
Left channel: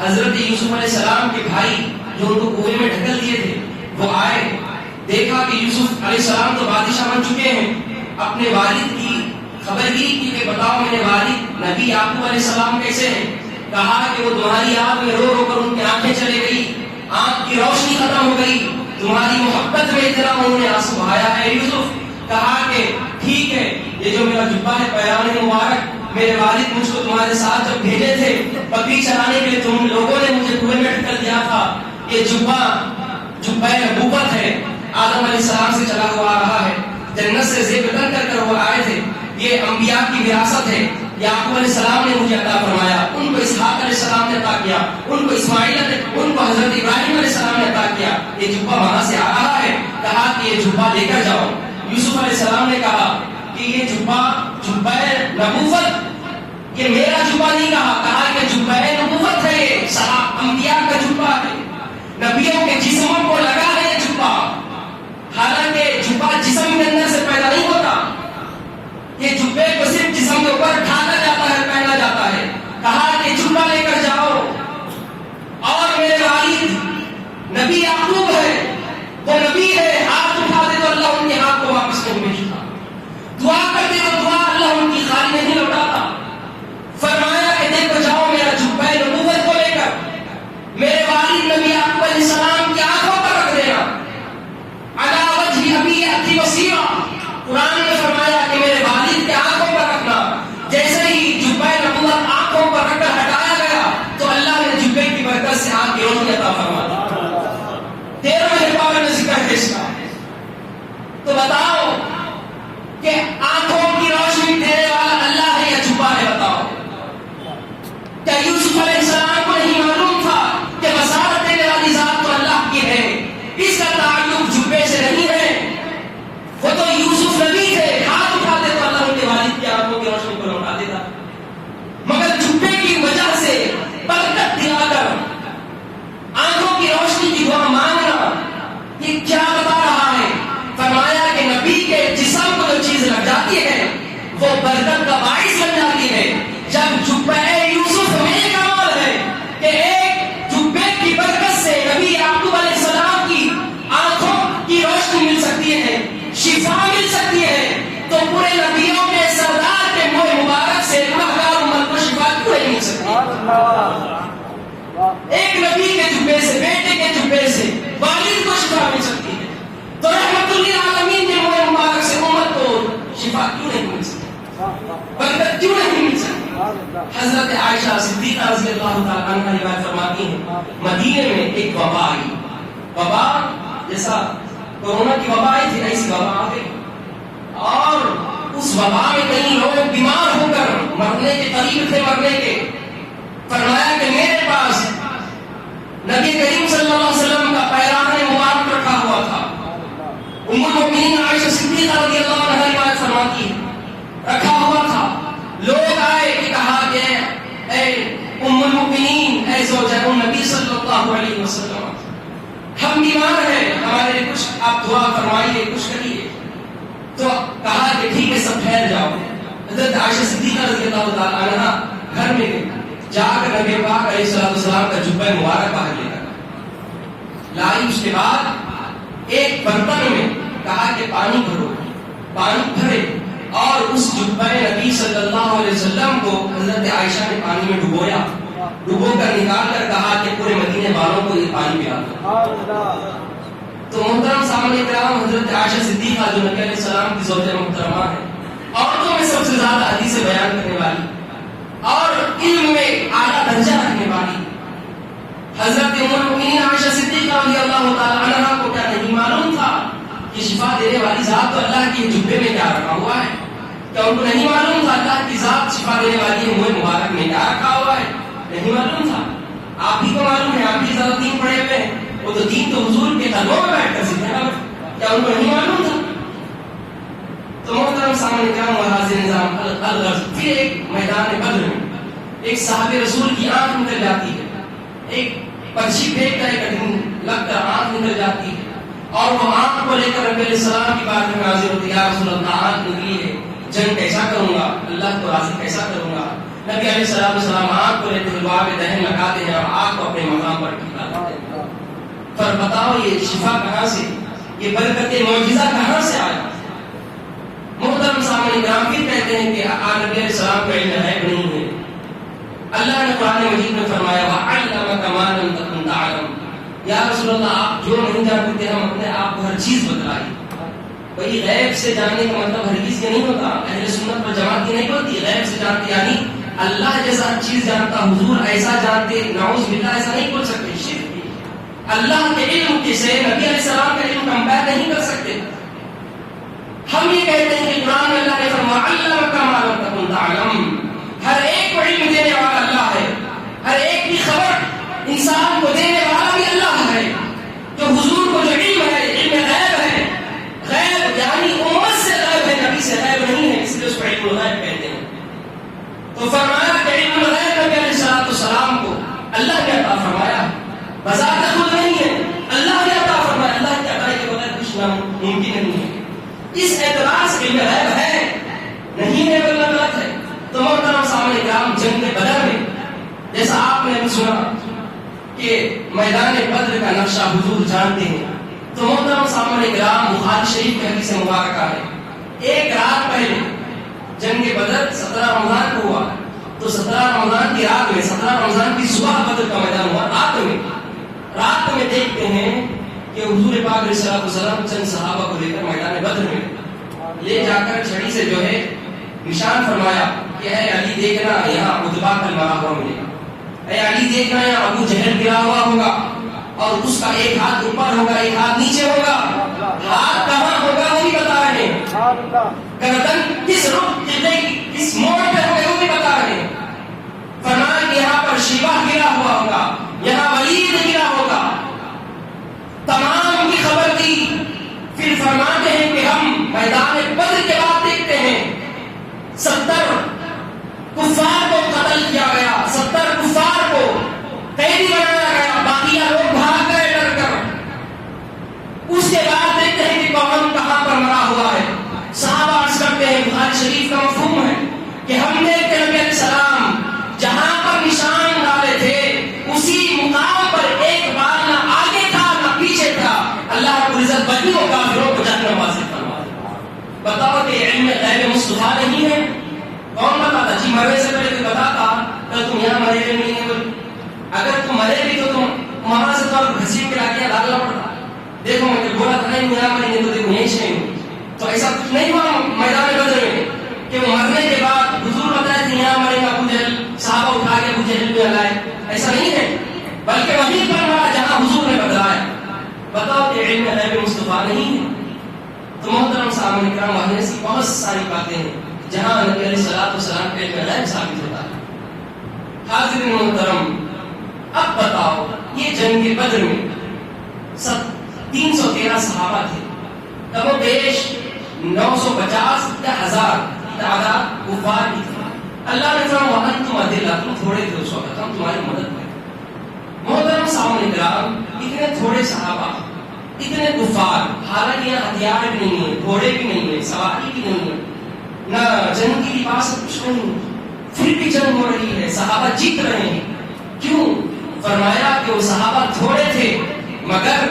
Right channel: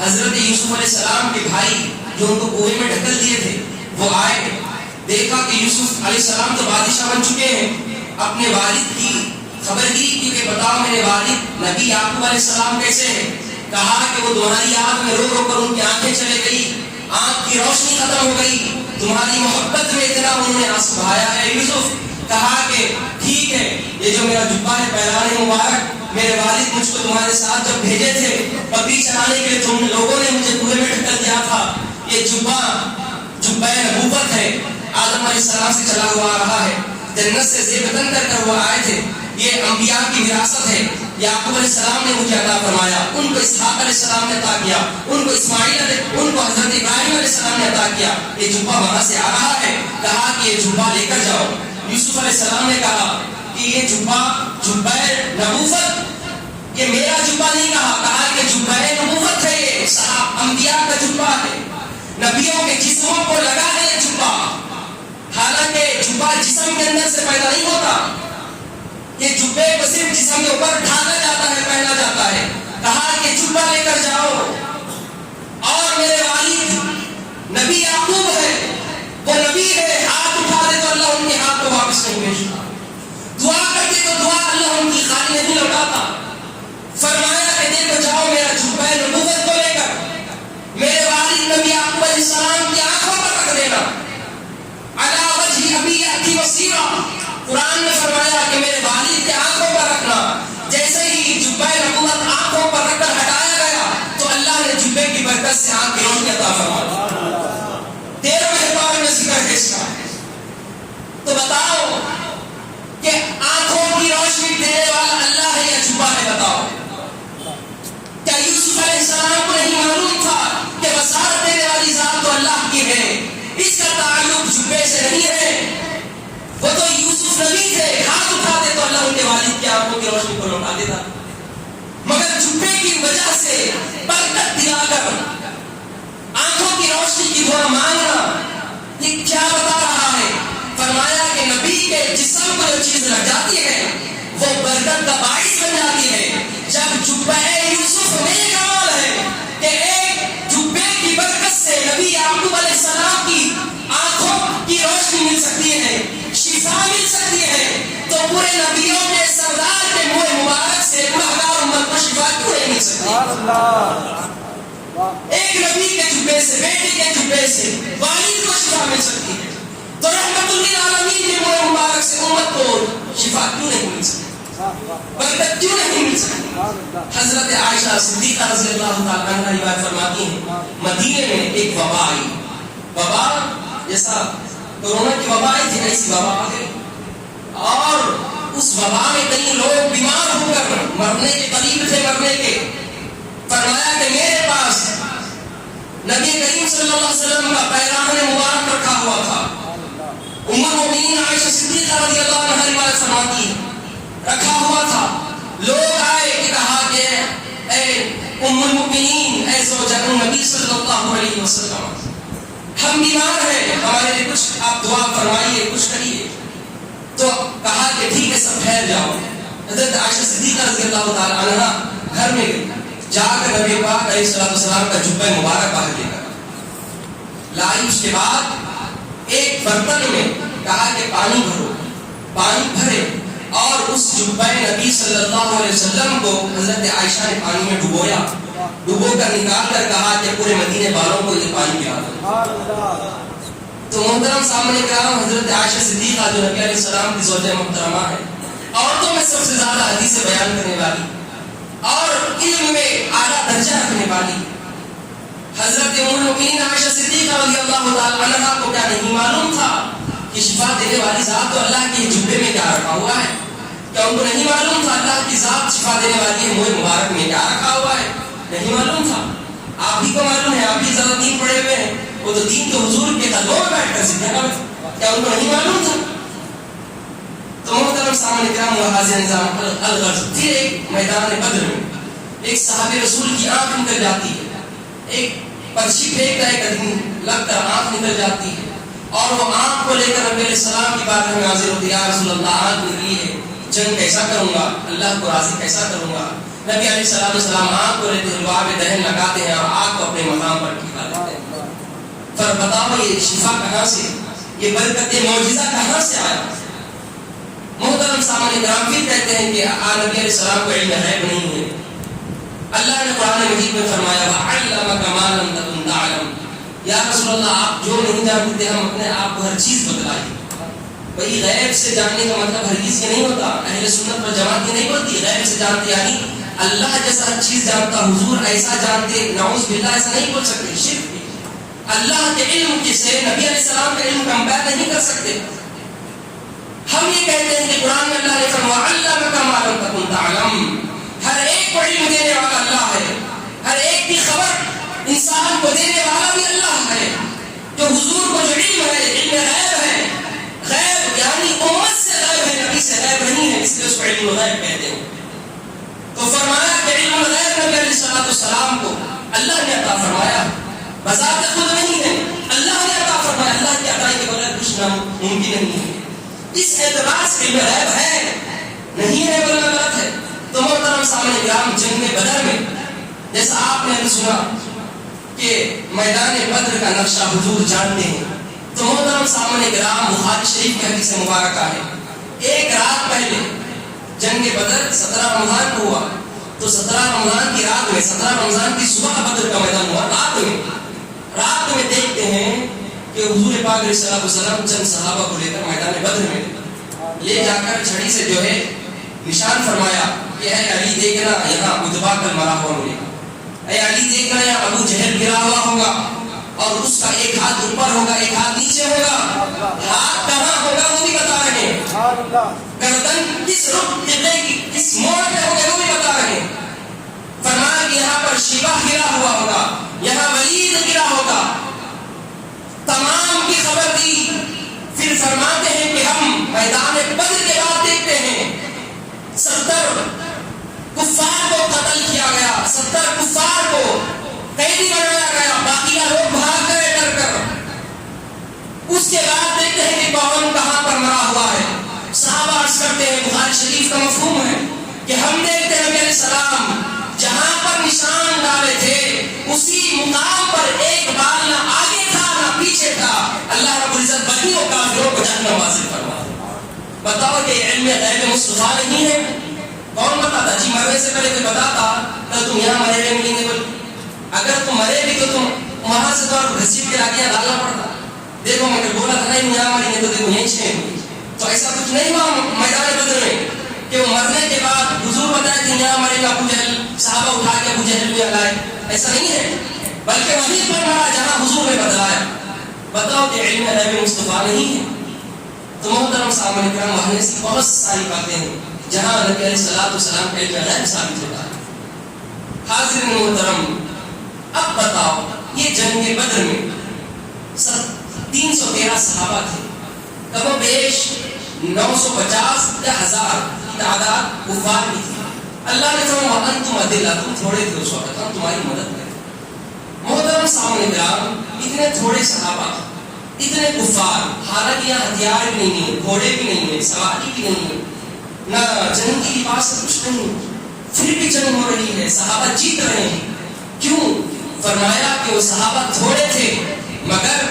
حضرت یوسف علیہ السلام کے بھائی جو ان کو کنویں میں ڈھکل دیے تھے وہ آئے، دیکھا کہ یوسف علیہ السلام تو بادشاہ بن چکے ہیں، اپنے والد کی خبر لی کہ بتاؤ میرے والد نبی یعقوب علیہ السلام کیسے ہیں، کہا کہ وہ تمہاری آنکھ میں رو رو کر ان کی آنکھیں چلے گئی، آنکھ کی روشنی ختم ہو گئی، تمہاری محبت میں اتنا انہوں نے آنسو بہایا ہے۔ یوسف کہا کہ ٹھیک ہے، یہ جو میرا جبہ ہے پیران مبارک، میرے والد مجھ کو تمہارے ساتھ جب بھیجے تھے بکری چرانے کے لیے، تم لوگوں نے مجھے کنویں میں ڈھکل دیا تھا، یہ جبہ نبوت ہے، آدم علیہ السلام سے چلا ہوا آ رہا ہے، جنت سے زیب وطن کر کر وہ آئے تھے، یہ انبیاء کی وراثت ہے، یعقوب علیہ السلام نے مجھے عطا فرمایا، ان کو اسحاق علیہ السلام نے عطا کیا، ان کو حضرت ابراہیم علیہ السلام نے عطا کیا. یہ جبہ وہاں سے آ رہا ہے، کہا کہ یہ جبہ لے کر جاؤ. یوسف علیہ السلام نے کہا کہ یہ جبہ نبوت، یہ میرا جبہ نہیں کہا کہ جبہ نبوت ہے، یہ صحابہ انبیاء کا جبہ ہے، نبیوں کے جسموں کو لگا ہے یہ جبہ. حالانکہ جبہ جسم کے اندر سے پیدا نہیں ہوتا، یہ جبے کو صرف جسم کے اوپر ڈھالا جاتا ہے، پہنا جاتا ہے. کہا کہ جبہ لے کر جاؤ. اور میرے والد نبی یعقوب ہے، وہ نبی ہے، ہاتھ اٹھا دے تو اللہ ان کے ہاتھ کو واپس نہیں بھیجتا، دعا کرتے تو دعا اللہ ان کی خالی نہیں لوٹاتا. فرمایا کہ دیکھو جاؤ میرا جبہ نبوت کو لے کر میرے والد نبی یعقوب علیہ السلام کی آنکھوں پر رکھ دینا. علی وجہ ابی یأتی بصیرا، قرآن نے فرمایا کہ میرے والد کے آنکھوں پر رکھنا. جیسے ہی جبہ نبوت آنکھوں پر رکھ کر ہٹایا گیا تو اللہ نے جبے کی برکت سے آنکھ کی روشنی عطا فرمائی. 13ویں پارے میں ذکر ہے اس کا. تو بتاؤ کہ آنکھوں کی روشنی دینے والا اللہ ہے یا جبہ ہے؟ بتاؤ. کیا یوسف علیہ السلام کو نہیں معلوم تھا کہ بصارت دینے والی ذات تو اللہ کی ہے؟ اس کا تعلق جبے سے نہیں ہے. وہ تو یوسف نبی تھے، ہاتھ اٹھاتے تو اللہ ان کے والد کی آنکھوں کی روشنی کو لوٹا دیتا. مگر جبے کی وجہ سے برکت دلا کر آنکھوں کی روشنی کی دعا مانگنا، یہ کیا بتا رہا ہے؟ فرمایا کہ نبی کے جسم کو جو چیز لگ جاتی ہے وہ برکت کا باعث بن جاتی ہے. جب جبہ یوسف میں کمال ہے کہ ایک جبے کی برکت سے نبی یعقوب علیہ السلام کی آنکھوں کی روشنی مل سکتی ہے، شفا مل سکتی ہے، تو پورے نبیوں کے سردار کے منہ مبارک سے گنہگار امت کو شفا کیوں نہیں مل سکتی؟ ایک نبی کے جبے سے، بیٹے کے جبے سے والد کو شفا مل سکتی ہے، تو رحمت للعالمین کے منہ مبارک سے امت کو شفا کیوں نہیں مل سکتی؟ برکت کیوں نہیں مل سکتی؟ حضرت عائشہ صدیقہ رضی اللہ تعالیٰ عنہ روایت فرماتی ہیں، مدینے میں ایک وبا آئی. وبا جیسا کورونا کی وبا آئی تھی، ایسی وبا آ گئی. اور اس وبا میں کئی لوگ بیمار ہو کر مرنے کے قریب تھے، مرنے کے. فرمایا کہ میرے پاس نبی کریم صلی اللہ علیہ وسلم کا پیراہن مبارک رکھا ہوا تھا. ام المؤمنین عائشہ صدیقہ رضی اللہ عنہا روایت فرماتی ہیں، رکھا ہوا تھا. لوگ آئے کہ کہا کہ اے ام المؤمنین، اے زوجہ النبی صلی اللہ علیہ وسلم، ہم بیمار ہیں، ہمارے لیے کچھ آپ دعا فرمائیے، کچھ کریے. تو کہا کہ ٹھیک ہے، سب ٹھہر جاؤ. حضرت عائشہ صدیقہ رضی اللہ تعالیٰ عنہا گھر میں جا کر نبی پاک علیہ السلام کا جبہ مبارک باہر لے کر لائی. اس کے بعد ایک برتن میں کہا کہ پانی بھرو، پانی بھرے اور اس جبہ نبی صلی اللہ علیہ وسلم کو حضرت عائشہ نے پانی میں ڈبویا. ڈبو کر نکال کر کہا کہ پورے مدینے والوں کو یہ پانی پلا دو. تو محترم سامنے کرام، حضرت عائشہ صدیقہ جو نبی علیہ السلام کی زوجہ محترمہ ہے، عورتوں میں سب سے زیادہ حدیث بیان کرنے والی اور علم میں اعلیٰ درجہ رکھنے والی حضرت ام المؤمنین عائشہ صدیقہ رضی اللہ تعالیٰ عنہا کو کیا نہیں معلوم تھا کہ شفا دینے والی ذات تو اللہ کے جبے میں کیا رکھا ہوا ہے؟ کیا ان کو نہیں معلوم تھا اللہ کی ذات شفا دینے والی ہے منہ مبارک میں کیا رکھا ہوا ہے؟ نہیں معلوم تھا. آپ ہی کو معلوم ہے، آپ ہی زیادہ دین پڑھے ہوئے ہیں، وہ تو دین تو حضور کے قدموں میں بیٹھ کر سیکھا نا. کیا ان کو نہیں معلوم تھا؟ تو محترم سامنے کرام و حاضر نظام الغرض، پھر ایک میدان بدر میں ایک صحابی رسول کی آنکھ نکل جاتی ہے، ایک پرچھی پھینک کر ایک لگ کر آنکھ نکل جاتی ہے، اور وہ آنکھ کو لے کر نبی علیہ السلام کی بات میں حاضر ہوتی ہے، یا رسول اللہ آنکھ نکلی ہے، جنگ کیسا کروں گا، اللہ کو راضی کیسا کروں گا؟ نبی علیہ السلام آنکھ کو لیتے حلوا میں دہن لگاتے ہیں اور آنکھ کو اپنے مقام پر ٹھیکا لیتے ہیں. پر بتاؤ یہ شفا کہاں سے، یہ برکت معجزہ کہاں سے آیا؟ محترم سامنے کرام پھر کہتے ہیں کہ نبی علیہ السلام کو علم غیب نہیں ہے. اللہ نے قرآن مجید میں فرمایا وَعَلَّمَكَ مَا لَمْ تَكُنْ تَعْلَمُ، یا رسول اللہ آپ جو نہیں جانتے ہم اپنے آپ کو ہر چیز بتلائیں. بھئی غیب سے جاننے کا مطلب ہرگز یہ نہیں ہوتا، اہل سنت پر جماعت یہ نہیں ہوتی غیب سے جانتے یعنی اللہ جیسا ہر چیز جانتا، حضور ایسا جانتے، نعوذ باللہ ایسا نہیں بول سکتے. شرک بھی اللہ کے علم سے نبی علیہ السلام کا علم کمپیئر نہیں کر سکتے. ہم یہ کہتے ہیں کہ قرآن میں اللہ نے فرمایا علمک ما لم تکن تعلم، السلام کو اللہ نے عطا فرمایا، بذات خود نہیں ہے، اللہ نے عطا فرمایا، اللہ کی عطائی کے بغیر کچھ ممکن نہیں ہے۔ اس اعتبار سے علم غیب ہے نہیں ہے ورنہ غلط ہے۔ تو محترم سامعین کرام، جنگ بدر میں جیسا آپ نے سنا کہ میدان بدر کا نقشہ حضور جانتے ہیں، تو محترم سامعین کرام بخاری شریف کی حدیث مبارکہ ہے، ایک رات پہلے جنگ بدر 17 رمضان کو ہوا، تو 17 رمضان کی رات میں 17 رمضان کی صبح بدر کا میدان ہوا، رات میں دیکھتے ہیں کہ حضور پاک علیہ السلام چند صحابہ کو لے کر میدان بدر میں لے جا کر چھڑی سے جو ہے نشان فرمایا کہ اے علی دیکھنا یہاں اتبا کل مرا ہوا ملے گا، اے علی دیکھنا یہاں ابو جہل گرا ہوا ہوگا اور اس کا ایک ہاتھ اوپر ہوگا ایک ہاتھ نیچے ہوگا، ہاتھ کہاں ہوگا وہ بھی بتا رہے ہیں، گردن کس رخ قبلے کی کس موڑ پہ ہوگا وہ بھی بتا رہے ہیں۔ فرمایا کہ یہاں پر شیبہ گرا ہوا ہوگا، یہاں ولید گرا ہوگا، تمام کی خبر دی۔ پھر فرماتے ہیں کہ ہم میدان بدر کے بعد دیکھتے ہیں 70 کفار کو قتل کیا گیا، 70 کفار کو قیدی بنایا گیا، باقی لوگ بھاگ گئے ڈر کر۔ اس کے بعد دیکھتے ہیں کہ کون کہاں پر مرا ہوا ہے۔ صحابہ عرض کرتے ہیں، بخاری شریف کا مفہوم ہے کہ ہم دیکھتے ہیں کہ علیہ السلام جہاں پر نشان ڈالے تھے اسی مقام پر ایک بار نہ آگے تھا نہ پیچھے تھا، اللہ رب العزت بدی و کافروں کو جہنم واصل فرما۔ بتاؤ کہ علم غیب مصطفیٰ نہیں ہے؟ کون بتاتا؟ جی مرنے سے پہلے کوئی بتاتا کہ تم یہاں مرے ہوئے نہیں ہیں، اگر تم مرے بھی تو تم وہاں سے تو گھسیٹ کے لاکے ڈالنا پڑتا۔ دیکھو میں نے بولا تھا نہیں یہاں مریں گے تو دیکھو یہیں چھیں گے، تو ایسا کچھ نہیں ہوا میدان بدر میں کہ وہ مرنے کے بعد حضور بتائے تھے یہاں مرے گا ابو جہل، صحابہ اٹھا کے ابو جہل میں لائے، ایسا نہیں ہے، بلکہ وہیں پر مرا جہاں حضور نے بتلایا۔ بتاؤ کہ علم غیب مصطفیٰ نہیں ہے؟ تو محترم سامعین کرام، وہاں ایسی بہت ساری باتیں ہیں جہاں نبی علیہ السلام کا علم غیب ثابت ہوتا ہے۔ حاضرین محترم، اب بتاؤ یہ جنگ بدر میں 313 صحابہ تھے، کم و بیش 950 یا 1000 کی تعداد کفار کی تھی۔ اللہ نے فرمایا وَأَنْتُمْ أَذِلَّةٌ، تم تھوڑے تھے اس وقت، ہم تمہاری مدد کریں۔ محترم سامعین کرام، اتنے تھوڑے صحابہ، اتنے کفار، حالانکہ یہاں ہتھیار بھی نہیں ہے، گھوڑے بھی نہیں ہے، سواری بھی نہیں ہے، نہ جنگ کی لباس کچھ نہیں، پھر بھی جنگ ہو رہی ہے، صحابہ جیت رہے ہیں۔ کیوں؟ فرمایا کہ وہ صحابہ تھوڑے تھے مگر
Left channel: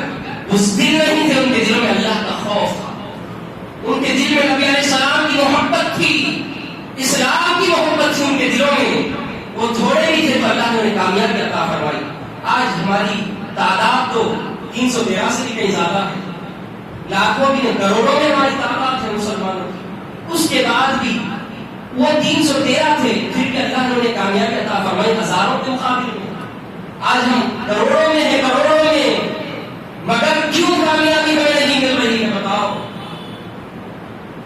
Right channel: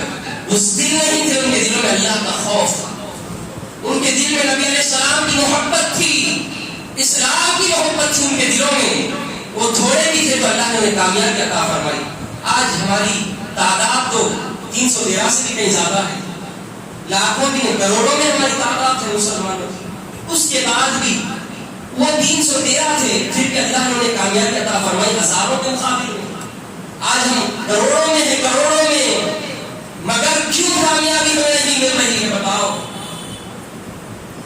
اس دل نہیں تھے، ان کے دلوں میں اللہ کا خوف تھا، ان کے دل میں نبی علیہ السلام کی محبت تھی، اسلام کی محبت تھی ان کے دلوں میں۔ وہ تھوڑے بھی تھے تو اللہ نے انہیں کامیابی عطا فرمائی۔ آج ہماری تعداد تو 313 سے بھی کہیں زیادہ ہے، لاکھوں بھی کروڑوں میں ہماری تعداد ہے مسلمانوں کی، اس کے بعد بھی وہ 313 تھے، پھر بھی اللہ نے انہیں کامیابی عطا فرمائی ہزاروں کے مقابلے میں۔ آج ہم کروڑوں میں ہیں، کروڑوں میں، مگر کیوں کامیابی ہمیں نہیں مل رہی ہے؟ بتاؤ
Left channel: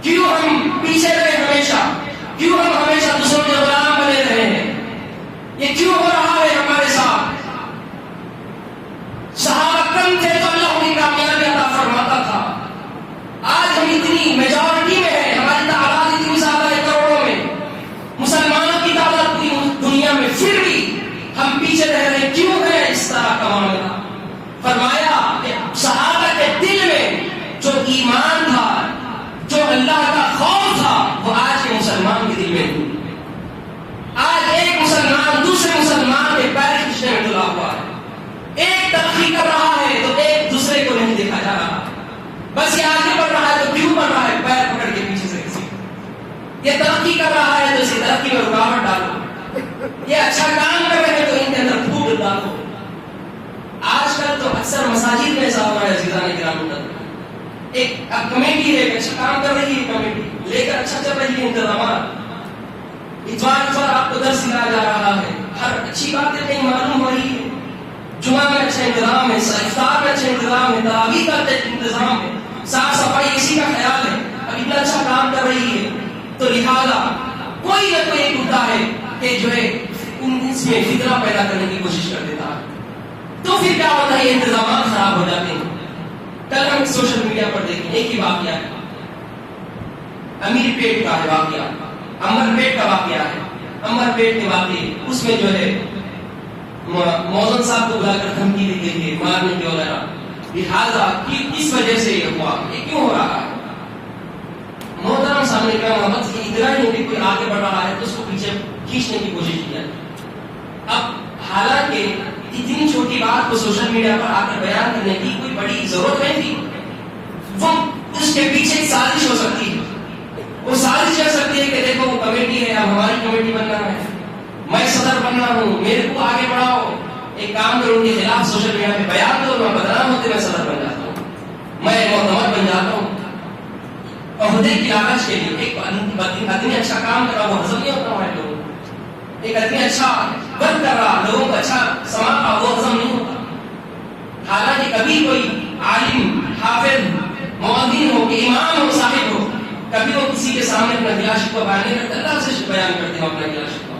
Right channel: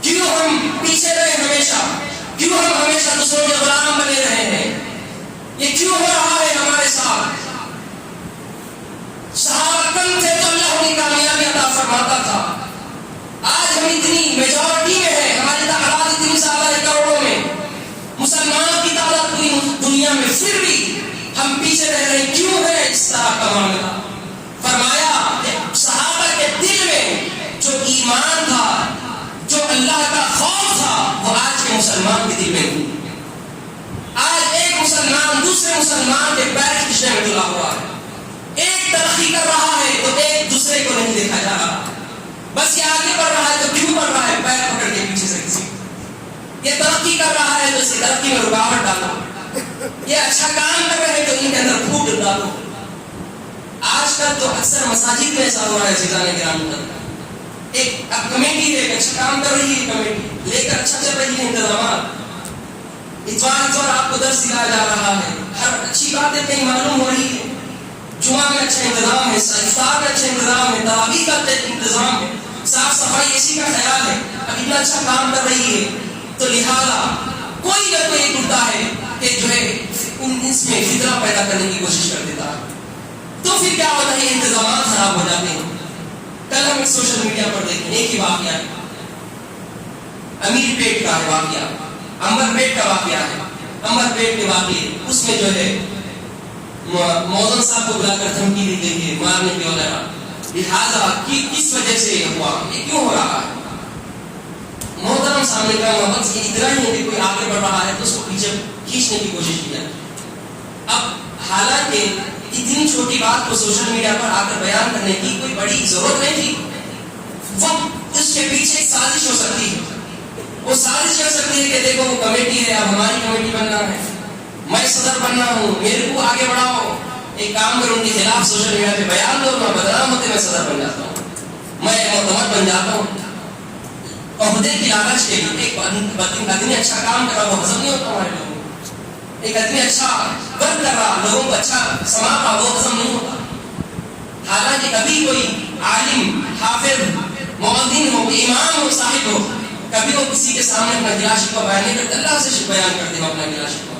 کیوں ہم پیچھے رہے ہمیشہ، کیوں ہم ہمیشہ دوسروں کے غلام بنے رہے ہیں؟ یہ کیوں ہو رہا ہے ہمارے ساتھ؟ صحابہ کم تھے تو اللہ انہیں کامیابی عطا فرماتا تھا، آج ہم اتنی میجورٹی میں ہیں، ہماری تعداد اتنی زیادہ ہے کروڑوں میں، مسلمانوں کی تعداد پوری دنیا میں، پھر بھی ہم پیچھے رہ رہے ہیں۔ کیوں ہے اس طرح کا معاملہ؟ فرمایا کہ صحابہ کے دل میں جو ایمان تھا، جو اللہ کا خوف تھا، وہ آج کے مسلمان کے دل میں نہیں۔ آج ایک مسلمان دوسرے مسلمان کے پیر کھینچنے میں تلا ہوا ہے، ایک ترقی کر رہا ہے تو ایک دوسرے کو نہیں دیکھا جا رہا، بس یہ آگے بڑھ رہا ہے تو کیوں بڑھ رہا ہے؟ پیر پکڑ کے پیچھے سے کسی، یہ ترقی کر رہا ہے تو اس کی ترقی میں رکاوٹ ڈالو، یہ اچھا کام کر رہے ہیں تو ان کے اندر پھوٹ ڈالو۔ آج کل تو اکثر مساجد میں ایسا ہو رہا ہے، عزیزان کرام، ایک اب کمیٹی ہے اچھا کام کر رہی ہے، کمیٹی لے کر اچھا چل رہی ہے، انتظامات اتوار آپ کو درس دیا جا رہا ہے، ہر اچھی باتیں کہیں معلوم ہو رہی ہے، جمعہ میں اچھا انتظام ہے، افطار میں اچھا انتظام ہے، تراویح کا انتظام ہے، صاف صفائی اسی کا خیال ہے، اب اتنا اچھا کام کر رہی ہے، تو لہٰذا کوئی نہ کوئی ایک ہوتا ہے کہ جو ہے اس میں فتنہ پیدا کرنے کی کوشش کر دیتا ہے، تو پھر کیا ہوتا ہے؟ انتظامات خراب ہو جاتے ہیں۔ کل ہم سوشل میڈیا پر دیکھیں ایک ہی واقعہ ہے، امیر پیٹ کا ہے واقعہ، امبر پیٹ کا واقعہ ہے، امبر پیٹ کے واقعے اس میں جو ہے موزن صاحب کو بلا کر دھمکی دی گئی ہے مارنے کی وغیرہ. لہٰذا کس وجہ سے یہ ہوا, یہ کیوں ہو رہا ہے؟ محترم سامنے کا محمد سے اتنا ہی ہے کہ کوئی آگے بڑھ رہا ہے تو اس کو پیچھے کھینچنے کی کوشش کی جاتی. اب حالانکہ اتنی چھوٹی بات کو سوشل میڈیا پر آ کر بیان کرنے کی کوئی بڑی ضرورت نہیں تھی. وہ اس کے پیچھے ایک سازش ہو سکتی ہے. وہ سازش کر سکتی ہے کہ دیکھو وہ کمیٹی ہے, اب ہماری کمیٹی بننا ہے, میں صدر بننا ہوں, میرے کو آگے بڑھاؤ. ایک کام کروں ان کے خلاف سوشل میڈیا پہ بیان دو, میں بدنام ہوتے میں صدر بن جاتا ہوں, میں ایک معتمد بن جاتا ہوں. عہدے کی لالچ کے لیے ایک آدمی اچھا کام کر رہا وہ ہضم نہیں ہوتا ہمارے لوگوں کو. ایک آدمی اچھا ورک کر رہا, لوگوں کو اچھا سما رہا, وہ ہضم نہیں ہوتا. حالانکہ کبھی کوئی عالم, حافظ, مؤذن ہو, امام ہو, صاحب ہو, کبھی وہ کسی کے سامنے اپنا گلا شکوہ بیان نہیں کرتے, اللہ سے بیان کرتے ہیں اپنا گلا شکوہ.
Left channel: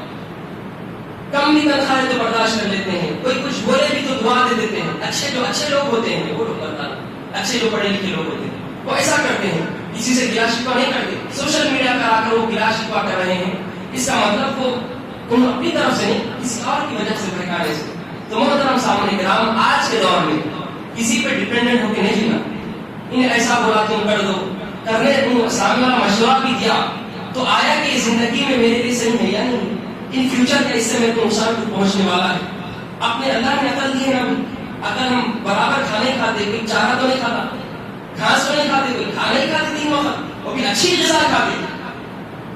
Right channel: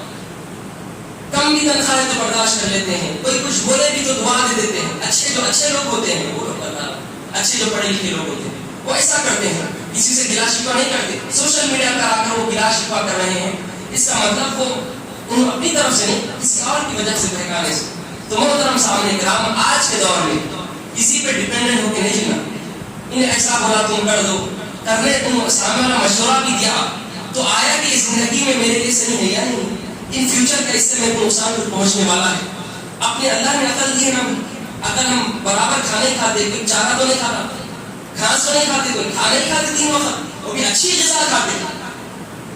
کم بھی تنخواہیں تو برداشت کر لیتے ہیں, کوئی کچھ بولے بھی تو دعا دے دیتے ہیں. اچھے لوگ ہوتے ہیں وہ لوگ, اچھے جو پڑھے لکھے لوگ ہوتے ہیں وہ ایسا کرتے ہیں, کسی سے گلا شکوہ نہیں کرتے. سوشل میڈیا پر آ کر وہ گلا شکوہ کر رہے ہیں, اس کا مطلب وہ ان اپنی طرف سے نہیں, کسی اور کی وجہ سے بہکانے سے. تو محترم سامنے کرام, آج کے دور میں کسی پہ ڈیپینڈنٹ ہو کے نہیں جینا. انہیں ایسا بولا تم کر دو, کرنے تم سامنے والا مشورہ بھی دیا تو آیا کہ زندگی میں میرے لیے صحیح ہے یا نہیں, ان فیوچر کا اس سے میرے کو نقصان پہنچنے والا ہے. اپنے اللہ نے عقل دی ہے نا, اگر ہم برابر کھانے کھاتے, کوئی چارہ تو نہیں کھاتا, گھاس تو نہیں کھاتے, کوئی کھانا نہیں کھاتے 3 وقت, وہ بھی اچھی غذا کھاتے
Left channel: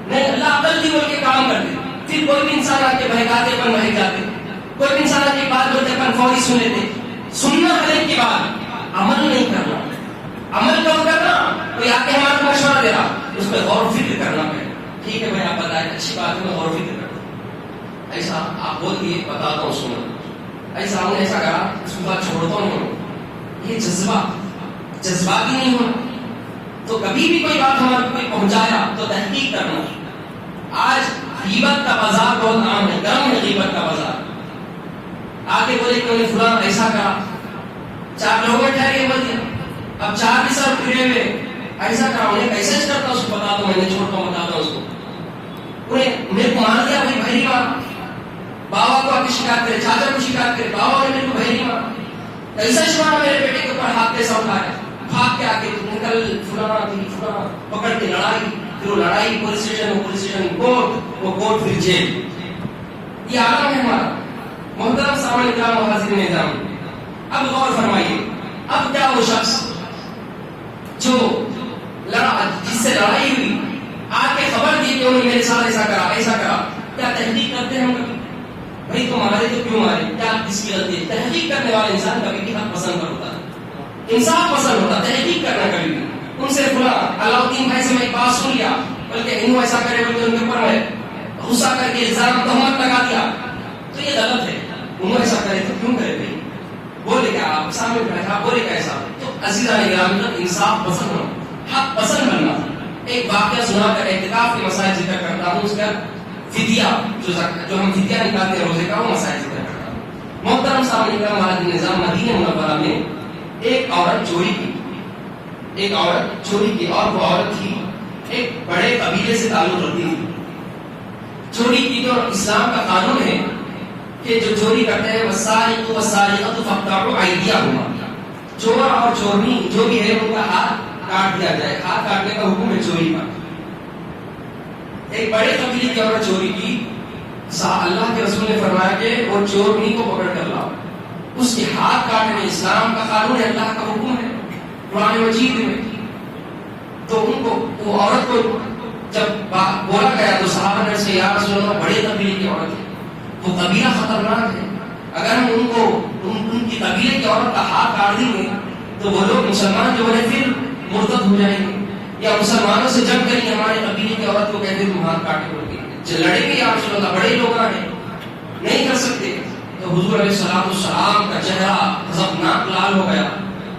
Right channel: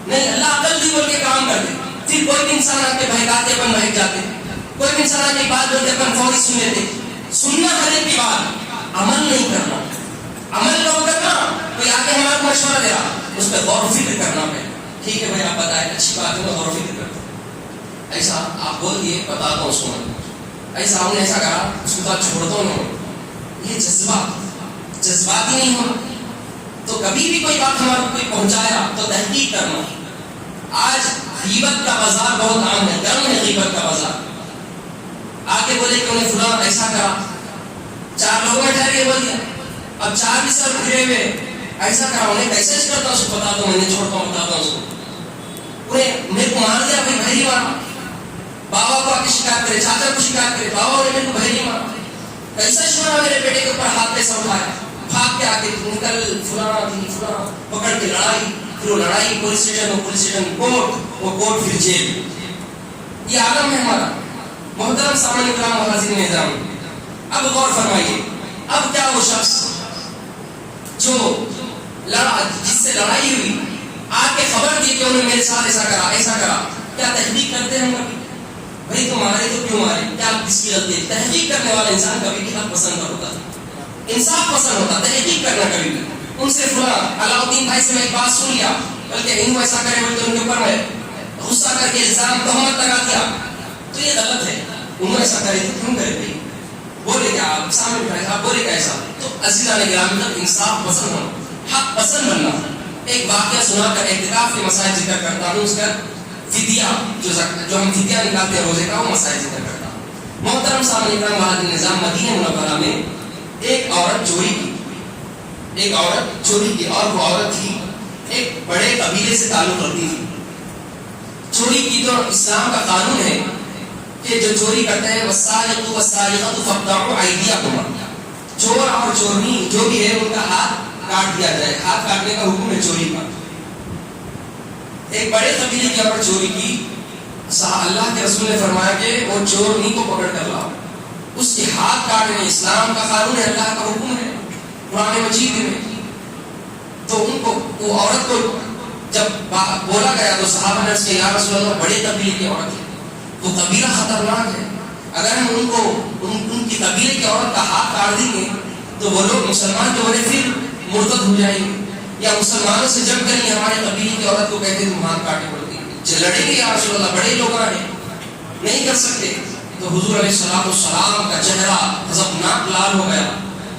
نہیں. اللہ عقل دی بول کے کام کرتے, پھر کوئی بھی انسان آ کے بہکاتے پر بہک جاتے, کوئی بھی انسان آ کے بات بولتے پر فوری سن لیتے. سننا کرنے کے بعد عمل نہیں کرنا. عمل کب کرنا؟ کوئی آ کے ہمارا مشورہ دے رہا, اس پہ غور و فکر کرنا پڑے. ٹھیک ہے بھائی آپ بتائیں, اچھی بات ہے, میں غور و فکر کرتا ہوں. ایسا آپ بول دیے, بتاتا ہوں اس کو, ایسا ہم نے ایسا کرا, اس کو بات چھوڑتا ہوں. یہ جذباتی نہیں ہونا. تو کبھی بھی کوئی بات ہمارے کوئی پہنچایا تو تحقیق کرنا. آج غیبت کا بازار بہت عام ہے, گرم ہے غیبت کا بازار. آگے بولے کہ انہیں فلاں ایسا کرا, 4 لوگوں نے ٹھہر کے بول دیا, اب 4 بھی سب پھرے ہوئے ایسا کرا, انہیں کیسے کرتا اس کو بتا دو, میں نے چھوڑتا ہوں بتاتا ہوں اس کو. انہیں میرے کو مار دیا بھائی, بھری مار, بابا کو آ کے شکایت کرے, چاچا کو شکایت کرے, بابا نے میرے کو بھری مار, کیسا چھوڑا میرے بیٹے کے اوپر ہاتھ کیسا اٹھایا, بھاگ کے آ کے نکل فلاں پکڑ کے لڑائی, پھر وہ لڑائی پولیس اسٹیشن کورٹ, وہ کورٹ پھر جیل. یہ عالم ہے ہمارا. محترم سامنے کرام و حاضرین نظام, اب غور فرمائیے, اب کیا وہ شخص جو جس سے لڑائی ہوئی آ کے خبر دی کہ انہوں نے میرے ساتھ ایسا کرا, کیا تحقیق کرتے ہیں کبھی؟ بھائی تم مارے تو کیوں مارے, کیا کس کی غلطی ہے؟ تحقیق کرنے والا انسان کبھی بھی حق پسند ہوتا ہے, انصاف پسند ہوتا, تحقیق کرنا کبھی بھی. ان سے فلاں علاؤدین بھائی سے میں ایک بات سن لیا, بلکہ انہوں ایسا کرے بلکہ ان کے اوپر میں غصہ کر کے الزام تہمت لگا دیا, تو یہ غلط ہے. انہوں ایسا کرے تو کیوں کرے بھائی, بولے کیا آپ سامنے اٹھائے, آپ بولے کیا ایسا. تو عزیزان گرامی, انصاف پسند ہونا, حق پسند بننا. ایک واقعہ سنا کر اعتکاف کے مسائل ذکر کرتا ہوں, اس کا فدیہ جو ہم فدیہ نکالتے ہیں روزے کا, وہ مسائل ذکر کرتا ہوں. محترم سامنے کرام والا نظام, مدینہ منورہ میں ایک عورت چوری کی, اور وہ عورت تھی ایک بڑے قبیلے سے تعلق رکھتی تھی. چوری کی تو اسلام کا قانون ہے کہ جو چوری کرتے ہیں والسارق والسارقۃ فاقطعوا ایدیہما, چور اور چورنی جو بھی ہے ان کا ہاتھ کاٹ دیا جائے. ہاتھ کاٹنے کا حکم ہے چوری کا. ایک بڑے قبیلے کی عورت چوری کی, اللہ کے رسول نے فرمایا کہ وہ چورنی کو پکڑ کر لاؤ, اس کے ہاتھ کاٹنے. اسلام کا قانون ہے, اللہ کا حکم ہے قرآن مجید میں. تو ان کو, وہ عورت کو جب بولا گیا تو صحابہ نے اس کے, یا رسول اللہ بڑے قبیلے کی عورت ہے, وہ قبیلہ خطرناک ہے, اگر ہم ان کو ان کی قبیلے کی عورت کا ہاتھ کاٹ دیں گے تو وہ لوگ مسلمان جو بڑے پھر مرتد ہو جائیں گے, یا مسلمانوں سے جنگ کریں گے. ہمارے قبیلے کی عورت کو کہتے تم ہاتھ کاٹے لڑیں گے, یا رسول اللہ بڑے لوگ ہیں, نہیں کر سکتے. تو حضور علیہ السلام کا چہرہ غضبناک لال ہو گیا.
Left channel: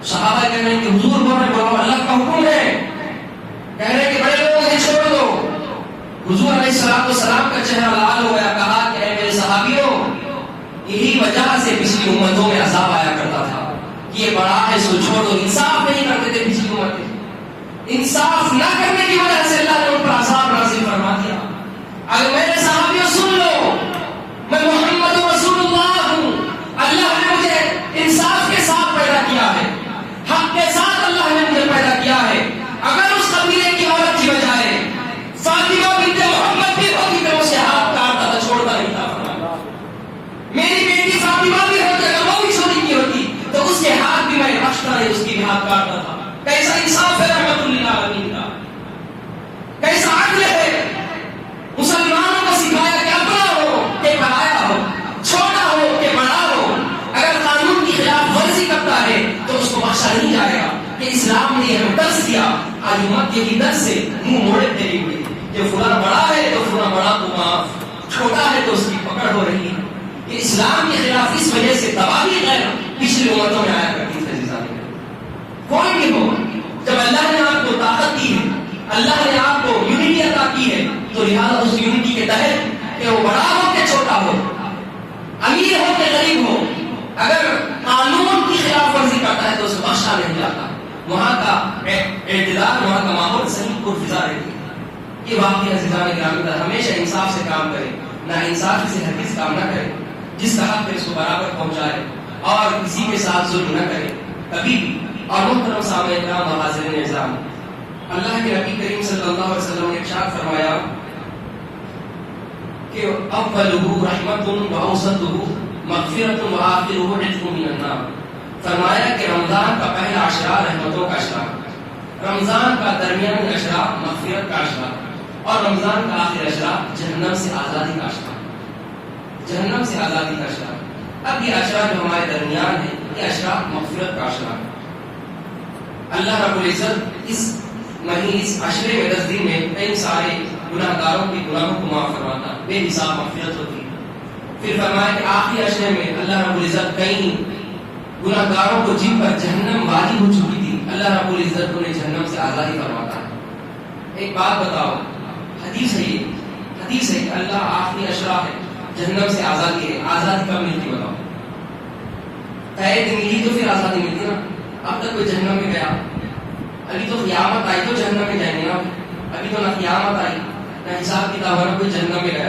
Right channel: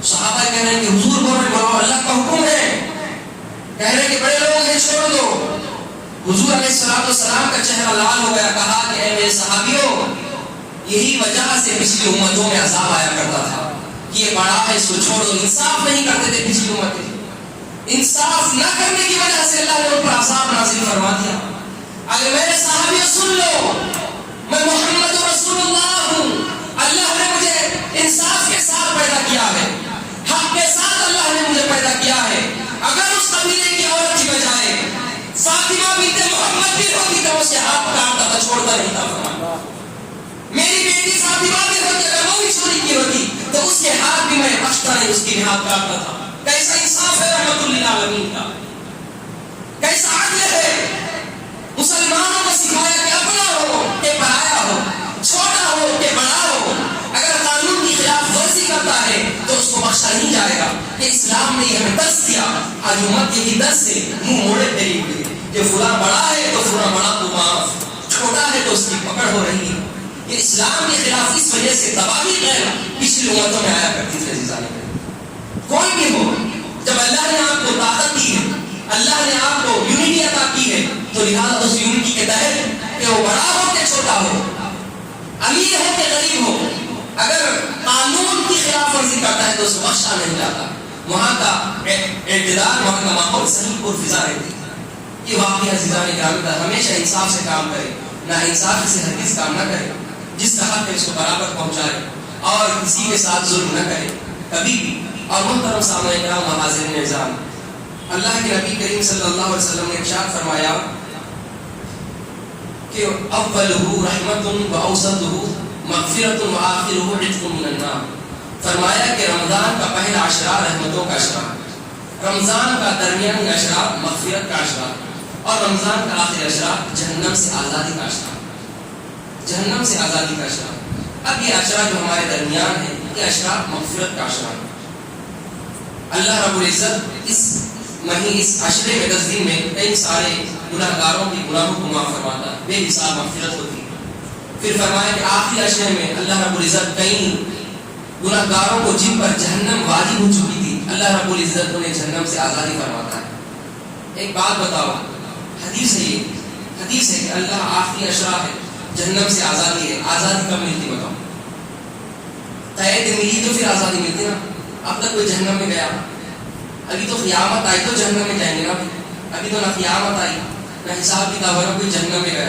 صحابہ کہہ رہے ہیں کہ حضور بول رہے ہیں اللہ کا حکم ہے, کہہ رہے ہیں کہ بڑے لوگ ہیں چھوڑ دو. حضور علیہ السلام کا چہرہ لال ہو گیا, کہا کہ اے میرے صحابیوں, یہی وجہ سے پچھلی امتوں میں عذاب آیا کرتا تھا کہ یہ بڑا ہے, اس کو چھوڑ دو. انصاف نہیں کرتے تھے پچھلی امتیں, انصاف نہ کرنے کی وجہ سے اللہ نے ان پر عذاب نازل فرما دیا. اگر میرے صحابیوں سن لو, میں محمد رسول اللہ ہوں, یہی درد سے منہ موڑے پھیری ہوئی کہ فلاں بڑا ہے تو فلاں بڑا تو معاف، چھوٹا ہے تو اس کی پکڑ ہو رہی ہے. یہ اسلام کے خلاف اس وجہ سے تباہی غیر پچھلی امتوں میں آیا کرتی تھی. کوئی بھی ہو، جب اللہ نے آپ کو طاقت دی ہے، اللہ نے آپ کو یونٹی عطا کی ہے، تو لہٰذا اس یونٹی کے تحت کہ وہ بڑا ہو کہ چھوٹا ہو، امیر ہو کہ غریب ہو، اگر قانون کی خلاف ورزی کرتا ہے تو اس کو بخشا نہیں جاتا. وہاں کا اعتدال، وہاں کا ماحول صحیح اور فضا رہتی ہے. یہ واقعی عزیزان گرامی کا ہمیشہ انصاف سے کام کرے، نہ انصافی سے حدیث کام نہ کرے، جس کا حق ہے اس کو برابر پہنچائے اور کسی کے ساتھ ظلم نہ کرے کبھی بھی. اور محترم سامعین کرام، حاضرین اعزام، اللہ کے نبی کریم صلی اللہ علیہ وسلم نے ارشاد فرمایا کہ اولہ رحمت و اوسطہ مغفرت و آخرہ عتق من النار. فرمایا کہ رمضان کا پہلا عشرہ رحمتوں کا عشرہ، رمضان کا درمیانی عشرہ مغفرت کا عشرہ، اور رمضان کا آخری عشرہ جہنم سے آزادی کا عشرہ. جہنم سے آزادی کا عشرہ. اب یہ عشرہ جو ہمارے درمیان ہے، یہ عشرہ مغفرت کا عشرہ. اللہ رب العزت اس عشرے میں 10 دن میں کئی سارے گناہ گاروں کے گناہوں کو معاف فرماتا ہے، بے حساب مغفرت ہوتی ہے. پھر فرمایا کہ آخری عشرے میں اللہ رب العزت کئی گناہ گاروں کو جن پر جہنم واجب ہو چکی تھی، اللہ رب العزت انہیں جہنم سے آزادی فرماتا ہے. ایک بات بتاؤ، حدیث ہے، یہ حدیث ہے کہ اللہ آخری عشرہ ہے، جہنم سے آزادی ہے. آزادی کب ملتی بتاؤ؟ قید ملی تو پھر آزادی ملتی نا. اب تک کوئی جہنم میں گیا؟ ابھی تو قیامت آئی تو جہنم میں جائیں گے نا. ابھی تو نہ قیامت آئی نہ حساب کتاب ہے، کوئی جہنم میں گیا.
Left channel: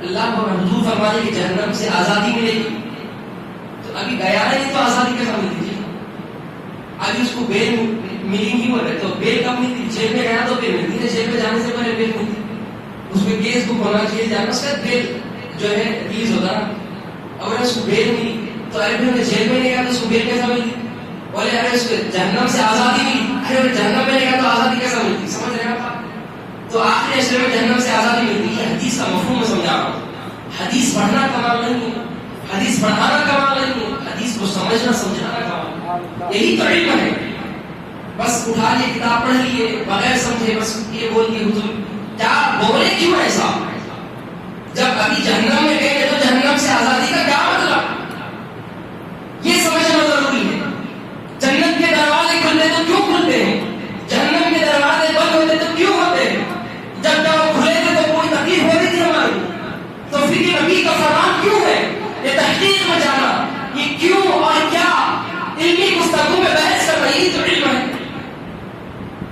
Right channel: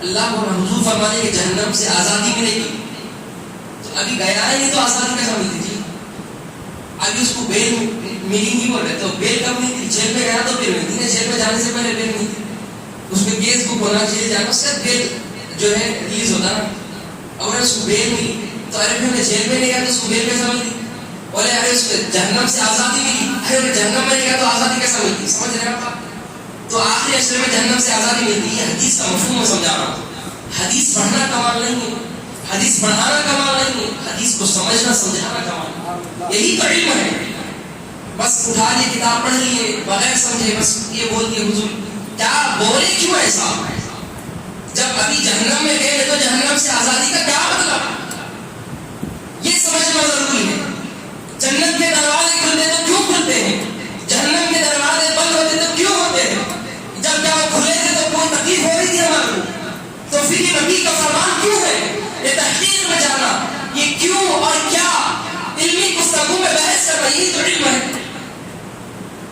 اللہ کو حضور فرماتے کہ جہنم سے آزادی ملے گی، تو ابھی گیا ہے نہیں تو آزادی کیسا ملتی تھی؟ ابھی اس کو بیل ملی گی بول رہے تو بیل کب ملتی؟ جیل میں گیا تو بیل ملتی ہے. جیل میں جانے سے پہلے بیل ملتی، اس میں کیس بک ہونا چاہیے، جانا اس کا بیل جو ہے ریلیز ہوتا نا. اگر اس کو بیل ملی تو ارے بھی جیل میں نہیں گیا تو اس کو بیل کیسا ملتی؟ اور اگر اس کو جہنم سے آزادی ملی، ارے جہنم میں نہیں گیا تو آزادی کیسا ملتی؟ سمجھ رہے ہیں آپ؟ تو آخری عشرے میں جہنم سے آزادی ملتی ہے. حدیث کا مفہوم میں سمجھا رہا ہوں. حدیث پڑھنا کمال نہیں ہے، حدیث پڑھانا کمال نہیں ہے، حدیث کو سمجھنا سمجھانا کمال. یہی تو علم ہے. بس اٹھا لیے کتاب پڑھ لیے بغیر سمجھے، بس یہ بول دیے حضور کیا بولے کیوں ایسا؟ جب ابھی جہنم میں گئے تو جہنم سے آزادی کا کیا مطلب؟ یہ سمجھنا ضروری ہے. جنت کے دروازے کھلتے تو کیوں کھلتے ہیں؟ جہنم کے دروازے بند ہوتے تو کیوں ہوتے ہیں؟ جب وہ کھلے تھے تو کوئی تکلیف ہو رہی تھی ہماری، تو پھر یہ نبی کا فرمان کیوں ہے؟ یہ تحقیق میں جانا، یہ کیوں اور کیا علمی گفتگو میں بحث کرنا، یہی تو علم ہے.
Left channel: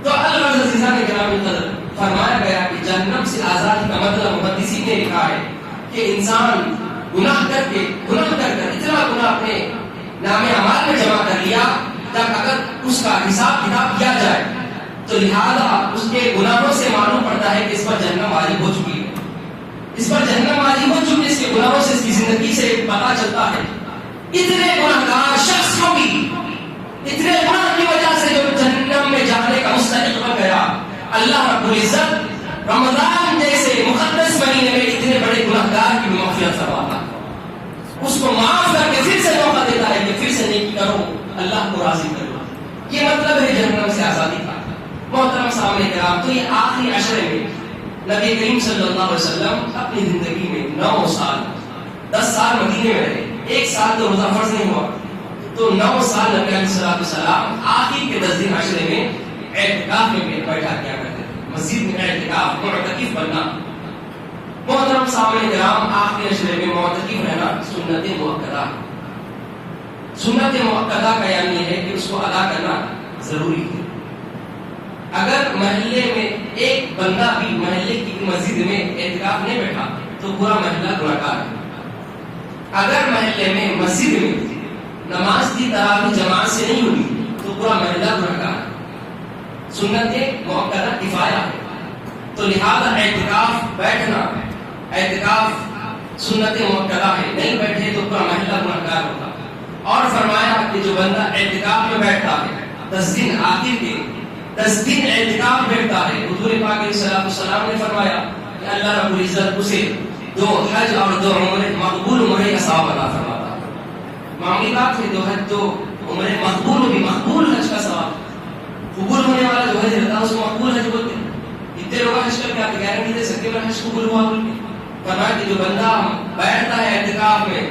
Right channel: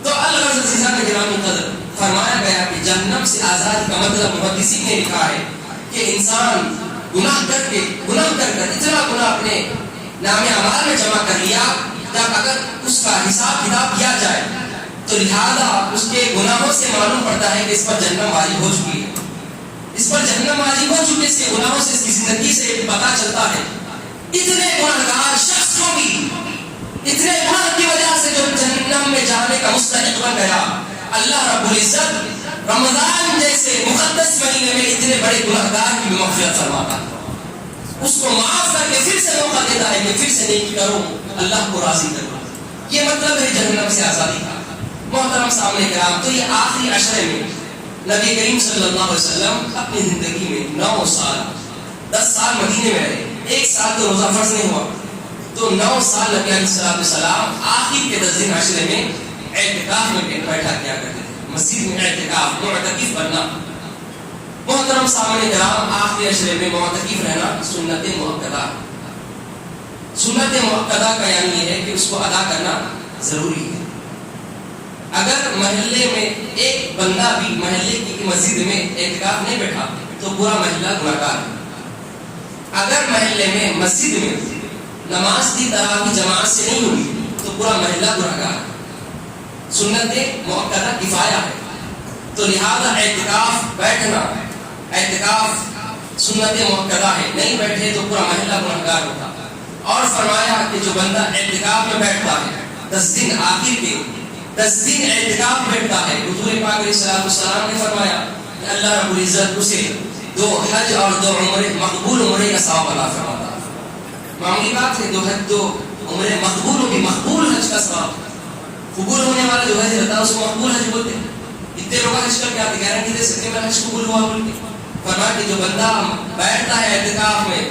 تو اللہ نے گرامی قدر فرمایا گیا کہ جہنم سے آزادی کا مطلب محدثین نے لکھا ہے کہ انسان گناہ کر اتنا گناہ اپنے نام اعمال میں جمع کر لیا، جب اگر اس کا حساب کتاب کیا جائے تو لہذا اس کے گناہوں سے معلوم پڑتا ہے کہ اس پر جہنم واجب ہو چکی ہے، اس پر جہنم واجب ہو چکی ہے. اس کے گناہوں سے، اس کی زندگی سے پتا چلتا ہے. اتنے گناہگار شخص کو بھی اتنے گناہ کی وجہ سے جو جہنم میں جانے کا مستحق بن گیا، اللہ رب العزت رمضان جیسے مقدس مہینے میں اتنے بڑے گناہگار کی مغفرت فرماتا ہے. اس کو معاف کر کے پھر سے موقع دیتا ہے کہ پھر سے نیکی کرو، اللہ کو راضی کرو. یہ مطلب ہے جہنم سے آزادی کا. محترم سامنے کرام، تو یہ آخری عشرے میں نبی کریم صلی اللہ علیہ وسلم اپنی زندگی میں 9 سال 10 سال مدینے میں رہے. 1 سال تو روزہ فرض نہیں ہوا، تو 9 سال نبی علیہ السلام آخر کے 10 دن عشرے میں اعتکاف میں بیٹھا کیا کرتے تھے. مسجد میں اعتکاف، معتکف بننا. محترم سامنے کرام، آخری عشرے میں معتکف رہنا سنت مؤکدہ. سنت مؤکدہ کا یعنی یہ ہے کہ اس کو ادا کرنا ضروری ہے. اگر محلے میں ایک بندہ بھی محلے کی مسجد میں اعتکاف نہیں بیٹھا تو پورا محلہ گنہگار ہے. اگر محلے میں مسجد میں نماز کی تراویح جماعت سے نہیں ہوئی تو پورا محلہ گنہگار ہے. سنت مؤکدہ کفایہ ہے، تو لہذا اعتکاف بیٹھنا، اعتکاف سنت مؤکدہ ہے. نہیں بیٹھے تو پورا محلہ گنہگار ہوتا. اور فرمایا کہ جو بندہ اعتکاف میں بیٹھتا ہے 10 دن آخر کے 10 دن اعتکاف بیٹھتا ہے، حضور پاک علیہ السلام نے فرمایا کہ اللہ رب العزت اسے 2 حج اور 2 عمرے مقبول عمرے کا ثواب عطا فرماتا ہے. معمولی بات ہے 2 حج 2 عمرے مقبول حج کا ثواب. قبول ہونے والا جو حج ہوتا ہے اس کو مقبول حج بولتے ہیں. اتنے لوگ حج کر کے آتے گارنٹی دے سکتے ہیں حج قبول ہوا بول کے. فرمایا کہ جو بندہ بیٹھتا ہے اعتکاف میں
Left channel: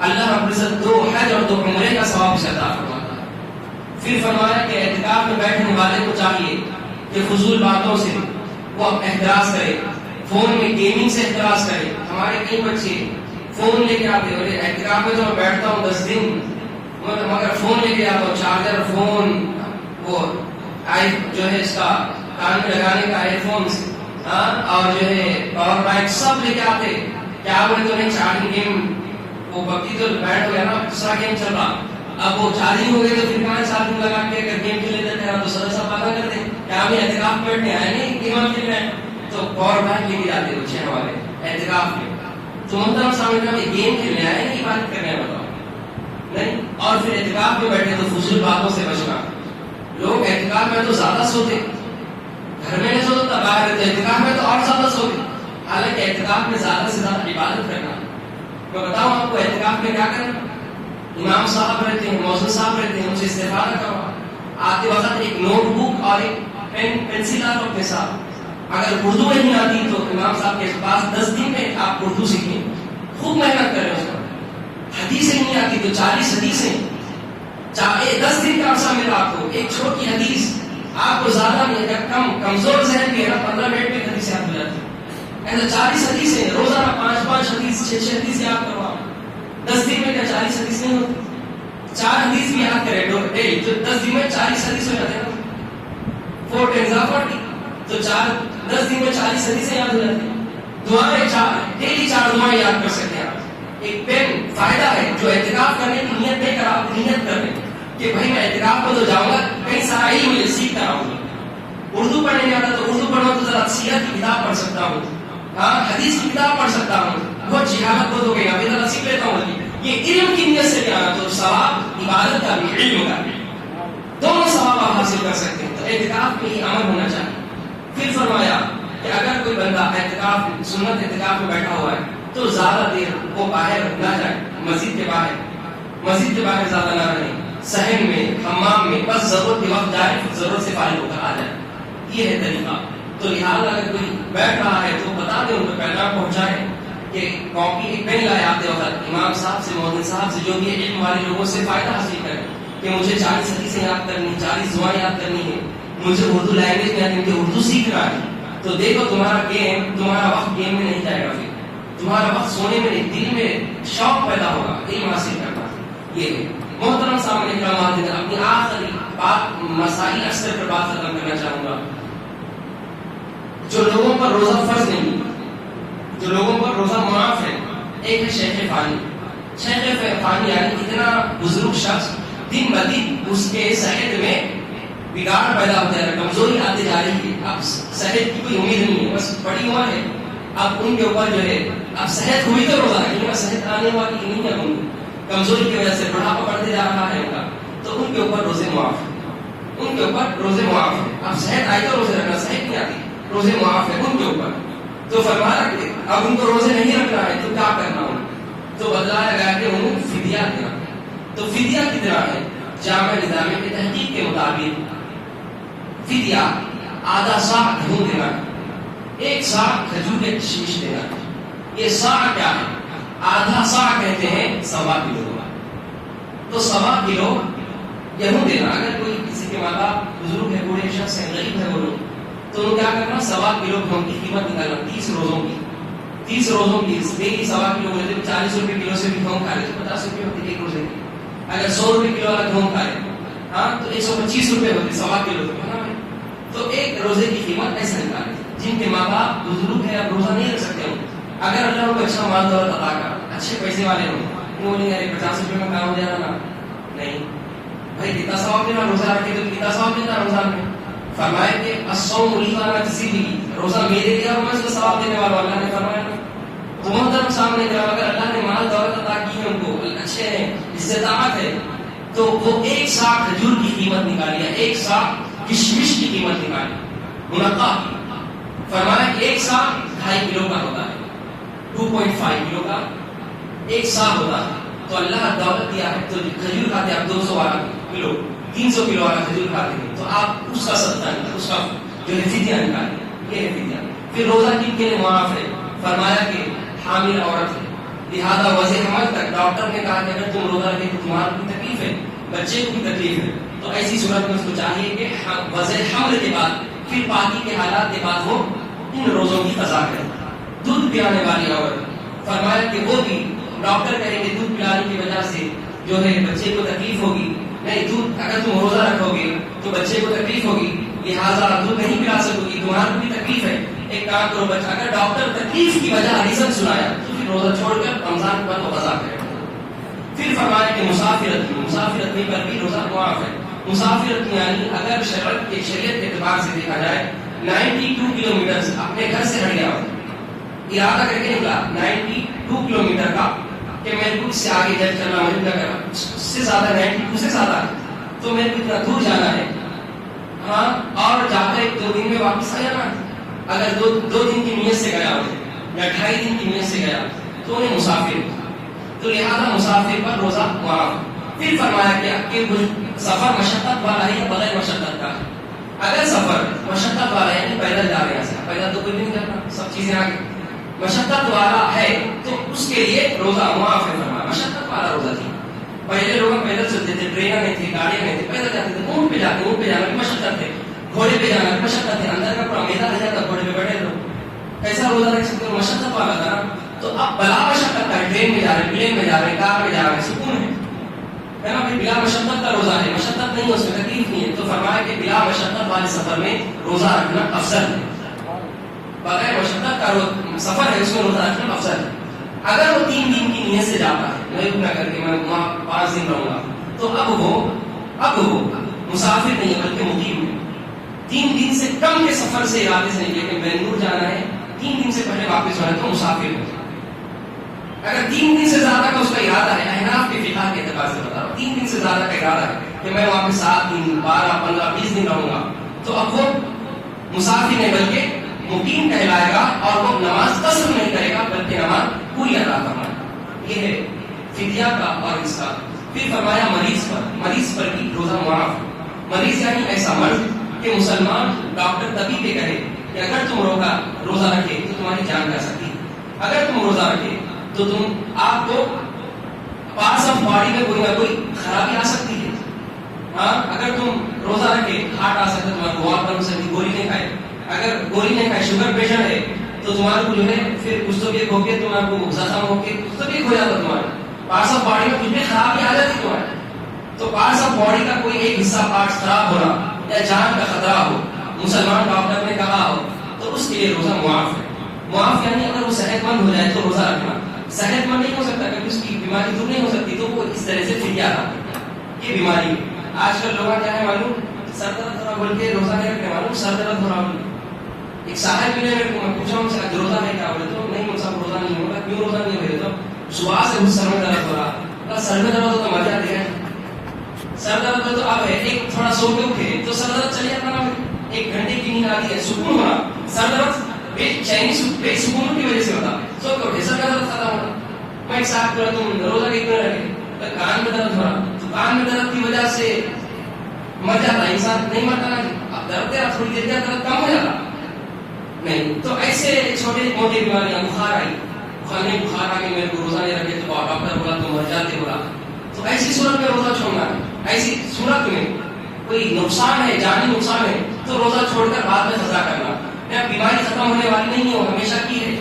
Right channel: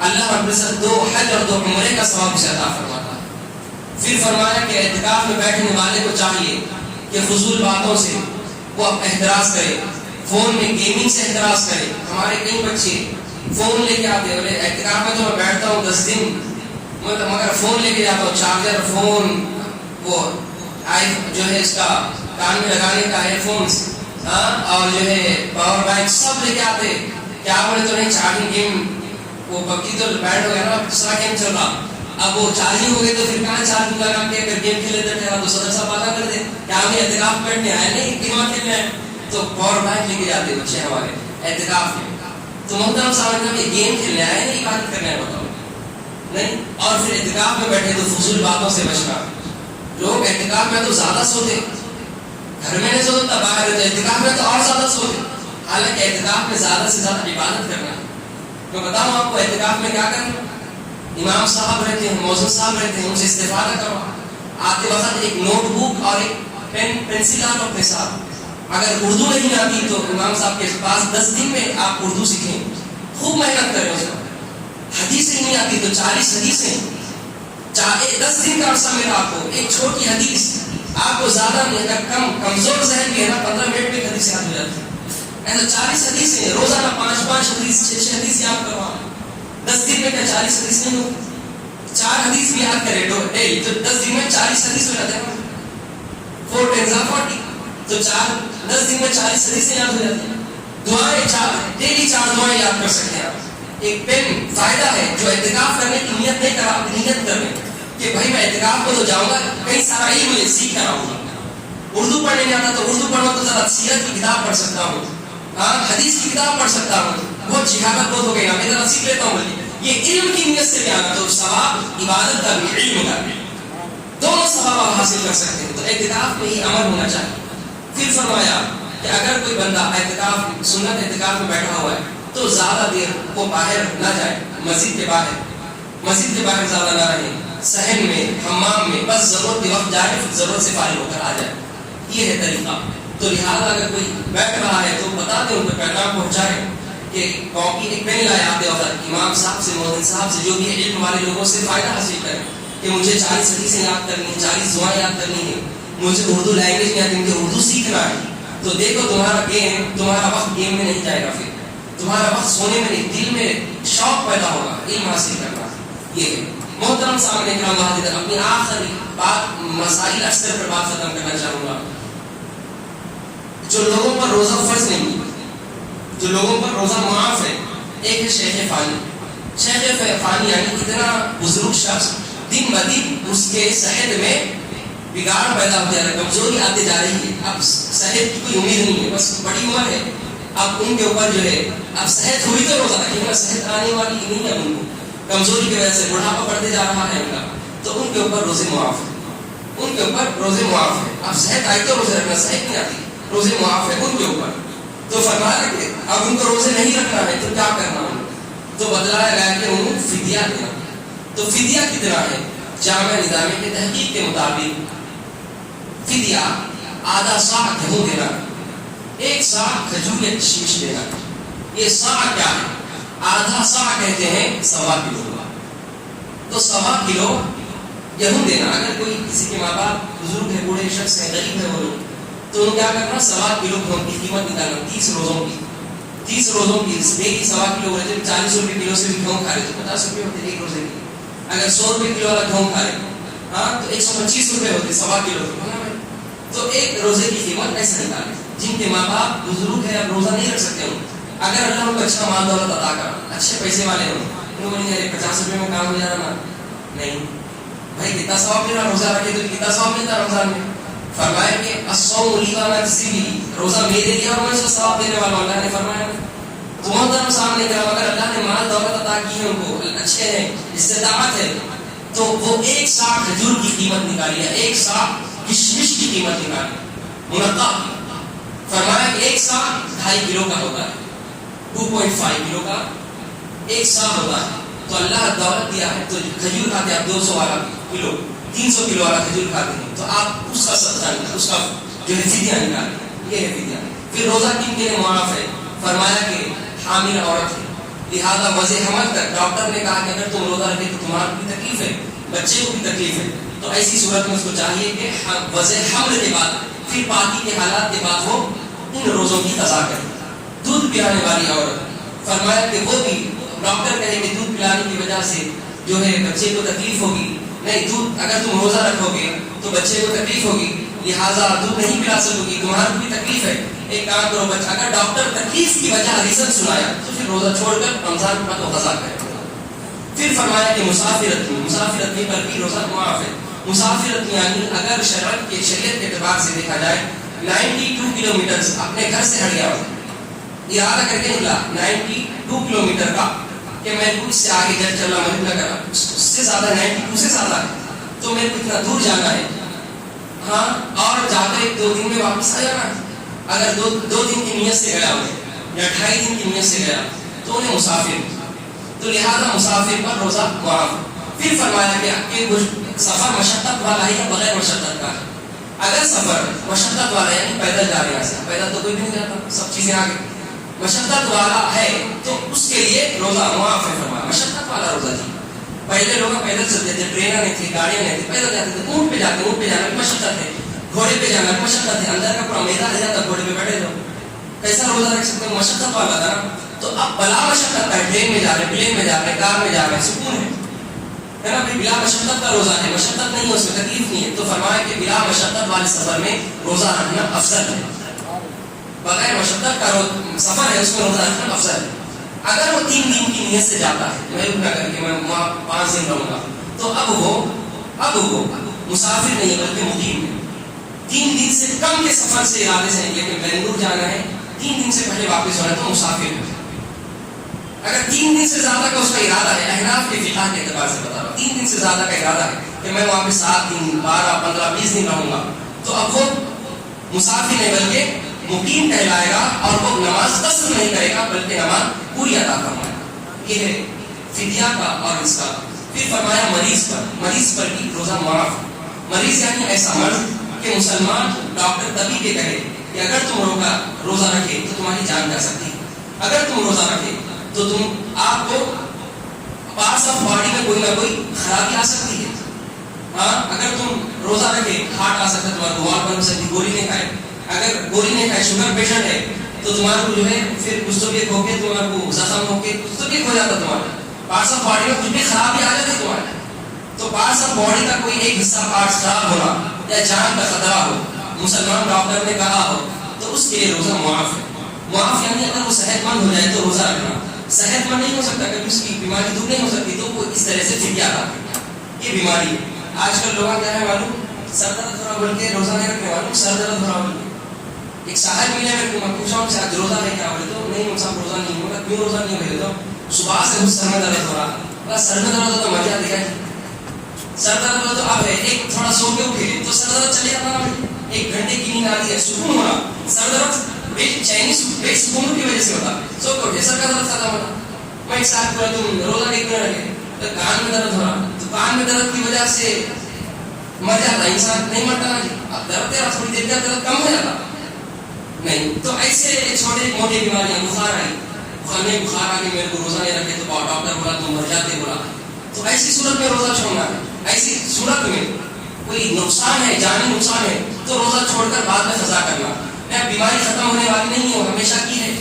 اللہ رب العزت 2 حج اور 2 عمرے کا ثواب اسے عطا فرماتا ہے. پھر فرمایا کہ اعتکاف میں بیٹھنے والے کو چاہیے کہ فضول باتوں سے وہ احتراز کرے, فون میں گیمنگ سے احتراز کرے. ہمارے کئی بچے فون لے کے آتے ہیں, اعتکاف میں تو میں بیٹھتا ہوں 10 دن مگر فون لے کے جاتا ہوں, چارجر, فون, وہ جو ہے اس کا کان میں لگانے کا ہیڈ فونس, اور جو ہے پاور بینک سب لے کے آتے. کیا آپ نے تو نہیں چارجنگ گیم, وہ بکی تو بیٹھ ہو گیا نا, دوسرا گیم چل رہا, اب وہ چارجنگ ہو گئی تو پھر کہاں چارجنگ لگا کے اگر گیم کھیلے تھے تو صدر صاحب پتا کر دے کیا ہمیں اعتکاف بیٹھنے آئے نہیں گیم کھیلنا ہے, تو پاور بینک لے کے جاتے بچے ہمارے اعتکاف میں. تو محترم صاحب یہ گیم کھیلنے آئے نہیں عبادت کرنے آئے بتاؤ نہیں. اور پھر اعتکاف میں بیٹھے تو فضول باتوں سے بچنا. لوگ اعتکاف میں تو زیادہ سوتے, گھر میں نہیں سوتا باہر, تو اعتکاف میں تو اور زیادہ سوتے. حالانکہ اعتکاف میں زیادہ سے زیادہ عبادت کرنا ہے. میں بتاؤں آپ کو اعتکاف میں کیا کرنا. امام صاحب رہتے ہیں, مؤذن صاحب رہتے ہیں, ان سے استفادہ کرو. آتے وقت ایک نوٹ بک اور ایک پینسل آپ اپنے ساتھ. اگر اردو نہیں آتی تو امام صاحب کے پاس 10 دن میں آپ اردو سیکھیں, خوب محنت کریں اس کو. حدیث نہیں آتی تو 40 حدیثیں, 10 دن کا عرصہ ملا آپ کو. ایک چھوٹی حدیث آپ کو زیادہ نہیں, اگر کمزور ذہن کے ہے نا 15 منٹ میں حدیث یاد ہو جاتی ہے. ایسا 40 حدیثیں روزانہ 5 حدیث 6 حدیث یاد کرو. 10 دن میں کیا 40 حدیث نہیں ہوتی. 4 حدیث بھی یاد کریں تو 10 دن میں 40 حدیث ہو جاتے ہیں. 4 10 40 تو 10 دن میں 40 حدیثیں یاد ہو جاتی ہیں. دعائیں ڈیلی 4 دعائیں یاد کر سکتے ہیں آپ. ایک پین فائدہ ہے جو اعتکاف کرنے کی نیت نہیں کرا, نیت کر لیں کہ بھائی میں اعتکاف کو تو جاؤں گا, کئی سارا علم سیکھ کر آؤں گا. اردو پڑھنے نہیں آتا تو اردو پڑھنا تو ذرا سیرت کی کتاب پڑھ سکتا ہوں, حدیث کی کتاب پڑھ سکتا ہوں. بہت جہالت بہت ہو گئی, ابھی ذرا سیکھ لیتا ہوں. یہ علم کی نیت سے بھی آنا تو ثواب عبادت کا بھی علم کا بھی دونوں ثواب آپ حاصل کر سکتے ہیں. تو اعتکاف میں ہی عمل ہونا چاہیے. پھر فرمایا کہ اگر کوئی بندہ اعتکاف سنت اعتکاف میں بیٹھا ہوا ہے تو زیادہ دیر وہ باہر نہ جائے, مسجد کے باہر زیادہ نہ رہے, صحن میں, حمام میں, بس ضرورت کے وقت جائے, ضرورت سے فارغ ہو کر آ جائے. یہ ہے طریقہ. تو لہٰذا اگر کوئی بیٹھ رہا ہے تو بتا دیں, ان کو پیغام پہنچائے کہ کاپی ایک پین لائے آتے وقت امام صاحب سے, مؤذن صاحب سے, جو بھی علم والے لوگوں سے فائدہ حاصل کریں کہ مجھے 40 حدیثیں یاد کرنی ہے, 40 دعائیں یاد کرنی ہے, مجھے اردو لینگویج میں آتی ہے, اردو سیکھنا ہے. تو دیکھو تمہارا وقت گیم میں نہیں جائے گا, پھر تمہارا وقت سونے میں نہیں, دل میں شوق پیدا ہوگا علم حاصل کرنا. یہ ہے محترم صاحب نے کہا. اپنی آخری بات مسائل اکثر پر بات ختم کرنا چاہوں گا. جو لوگوں پر روزہ فرض نہیں, جو لوگوں پر روزہ معاف ہے, ایک ہے شیخ فانی. شیخ فانی یعنی اتنا بزرگ شخص, دن بدن اس کے صحت میں بگاڑ پیدا ہو جائے گا, کمزوری آتے جا رہی ہے, اب صحت کی کوئی امید نہیں ہے, بس بڑی عمر ہے, اب ان کے اوپر جو ہے اب صحت ہوئی تو روزہ نہیں, صحت آنے والی نہیں ہے, ان کو کمزوری کی وجہ سے بڑھاپا بڑھتے جا رہا ہے ان کا, تو ان کے اوپر روزے معاف ہے, ان کے اوپر روزے معاف ہے. اب صحت آئی تو روزے رکھنا, صحت نہیں آتی, روزے معاف ہے ان کے اوپر. تو فرمایا کہ اب ان کو روزے نہیں رکھنا ہے تو کیا کرنا ہے, تو بتلایا گیا کہ انہوں فدیہ دینا. تو فدیہ کتنا ہے؟ جامع نظامی کے تحقیق کے مطابق فدیہ آدھا صاع گیہوں دینا, 1 صاع کھجور یا کشمش دینا. یہ صاع کیا ہے؟ آدھا صاع کہتے ہیں 1.25 کلو. تو 1.25 کلو گیہوں دینا. اگر کوئی کسی کے ماں باپ بزرگ ہے, بوڑھے شخص ہے, غریب ہے, وہ تو کیا کرنا, 1.25 کلو گیہوں کی قیمت نکالنا 30 روزوں کی. 30 روزوں کی ڈیلی 1.25 کلو رہتے, 40 روپے کلو سے بھی گیہوں کھا رہے تو 50 روپے ہوتے ایک روزے کی. اگر 100 روپے کلو والا گیہوں کھا رہے تو 125 روپے ہوتے 1.25 کلو ہے نا. تو ایک روزے کی قیمت ایسے نکالے. جن کے ماں باپ بزرگ ہے, روزہ نہیں رکھ سکتے ہوں, اگر اللہ ان کو اچھا مال دولت عطا کر, اچھے پیسے والے ہوں, انہوں نے 50 روپے میں کام ہو جانا نا, نہیں بھائی کتنا ثواب ملا روزہ رکھے تو کتنا ثواب ملتا رمضان میں. فرمایا کہ الصوم لی وانا کسی بھی, روزہ میرے لیے اور میں سے ثواب دینے والا, اللہ نے فرمایا. تو محترم سامنے کہا اگر اللہ نے مال دولت عطا کی ہے, ان کو اچھے ہیں, استطاعت ہے, تو وہ 1 صاع کھجور کی قیمت نکالی ہے, 1 صاع کشمش کی قیمت نکالی منقع. فرمایا کہ 1 صاع 2.5 کلو کا ہوتا ہے, 2.5 کلو کا 1 صاع ہوتا ہے. تو اللہ دولت دیا ہے تو کھجور کھاتے آپ 200 کلو, 300 کلو والا کھجور کھاتے ہیں تو آپ اس کا صدقہ اس کا جو ہے فدیہ نکالیں، یہ ہے فدیہ. پھر روزہ کن کے لیے معاف ہے؟ فرمایا کہ حامل عورت ہے، لہٰذا وضع حمل تک ڈاکٹر نے کہا کہ اگر تم روزہ رکھے تو تمہارا بھی تکلیف ہے، بچے کو بھی تکلیف ہے، تو ایسی صورت میں اس کو چاہیے کہ وضع حمل کے بعد پھر باقی کے حالات کے بعد وہ ان روزوں کی قضا کرے. دودھ پلانے والی عورت، فرمایا کہ وہ بھی ڈاکٹر کہے کہ دودھ پلانے کی وجہ سے جو ہے بچے کو تکلیف ہوگی، نہیں دودھ اگر تم روزہ رکھو گے تو بچے کو تکلیف ہوگی، لہٰذا دودھ نہیں پلا سکو گی، تمہاری بھی تکلیف ہے، ایک کام کرو بچہ، اگر ڈاکٹر تکلیف کی وجہ ریزن سنایا تو پھر روزہ چھوڑ کر رمضان کا تو قضا کرے. پھر فرمایا کہ مسافرت میں پر بھی روزہ معاف ہے. مسافرت میں یعنی اگر شریعت کے اعتبار سے دیکھا جائے 92 کلومیٹر اپنے گھر سے ہٹ گیا ہو، ارادہ کر کے نکلا 92 کلومیٹر کا کہ میں کچھ سے آگے جب چلنا مجھے لگا اس سے زیادہ 92 سے زیادہ ہے تو میرے کو اتنا دور جانا ہے، ہاں، اور جا کر 1-2 دن میں واپس آ جانا. اگر 2 دن کی نیت سے گیا ہو یا 2.5 دن کی نیت سے گیا تو انہیں مسافر، تو لہذا مسافر پر روزہ معاف. پھر فرمایا کہ سفر مشقت والا ہے یا بغیر مشقت کا ہے. اگر سفر مشقت والا ہے یعنی پیدل جا رہے ہیں، پیدل تو کوئی بھی نہیں کرتا، سب چیزیں آگے، مشقت والا ہے تو اس کے لیے روزہ معاف ہے. فرمایا مشقت والا روزہ تھی، پہلے لوگ پیدل چلتے تھے، ٹرینیں نہیں تھی، گاڑیاں نہیں تھی، پیدل جاتے تھے، اونٹ پہ جانا بھی مشقت ہے، گھوڑے پہ جانا بھی مشقت ہے، اندر کا پورا میدان رہ جاتا گھوڑے پہ بیٹھے تو کیسا روزہ رکھ سکتے ہو؟ مشقت والا تھا. تو اب بلا مشقت کا ہے، ٹرین میں جا رہے ہیں، پلین میں جا رہے ہیں، کار میں جا رہے ہیں، سکون ہے نا بھائی، بلا مشقت کا روزہ ہے، مشقت نہیں ہے اس میں، تکلیف نہیں ہے. تو فرمایا کہ بلا مشقت والے سفر میں روزہ رکھنا افضل ہے، بغیر مشقت کا سفر ہے اس میں روزہ رکھنا افضل ہے. اگر وہ 3 دن کی نیت سے جاتا ہے، میں کیا کر کے میں وہاں 5 دن رہوں گا، تو اب وہ مسافر نہیں بلکہ مقیم ہے. 3 دن سے کم کے سفر سے ارادے سے نکلے کہ بنگلور جانا ہے، 3 دن سے پہلے واپس ہونا ہے تو مسافر ہے. اگر 3 دن سے زیادہ کا اس کا ارادہ ہے، احناف کے فقہ کے اعتبار سے بتا رہا ہوں، 3 دن سے زیادہ کا ارادہ ہے کہ میں وہاں پہ 7 دن 12 15 20 دن رہوں گا، تو اب وہ مسافر نہیں بلکہ مقیم کہلائے گا، اور وہ نماز قصر نہیں کرے گا بلکہ نماز پوری ادا کرنا. یہ ہے فدیہ کا اور اس کا. پھر فرمایا مریض پر بھی روزہ معاف. مریض یعنی ایسا مرض کہ مسلمان ڈاکٹر طبیب کے کہے کہ اگر تم روزہ رکھے تو تمہاری جان جا سکتی ہے، اگر تم روزہ رکھے تو آپ کو پارٹس آف باڈی میں کوئی نہ کوئی خرابی آ سکتی ہے. ہاں، اگر تم روزہ رکھے ہارٹ آ سکتا ہے، تمہارا دعا کر سکتی، گولی نہیں کھائے، اگر گولی نہیں کھائے، شوگر پیشنٹ ہے تو تمہارے کو جو ہے پھر کچھ تو بھی ہو کے تمہارے کو زخم ہو کے کچھ تو بھی ہو جاتا، تمہارا پارٹس آف باڈی میں کچھ بھی خرابی آ جاتی تمہارے. تو پارٹس آف باڈی کا کوئی ایک حصہ پارٹس خراب ہونا یا جان کا خطرہ ہو، مسلمان ڈاکٹر نے کہا ہو، تو اس کے لیے روزہ معاف ہے. معاف یعنی اگر وہ صحت مند ہو جائے تو روزہ رکھنا. صحت مند نہیں ہو سکتا، کبھی اس کی بیماری دور نہیں ہو سکتی، تو وہ اس طرح سے فدیہ ادا کرتا. یہ بیماری ہے. آج کل لوگوں کیا ہے معلوم، سر درد ہو رہا بول کے روزہ نہیں رکھنے والوں، سر درد ہو رہا. ایک صاحب ملے میرے کو، میں پوچھا ان سے آج روزہ نہیں کیا بولے تو نہیں صاحب روزہ نہیں ہوگا. کیوں روزہ نہیں ہوگا؟ تو صبح سے سر میں درد ہو رہا، بس سر میں درد ہو تو مزہ دیا، سر درد ہو تو اب ہے ایک تھوڑا سو کے اٹھے تو سر درد چلے جاتا، 1 گھنٹے کی نیند آتی ہے، سکون ہونا. سر درد بے سکون کی وجہ سے ہوتا، سو کے اٹھے سر کا درد ختم ہونا. میں ایک صاحب کو تم روزہ نہیں کر رہے تو کان میں درد ہو رہا، تو کان میں درد کی وجہ سے مر جاتا انسان، نہیں مرتا نا جی، اب درد تیرا تھوڑی دیر کا درد کم ہو جاتا نہیں. تو ایسے چھوٹے موٹے بیماریاں، بخار آئی، بخار آ کے میرے کو روزہ نہیں رکھے تو ڈاکٹر بولا تو مر جاتے بولا، تو ایسی صورت میں روزہ چھوڑنا ہے. ایسی صورت میں کوئی نقصان ہے، جانی نقصان ہے، تو روزہ چھوڑ کر بعد میں قضا کرنا. بیماری ختم ہونے والی نہیں ہے، وہ ہمیشہ کی ہے،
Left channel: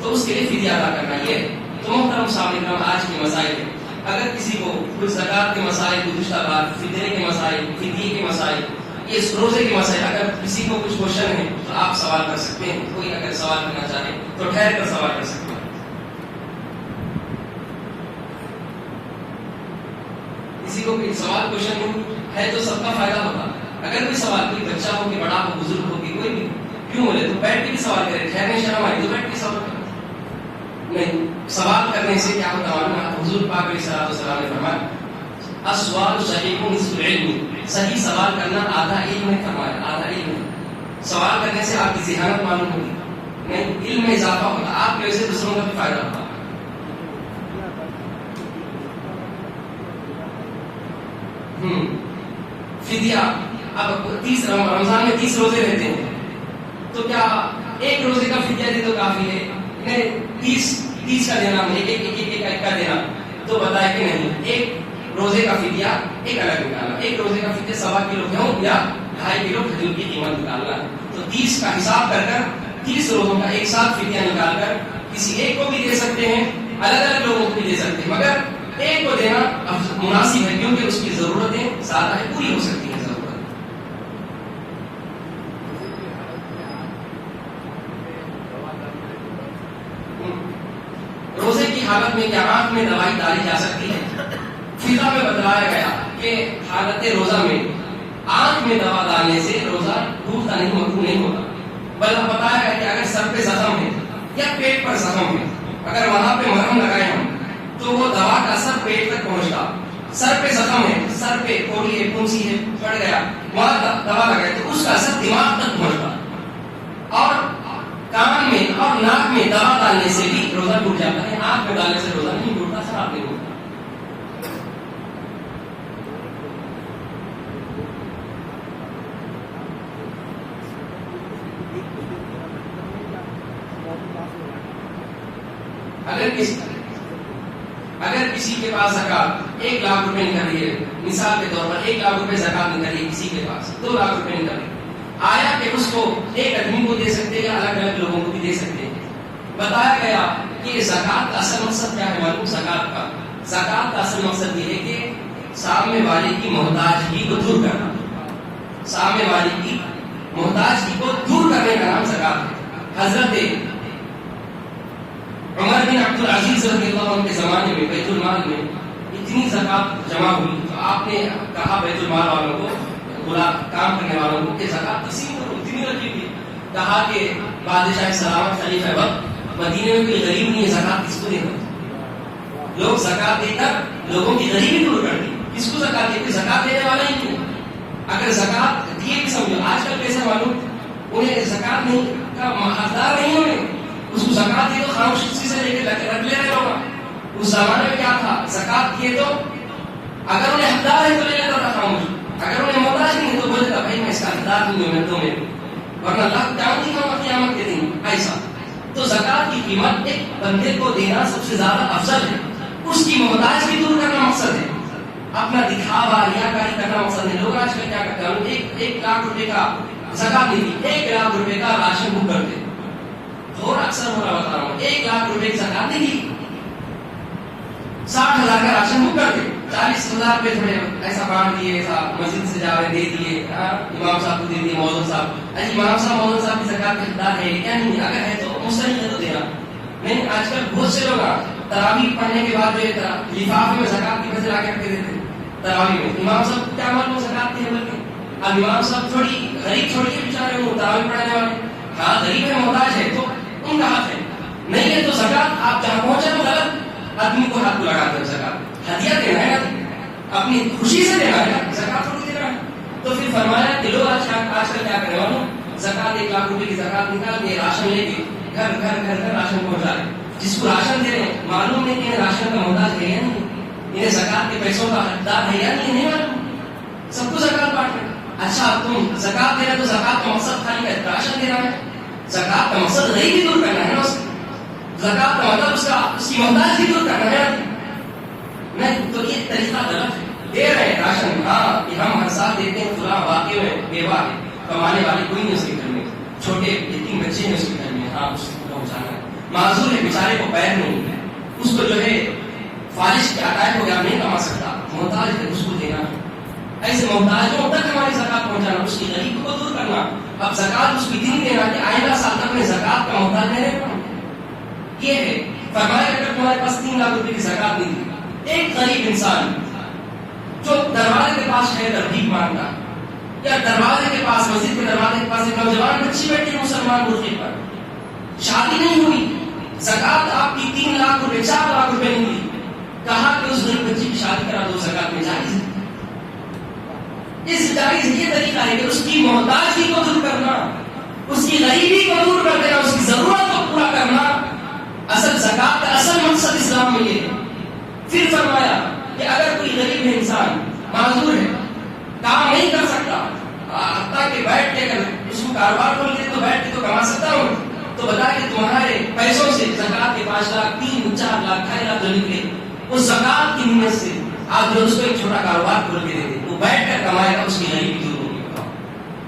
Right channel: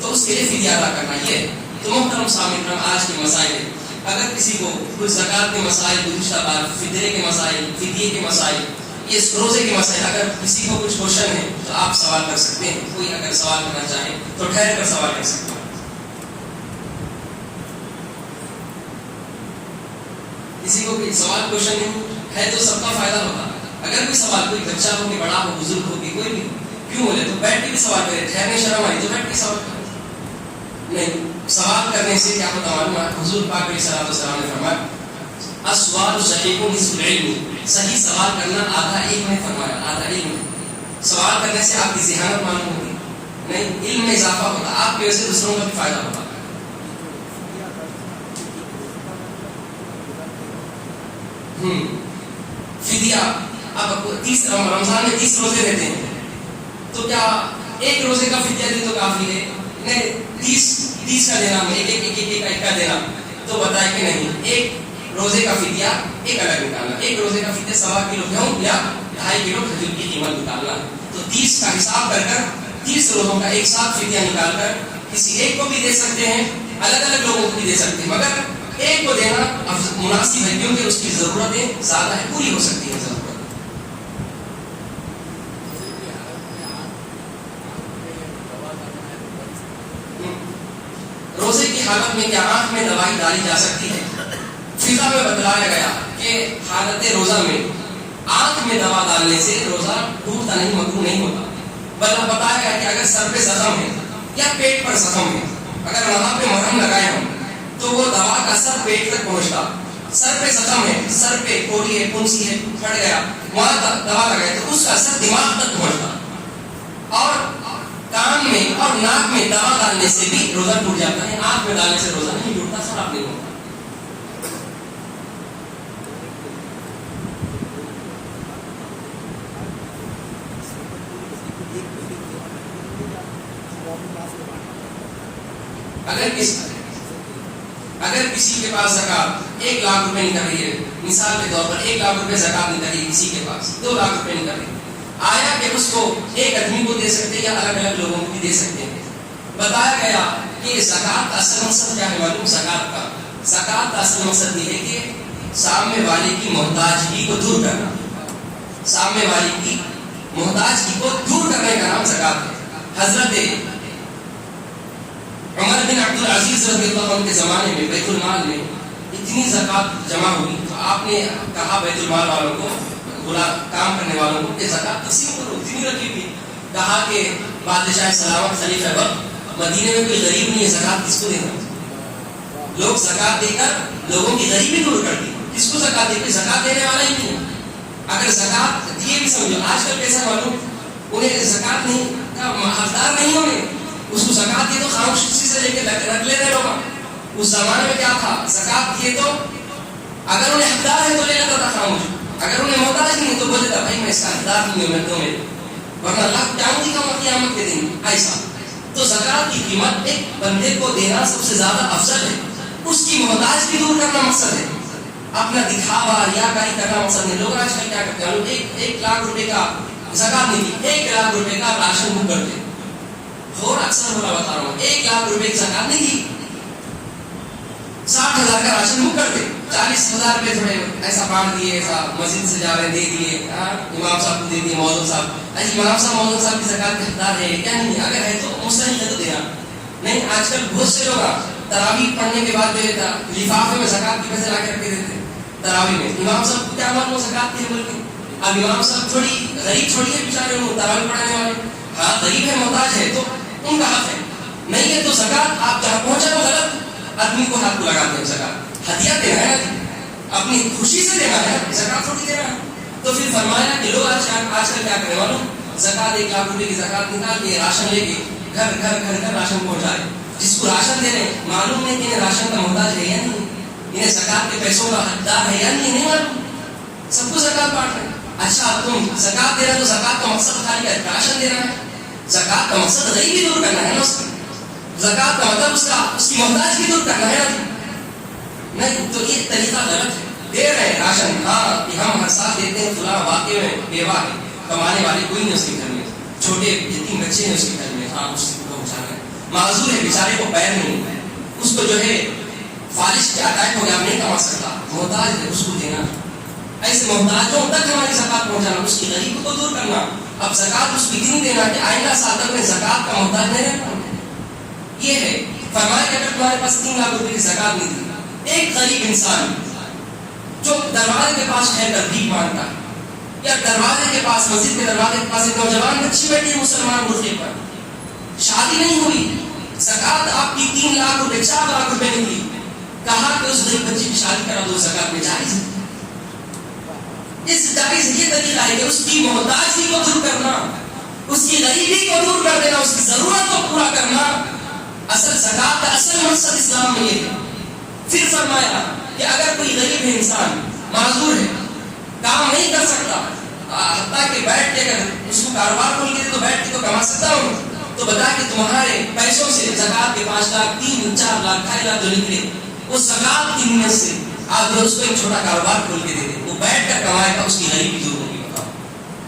تو اس کے لیے فدیہ ادا کرنا. یہ تو محترم سامعین آج کے مسائل ہے. اگر کسی کو کوئی زکات کے مسائل، گزشتہ بار فدیے کے مسائل، فدیے کے مسائل، یہ روزے کے مسائل، اگر کسی کو کچھ کوشچن ہے تو آپ سوال کر سکتے ہیں. کوئی اگر سوال کرنا چاہے تو ٹھہر کر سوال کر سکتے ہیں. کسی کو کوئی سوال کوشچن ہے تو سب کا فائدہ ہوگا. اگر کوئی سوال، کوئی بچہ ہو کہ بڑا ہو، بزرگ ہو کہ کوئی بھی، کیوں بولے تو بیٹھ کے بھی سوال کرے، ٹھہرنے شرم آئی تو بیٹھ کے سوال کرے. نہیں، سوال کرنے سے کیا ہوتا ہے؟ حضور پاک علیہ السلام نے فرمایا السؤال صحیح نصف العلم، صحیح سوال کرنا آدھا علم ہے. فرمایا آدھا علم. سوال کرنے سے آپ کی ذہانت معلوم ہوگی، نہیں علم میں اضافہ ہوتا، آپ کی وجہ سے دوسروں کا بھی فائدہ ہوگا. فدیہ، اب 30 رمضان میں 30 روزے رہتے ہیں، تو کیا ایک روزے کا فدیہ دے تو کافی ہے؟ نہیں، 30 کا دینا، ایک کا دینا، تو بتائے کہ نہیں، ایک روزے کا فدیہ ایک الگ نکالنا، ایک روزے کا فدیہ 1.25 کلو گیہوں یا 2.5 کلو کھجور کی قیمت نکالنا، تو 30 کا حساب کر 30 روزوں کا ایک ساتھ فدیہ نکال کر کسی ایک کو بھی دے سکتے ہیں، الگ الگ لوگوں کو بھی دے سکتے ہیں، مگر ایک کو دینا مناسب ہے کیونکہ اس کی ضرورتیں زیادہ ہے، پوری ہو سکتی ہے ضرورت۔ روزے کی حالت میں کیا آنکھ میں دوائی ڈالی جا سکتی ہے؟ فقہ میں بتلایا گیا کہ حالت روزہ میں آنکھ میں دوا ڈالنے سے روزہ ٹوٹتا نہیں، مکروہ نہیں ہوتا، بلکہ بتایا گیا کہ اگر سر پہ زخم ہے یا پیٹ پر زخم ہے، اگر وہاں پہ مرہم لگائے ہم تو وہ دوا کا اثر پیٹ تک پہنچتا، سر پہ زخم ہے، سر پہ کوڑی ہے، پھنسی ہے، پھٹ گیا، وہاں دوا لگائے تو اس کا اثر دماغ تک پہنچتا، اور کان میں اور ناک میں دوا ڈالنے سے بھی روزہ ٹوٹ جاتا ہے، آنکھ میں ڈالنے سے روزہ نہیں ٹوٹتا، خراب نہیں ہوتا۔ اگر کسی کے پاس زکات 1 لاکھ روپے نکل رہی ہے، مثال کے طور پر 1 لاکھ روپے زکات نکل رہی ہے، کسی کے پاس 2 لاکھ روپے نکل رہی ہے، آیا کہ اس کو ایک آدمی کو دے سکتے یا الگ الگ لوگوں کو بھی دے سکتے ہیں؟ بتایا گیا کہ زکات کا اصل مقصد کیا ہے معلوم؟ زکات کا اصل مقصد یہ ہے کہ سامنے والے کی محتاجگی کو دور کرنا، سامنے والے کی محتاجگی کو دور کرنے کا نام زکات ہے۔ حضرت عمر بن عبد العزیز رضی اللہ عنہ کے زمانے میں بیت المال میں اتنی زکات جمع ہوئی تو آپ نے کہا بیت المال والوں کو، کام کرنے والوں کو، کہ زکات کسی کو اتنی رکھی ہوئی، کہا کہ بادشاہ سلامت خلیفہ وقت مدینے میں کوئی غریب نہیں ہے، زکات کس کو دینا؟ لوگ زکات دے کر لوگوں کی غریبی دور کرتے، کس کو زکات دے؟ زکات دینے والا ہی نہیں۔ اگر زکات دیے بھی سمجھو، آج کل کیسے معلوم انہیں زکات نہیں کا حقدار نہیں ہونے، اس کو زکات دی تو خاموش کسی سے لے کے رکھ لے رہے ہوگا۔ اس زمانے میں کیا تھا؟ زکات دیے تو اگر انہیں حقدار ہے تو لے لیتا تھا خاموش، اگر انہیں محتاج نہیں ہے تو بولے تھا بھائی میں اس کا حقدار نہیں ہوں، میں تمہیں، ورنہ اللہ جان دکھاؤں گا قیامت کے دن ایسا۔ تو زکات کی قیمت ایک بندے کو دینا سب سے زیادہ افضل ہے، اس کی محتاجگی دور کرنا مقصد ہے، اپنا دکھاوا ریاکاری کرنا مقصد ہے۔ لوگ آج کل کیا کرتے ہیں؟ 1 لاکھ روپے کا زکات نہیں دی، 1 لاکھ روپے کا راشن بک کرتے، اور اکثر ہو رہا بتا رہا ہوں، 1 لاکھ روپے کی زکات نہیں دی، 60,000 کا راشن بک کرتے، 40,000 روپے تھوڑے ایسا بانٹ دیے، ایسا مسجد سے جا رہے دے دیے، امام صاحب کو دے دیے، مولانا صاحب، اجی امام صاحب مولانا صاحب کی زکات کے حقدار ہے کیا؟ نہیں، اگر ہے تو مستحق ہے تو دینا نہیں۔ آج کل بہت سے لوگ تراویح پڑھنے کے بعد جو ہے لفافے میں زکات کے پیسے لا کے رکھ کے دیتے تراویح میں، امام صاحب کو کیا معلوم زکات کی ہے بلکہ؟ اب امام صاحب تھوڑی غریب تھوڑی ہے بیچارے، وہ تراویح پڑھانے والے، ہاں غریب ہے محتاج ہے تو ان کا حق ہے، نہیں ہے تو زکات آپ جہاں پہنچا تو غلط آدمی کو ہاتھ کو لگاتے ہیں۔ زکات ہدیہ دینا ہے نا، اپنی خوشی سے دینا ہے، زکات تھوڑی دینا ہے۔ تو پھر فرمایا کہ لوگ آج کل کیا کرنے والوں، زکات 1 لاکھ روپے کی زکات نکال کے راشن لے کے گھر راشن پہنچائے، جس کو راشن دے رہے معلوم ہے کہ انہیں راشن کا محتاج ہے یا نہیں، انہیں زکات کے پیسوں کا حقدار ہے یا نہیں معلوم، سب کو زکات بانٹ رہے۔ اچھا تم زکات دے رہے تو زکات کا مقصد خالی راشن دینا ہے؟ زکات کا مقصد غریبی دور کرنا ہے نا، اس کی زکات کا مطلب اس کی محتاجگی دور کرنا ہے نہیں، تو یہ طریقہ غلط ہے۔ دے رہے راشن، ہاں کہ ہم ہر سال دیتے ہیں، فلاں واقعے میں بیوہ ہے، کمانے والے کوئی نہیں اس کے گھر میں، چھوٹے یتیم بچے ہیں اس کے گھر میں، ہاں اس کو پہنچانا ہے، معذور ہے بیچارے کو پیر نہیں ہے، اس کو جو ہے فالش کے اٹیک ہو گیا، نہیں کما سکتا، محتاج ہے، اس کو دینا، ایسے محتاجوں تک ہماری زکات پہنچانا، اس کی غریبی کو دور کرنا۔ اب زکات اس کو اتنی دینا کہ آئندہ سال تک میں زکات کا محتاج نہیں رہتا۔ یہ ہے فرمایا کہ اگر تمہارے پاس 3 لاکھ روپے کی زکات نہیں دی، ایک غریب انسان جو دروازے کے پاس ہے کر بھیک مانگتا ہے، یا دروازے کے پاس، مسجد کے دروازے کے پاس ایک نوجوان بچی بیٹھی ہے مسلمان مرغے پر، شادی نہیں ہوئی، زکات آپ کی 3 لاکھ روپے 4 لاکھ روپے نہیں دی، کہا کہ اس غریب بچی کی شادی کرا دو، زکات میں جائز ہے۔ اس جائز یہ طریقہ ہے کہ اس کی محتاجگی کو دور کرنا، اس کی غریبی کو دور کر دینا، اس کی ضرورت کو پورا کرنا، اصل زکات کا اصل مقصد اسلام میں یہ ہے۔ پھر فرمایا کہ اگر کوئی غریب انسان معذور ہے، کام نہیں کر بتا کہ بیٹھ کے اگر اس کو کاروبار کھول کے تو بیٹھ کے تو کما سکتا ہوں، تو بتا کہ تمہارے پیسوں سے زکات کے 5 لاکھ 3 4 لاکھ 2.5 لاکھ جو نکلے اس زکات کی نیت سے آپ جو اس کو ایک چھوٹا کاروبار کھول کے دے دیں، وہ بیٹھ کر کمائے گا، اس کی غریبی دور ہوگی. بتاؤ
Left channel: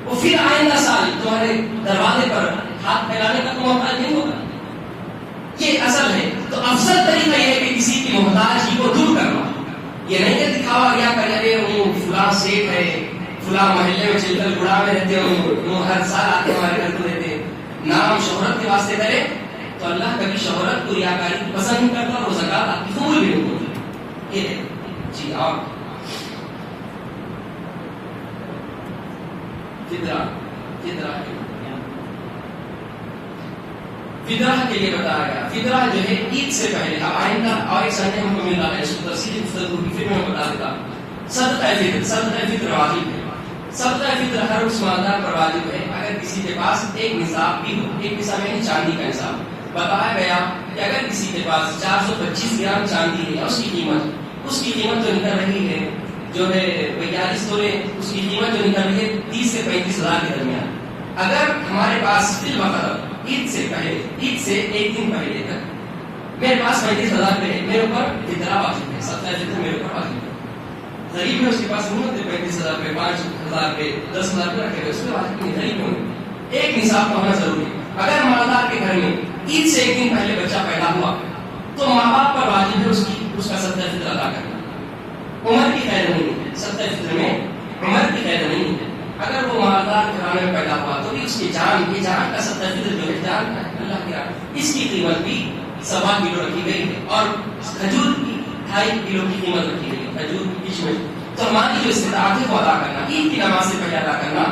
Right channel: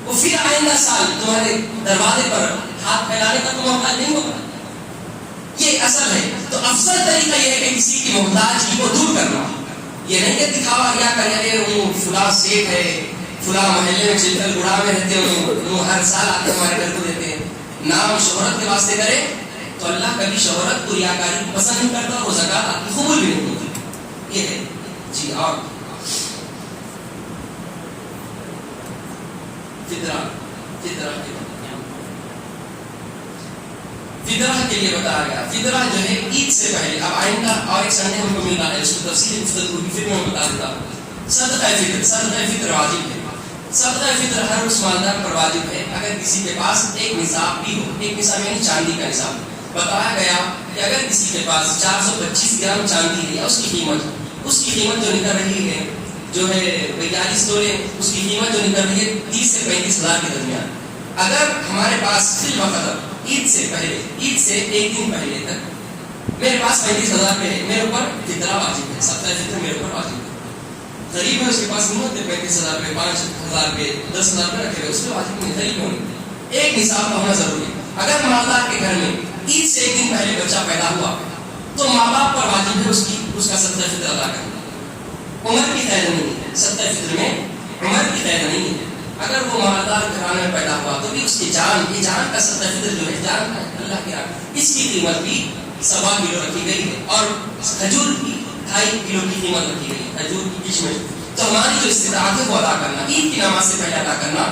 وہ پھر آئندہ سال تمہارے دروازے پر ہاتھ پھیلانے کا تو موقع نہیں ہوگا. یہ اصل ہے. تو افضل طریقہ یہ ہے کہ کسی کی محتاجی کو دور کرنا. یہ نہیں کہ دکھاوا کیا کرے وہ فلاں سیٹ ہے، فلاں محلے میں چلکل گڑا میں رہتے ہو، وہ ہر سال آتے ہمارے گھر کو دیتے، نام شہرت کے واسطے کرے تو اللہ کبھی شہرت کو ریاکاری کو پسند نہیں کرتا، اور زکات آپ کی قبول بھی نہیں ہوتی. یہ ہے جی. اور فطرہ کے لیے بتایا گیا. فطرہ جو ہے عید سے پہلے، اب آئندہ اور ایک سنڈے ہم کو ملا ہے، اس کو تفصیل گفتگو کی پھر میں بتا دیتا ہوں. صدقہ فطر واجب ہے. صدقہ فطر ہر اس مالدار پر واجب ہے اگر کسی کے پاس ایک نصاب بھی ہو. ایک نصاب یعنی چاندی کا نصاب. بتایا گیا کہ اگر کسی کے پاس 425 گرام چاندی ہے، اس کی قیمت جو نکل رہی ہے جو ہے 42 تولے، اس کی قیمت جو نکل رہی ہے 30 سے 35 ہزار کے درمیان. اگر ہمارے پاس فی الوقت عید سے ایک دن پہلے تک میرے پاس 35,000 روپے ہے، میرے اوپر فطرہ واجب ہے. صدقہ فطر میرے اوپر واجب ہے. غریب ہے، اس کے پاس نہیں ہوتے 35,000 روپے، 5,000 روپے، 10,000 روپے رکھے ہوئے، اس میں واجب نہیں. غریب ہونے ایک نصاب ہونا ضروری ہے. اگر مالدار کے گھر میں عید سے ایک دن پہلے بچہ پیدا ہوا تو ماں باپ پر واجب ہے اس کا صدقہ فطر ادا کرنا. عمر کی قید نہیں ہے صدقہ فطر میں، عمر کی قید نہیں ہے. اگر وہ مالدار گھرانے میں پیدا ہوا تو بھی اس کی جان کا صدقہ فطر جو ہے جان کا اللہ کے راہ، اس کی قیمت بھی 1.25 کلو رکھی گئی ہے. اور کھجور کی 2.5 کلو کی قیمت رکھی گئی ہے، کھجور کی کشمش. تو ہماری جو استطاعت ہے وہ ادا کرنا، عید کی نماز سے پہلے ادا کرنا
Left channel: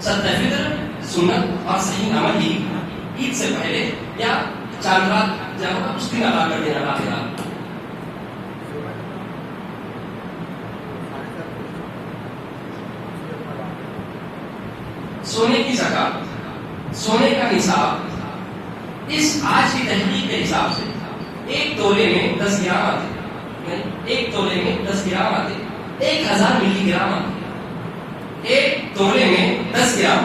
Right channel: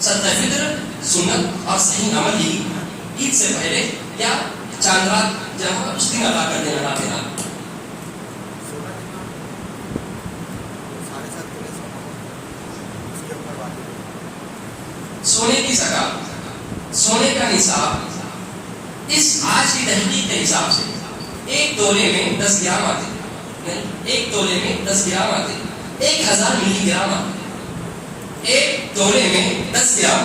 صدقہ فطر سنت اور صحیح عمل ہی. عید سے پہلے یا چاند رات جب اس دن ادا کر دینا نافلہ. سونے کی زکات، سونے کا نصاب اس آج کی تحقیق کے حساب سے 1 تولے میں 10 گرام آتے، 1 تولے میں 10 گرام آتے، 1000 ملی گرام آتے. 1 تولے میں 10 گرام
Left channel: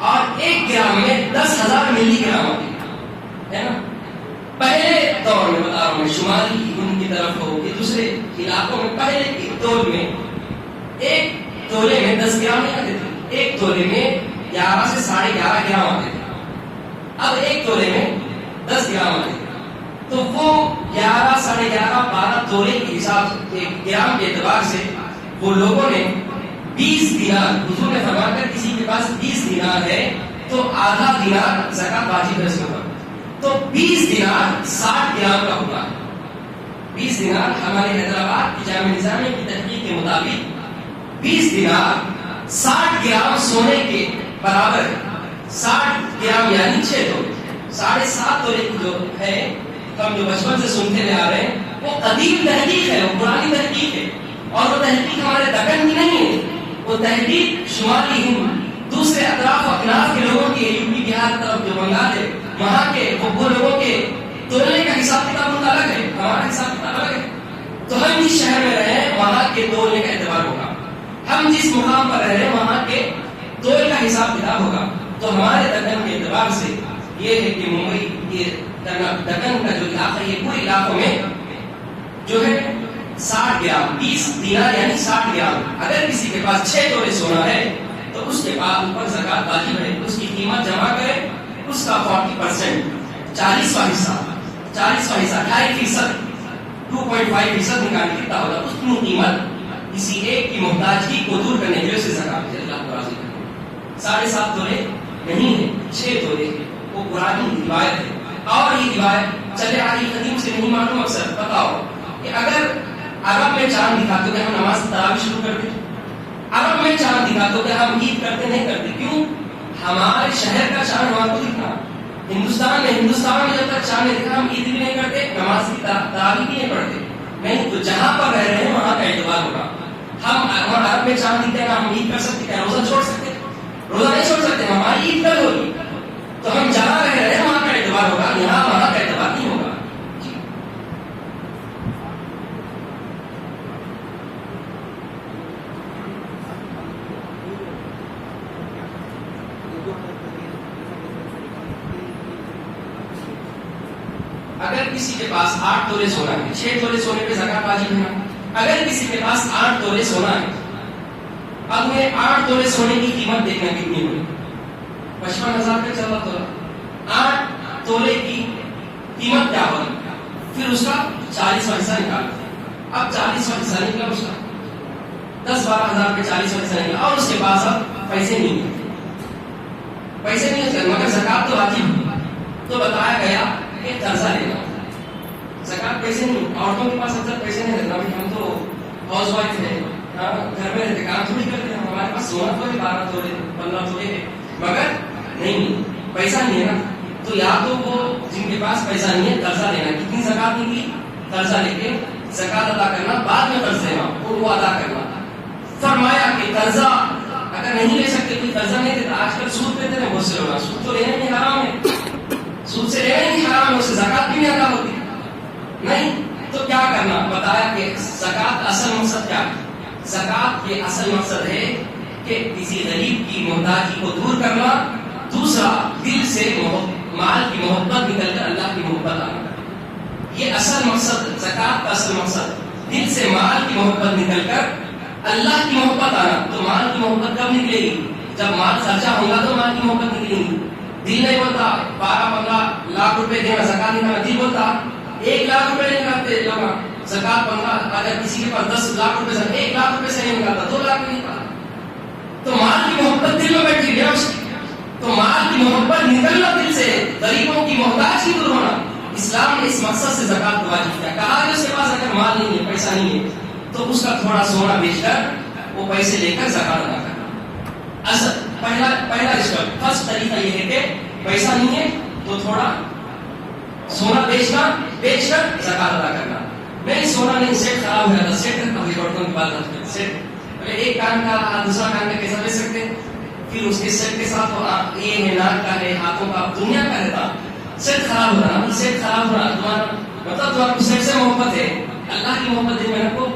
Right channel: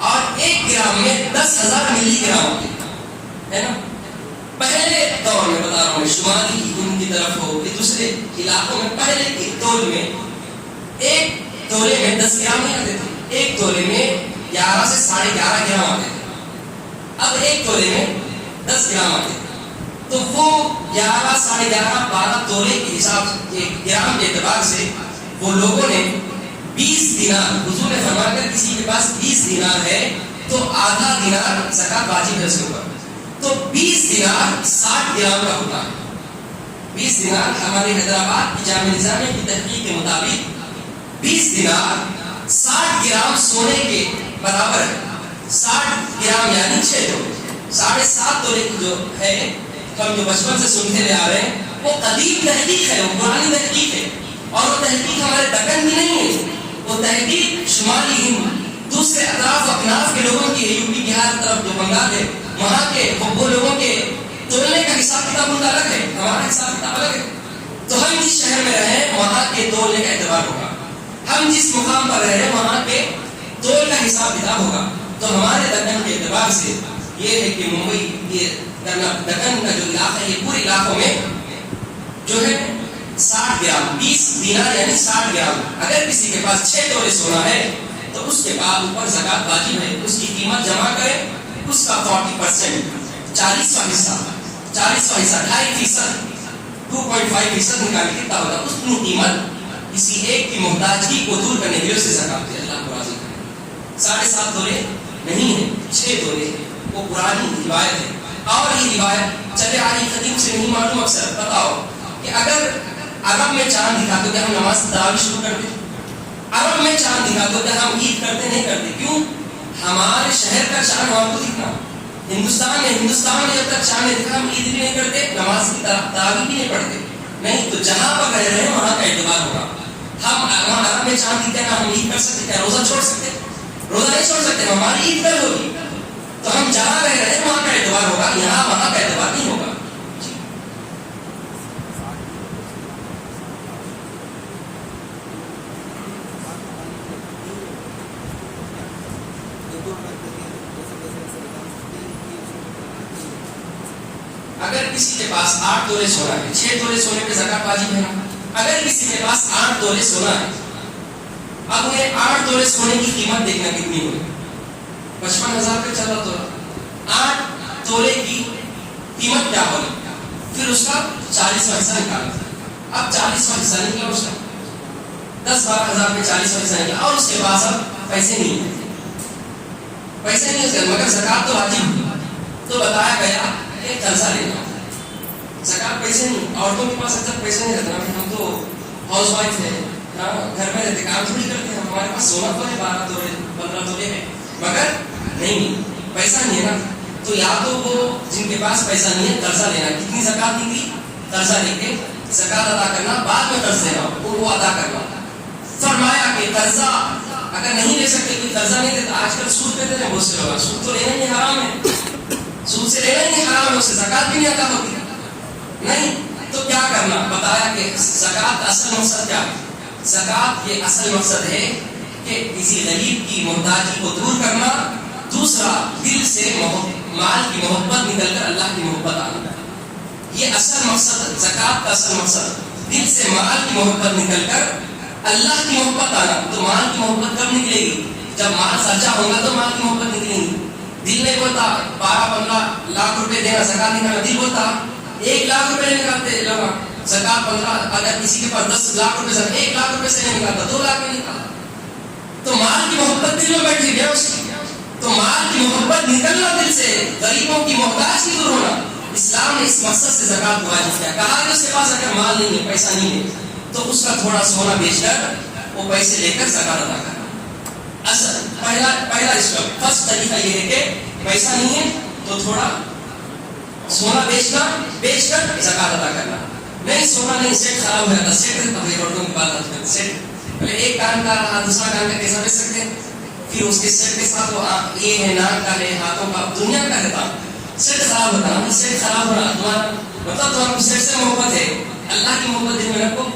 اور 1 گرام میں 10,000 ملی گرام آتے ہے نا. پہلے دور میں بتا رہا ہوں، شمالی ان کی طرف ہو کہ دوسرے علاقوں میں پہلے کے تول میں 1 تولے میں 10 گرام نہیں آتے تھے. 1 تولے میں 11 سے 11.5 گرام آتے تھے. اب 1 تولے میں 10 گرام آتے تھے. تو وہ 11 11.5 12 تولے کے حساب سے گرام کے اعتبار سے وہ لوگوں نے 20 دینار، حضور نے فرمایا اگر کسی کے پاس 20 دینار ہے تو آدھا دینار زکات واجب ہے اس کے اوپر. تو 20 دینار 60 گرام کا ہوتا ہے. 20 دینار ہمارے حیدرآباد کی جامعہ نظامیہ کی تحقیق کے مطابق 20 دینار 60 گرام سونے کے برابر ہے. 60 گرام یعنی 6 تولے، 7.5 تولے کی جو ہے ہم جو بچپن سے سنتے ہوئے آ رہے ہیں وہ قدیم تحقیق ہے، وہ پرانی تحقیق ہے. اور وہ تحقیق ہمارے دکن میں نہیں ہے، وہ تحقیق شمالی ہند دوسرے اطراف اکناف کے لوگوں کی، یو پی بہار طرف جو بنگال ہے وہاں کے وہ لوگوں کے تولنے کا حساب کتاب ان کا الگ ہے، ہمارا حساب کتاب الگ ہے. تو ہم جس شہر میں رہے وہاں کے تولنے کا اعتبار ہوگا، ہم جس مقام پر رہ رہے ہیں وہاں کے تول کا حساب کتاب ہوگا. تو ہمارے دکن کے اعتبار سے یہ ہے کہ ممبئی، یہ دکن کا جو علاقہ ہے یہ پورے علاقوں میں جو ہے 60 گرام 20 دینار یعنی 60 گرام. اگر کسی کے پاس 6 تولے سونا ہے تو اس کے بعد اوپر زکات واجب ہے. اس کی قیمت جمع کرے، اس کا 40% 40واں حصہ 2.5% 2.5% نکال کے کتنا ہوگا اس کی قیمت کسی ایک کی محتاجگی کو دور کرنے کے لیے اسے زکات دے اللہ کو راضی کرے. 7.5 تولے نہیں ہے، 6 تولے. وہ پرانی روایت ہے اور یہ روایت چلے آ رہی قدیم سے نہیں معلوم. اکثر بتاؤ کہ اگر عرب میں چاند دکھا تو کیا ہم نماز تراویح شروع کر دیں؟ عرب میں چاند دکھا تو کیا ہم عید کرتے نہیں کرتے؟ کیوں؟ ہمارے شہر کا چاند وہاں کو دکھنا. ہندوستان میں جب تک چاند دکھا ہم عید بھی نہیں کرتے، نماز کی تراویح بھی نہیں پڑھتے. نہیں تو جہاں پر رہ رہے ہیں وہاں کا اعتبار ہوگا. ہم وہاں عرب میں چاند دکھے نا ہم عید کر سکتے، کیا روزہ چھوڑ سکتے؟ روزہ نہیں چھوڑ سکتے. ہماری عید کل ہوگی تو ہم جہاں رہ رہے ہیں وہاں کا اعتبار ہوگا، یہاں وہاں کا اعتبار نہیں ہوگا. کسی کے پاس 8 تولے سونا ہے، 6 تولے سونے پہ زکات واجب ہے. اگر کسی کے پاس 8 تولے سونا ہے، اب یہ 8 تولے سونے کی قیمت دیکھنا کتنی ہوئی، 55,000 کا چلا تو 8 تولے کی قیمت کیا ہوگی، پھر اس کا 40واں حصہ نکالنا. اب 40واں حصہ نکلا، اس کا 10-12 ہزار پہ 40واں حصہ نکلا، اور اس کے پاس اب پیسے نہیں ہیں، پیسے نہیں ہے مگر زکات تو واجب ہے. تو بتایا گیا کہ قرضہ لینا، زکات پیسے نہیں. عورتوں کے پاس اکثر پیسے نہیں رکھنا، ہم تو ہاؤس وائف ہیں، گھر میں رہتے کام تھوڑی کرتے ہیں، ہمارے پاس سونا تو ہے 12 تولے 15 تولے ہے، مگر نہیں پیسہ نہیں ہے نا. تو یا تو وہ جن کے پاس پیسہ نہیں ہے قرضہ لینا. کتنی زکات نکلی، قرضہ لے کے زکات ادا کرنا، بعد میں قرض دینا وہ ادا کرنا. فرمایا کہ قرضہ اگر نہیں لے سکتے، کوئی قرضہ نہیں دیتا، آج کل سود لیتے ہیں بہت سے لوگ، سود تو لینا نہیں حرام ہے، سود سے لینا نہیں حرام ہے، اس سے زکات بھی نہیں ادا ہوتی نہیں. تو کیا کرنا، بتایا کہ زکات اصل مقصد کیا ہے، زکات کے اصل مقصد ہے کہ کسی غریب کی محتاجی کو دور کرنا، دوسرا دل سے مال کی محبت نکل کر اللہ کی محبت آنا. یہ اصل مقصد، زکات کا اصل مقصد دل سے مال کی محبت نکل کر اللہ کی محبت آنا. تو مال کی محبت کب نکلے گی، جب مال سچا ہوگا تو مال کی محبت نکلے گی. دل نہیں بولتا 12-15 لاکھ روپے دینا زکات نکالنا، دل بولتا 1 لاکھ روپے نہیں نکالتے لوگ زکات 15. اگر کسی کے پاس 10 لاکھ روپے سے 1 لاکھ روپے سے نہیں نکالتا، 2 لاکھ میں نکالتا. تو مال کی محبت دل میں بیٹھی ہے اس کی. تو مال کی محبت نکلنا دل سے، غریبوں کی محتاج کی دور ہونا. اسلام نے اس مقصد سے زکات واجب کیا. کہا کہ اس کے پاس اگر مال نہیں ہے، پیسہ نہیں ہے، تو اس کا تھوڑا سونا بیچ کر وہ پیسے لے کر زکات ادا کرنا. اصل پہلا اس کا فرسٹ طریقہ یہ ہے کہ پیسہ نہیں ہے تو تھوڑا سونا بیچ کر زکات ادا کرنا. نہیں سونا نہیں، سیٹ خراب ہو جاتا، سیٹ عورتوں کی بات کرتے ہیں، سیٹ پہلے ایک کان کا رہا دوسرا کان کا کیسا بیچ سکتے، پھر اس کے سیٹ کے ساتھ وہ یہ ہے ناک کا ہے، ہاتھوں کا، دنیا کا رہتا، سیٹ خراب ہوتا نا. سیٹ خراب ہونا تمہارا سیٹ سے محبت ہے، اللہ کی محبت دل میں رکھو.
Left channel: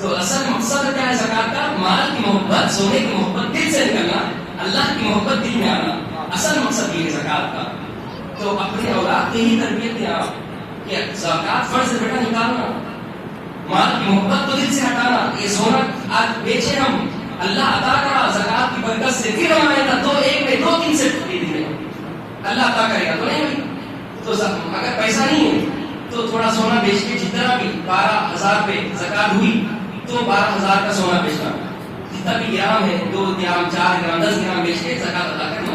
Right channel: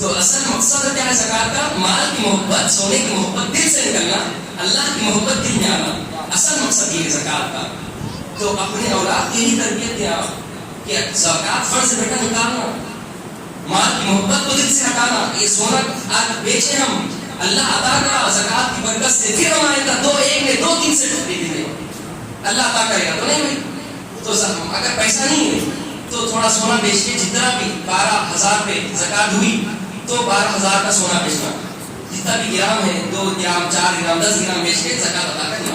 تو اصل مقصد کیا ہے زکات کا، مال کی محبت، سونے کی محبت دل سے نکلنا، اللہ کی محبت دل میں آنا. اصل مقصد یہ ہے زکات کا. تو اپنے اولاد کی ہی تربیت دیا کہ زکات فرض بیٹا نکالنا، مال کی محبت کو دل سے ہٹانا. یہ سونا آج بیچے ہم، اللہ عطا کرا زکات کی برکت سے، پھر ہمارے پاس 2 سیٹ خرید لیں، اللہ عطا کرے گا. تو نہیں بھائی، تو اگر پیسہ نہیں ہے تو تھوڑا سونا بیچ کے جتنا بھی 12,000 پہ زکات ہوئی تو 12,000 کا سونا بیچنا، جتنا بھی گرام ہے 2 گرام 4 گرام 10 گرام بیچ کے زکات ادا کرنا.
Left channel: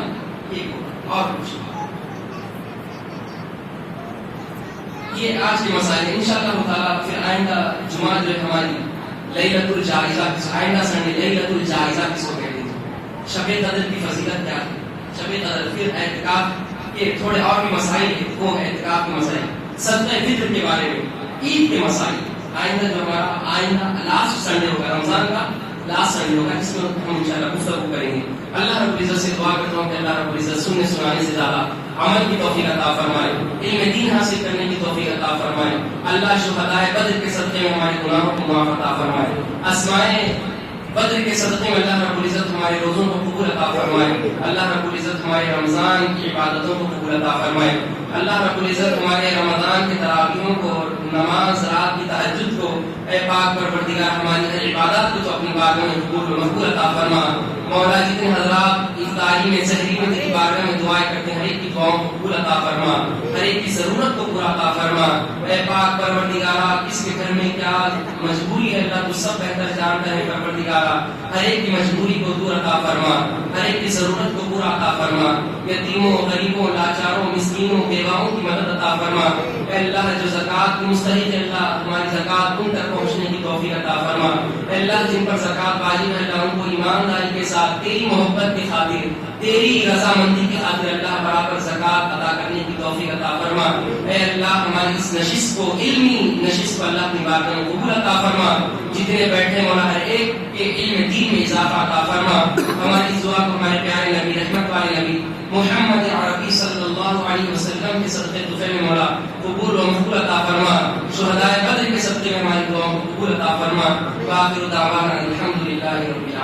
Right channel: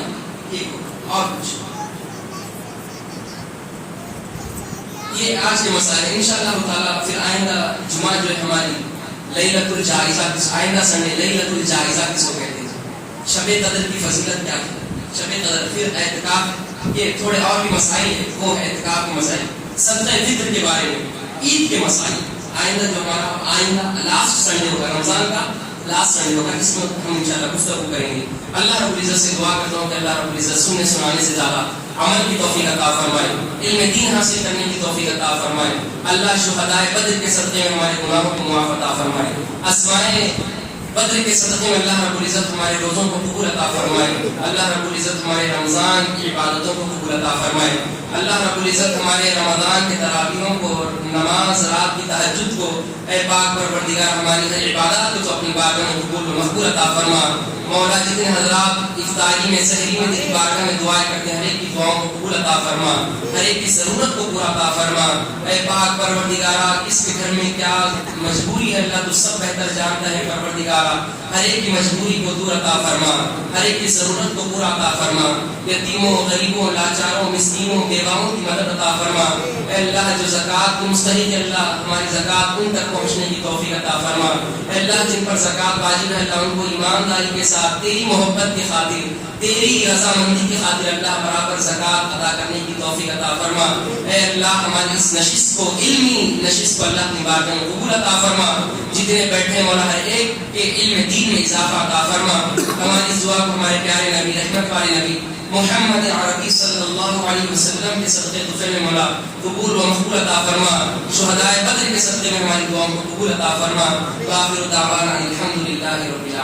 ٹھیک ہے، اور کچھ یہ آج کے مسائل ہیں. انشاءاللہ تعالیٰ پھر آئندہ جمعہ جو ہے ہماری لیلۃ الجائزہ، آئندہ سنڈے لیلۃ الجائزہ کس کو کہتے ہیں، شب قدر کی فضیلت کیا ہے، شب قدر، پھر اعتکاف کے تھوڑے اور بھی مسائل ہیں، وہ اعتکاف کے مسائل، صدقہ فطر کے بارے میں، عید کے مسائل. آئندہ جو ہمارا آئندہ لاسٹ سنڈے ہوگا، رمضان کا لاسٹ سنڈے ہوگا، اس میں ہم انشاءاللہ گفتگو کریں گے. اللہ رب العزت سے دعا کرتا ہوں کہ اللہ رب العزت سننے سنانے سے زیادہ عمل کی توفیق عطا فرمائے، علم دین حاصل کرنے کی توفیق عطا فرمائے. اللہ شہدائے بدر کے صدقے میں ہمارے گناہوں کو معاف عطا فرمائے. اسمائے بدر کے صدقے میں اللہ رب العزت ہمارے روزوں کو قبول عطا فرمائے. اللہ رب العزت ہمارے رمضان کی عبادتوں کو قبول عطا فرمائے. اللہ رب العزت ہمارے رمضان کے تراویحوں کو، نماز رات کی تہجد کو، اے پاک پروردگار ہماری ہر عبادت کو تو اپنی بارگاہ میں قبول و مقبول عطا فرما. مولا جتنے حضرات افطاری میں سحری میں تیری بارگاہ میں دعائیں کرتے ہیں، ہر ایک کی دعاؤں کو قبول عطا فرما، ہر ایک کی ضرورت کو پورا عطا فرما. اے پاک پروردگارا کس کے گھر میں کیا مجبوری ہے اللہ تو سب بہتر جانتا ہے. پروردگارا ہر ایک کی مجبوری کو دور عطا فرما، ہر ایک کی ضرورت کو پورا عطا فرما. یتیموں، غریبوں، لاچاروں، مسکینوں، بیواؤں کی مدد عطا فرما. اے اللہ جو زکات کی مستحق ہے اللہ ہماری زکات ان تک پہنچنے کی توفیق عطا فرما. اے اللہ جن پر زکات واجب ہے اللہ ان کو ایمانداری کے ساتھ تیری محبت کی خاطر، تیری رضامندی کی خاطر اللہ برابر زکات ادا کرنے کی توفیق عطا فرما. اے اللہ ہماری اس نشست کو، علمی نشست کو اللہ اپنی بارگاہ میں قبول عطا فرما. جتنے بیٹھے مولا ہر ایک کے علم دین میں اضافہ عطا فرما. ہماری اس دعا کو ہمارے پیارے نبی، رحمت والے نبی محمد عربی صلی اللہ علیہ وسلم کے صدقے طفیل میں مولا قبول و مقبول عطا فرما. شہدائے بدر کے صدقے میں ہماری دعاؤں کو قبول عطا فرما. وآخر دعوانا الحمدللہ رب العالمین.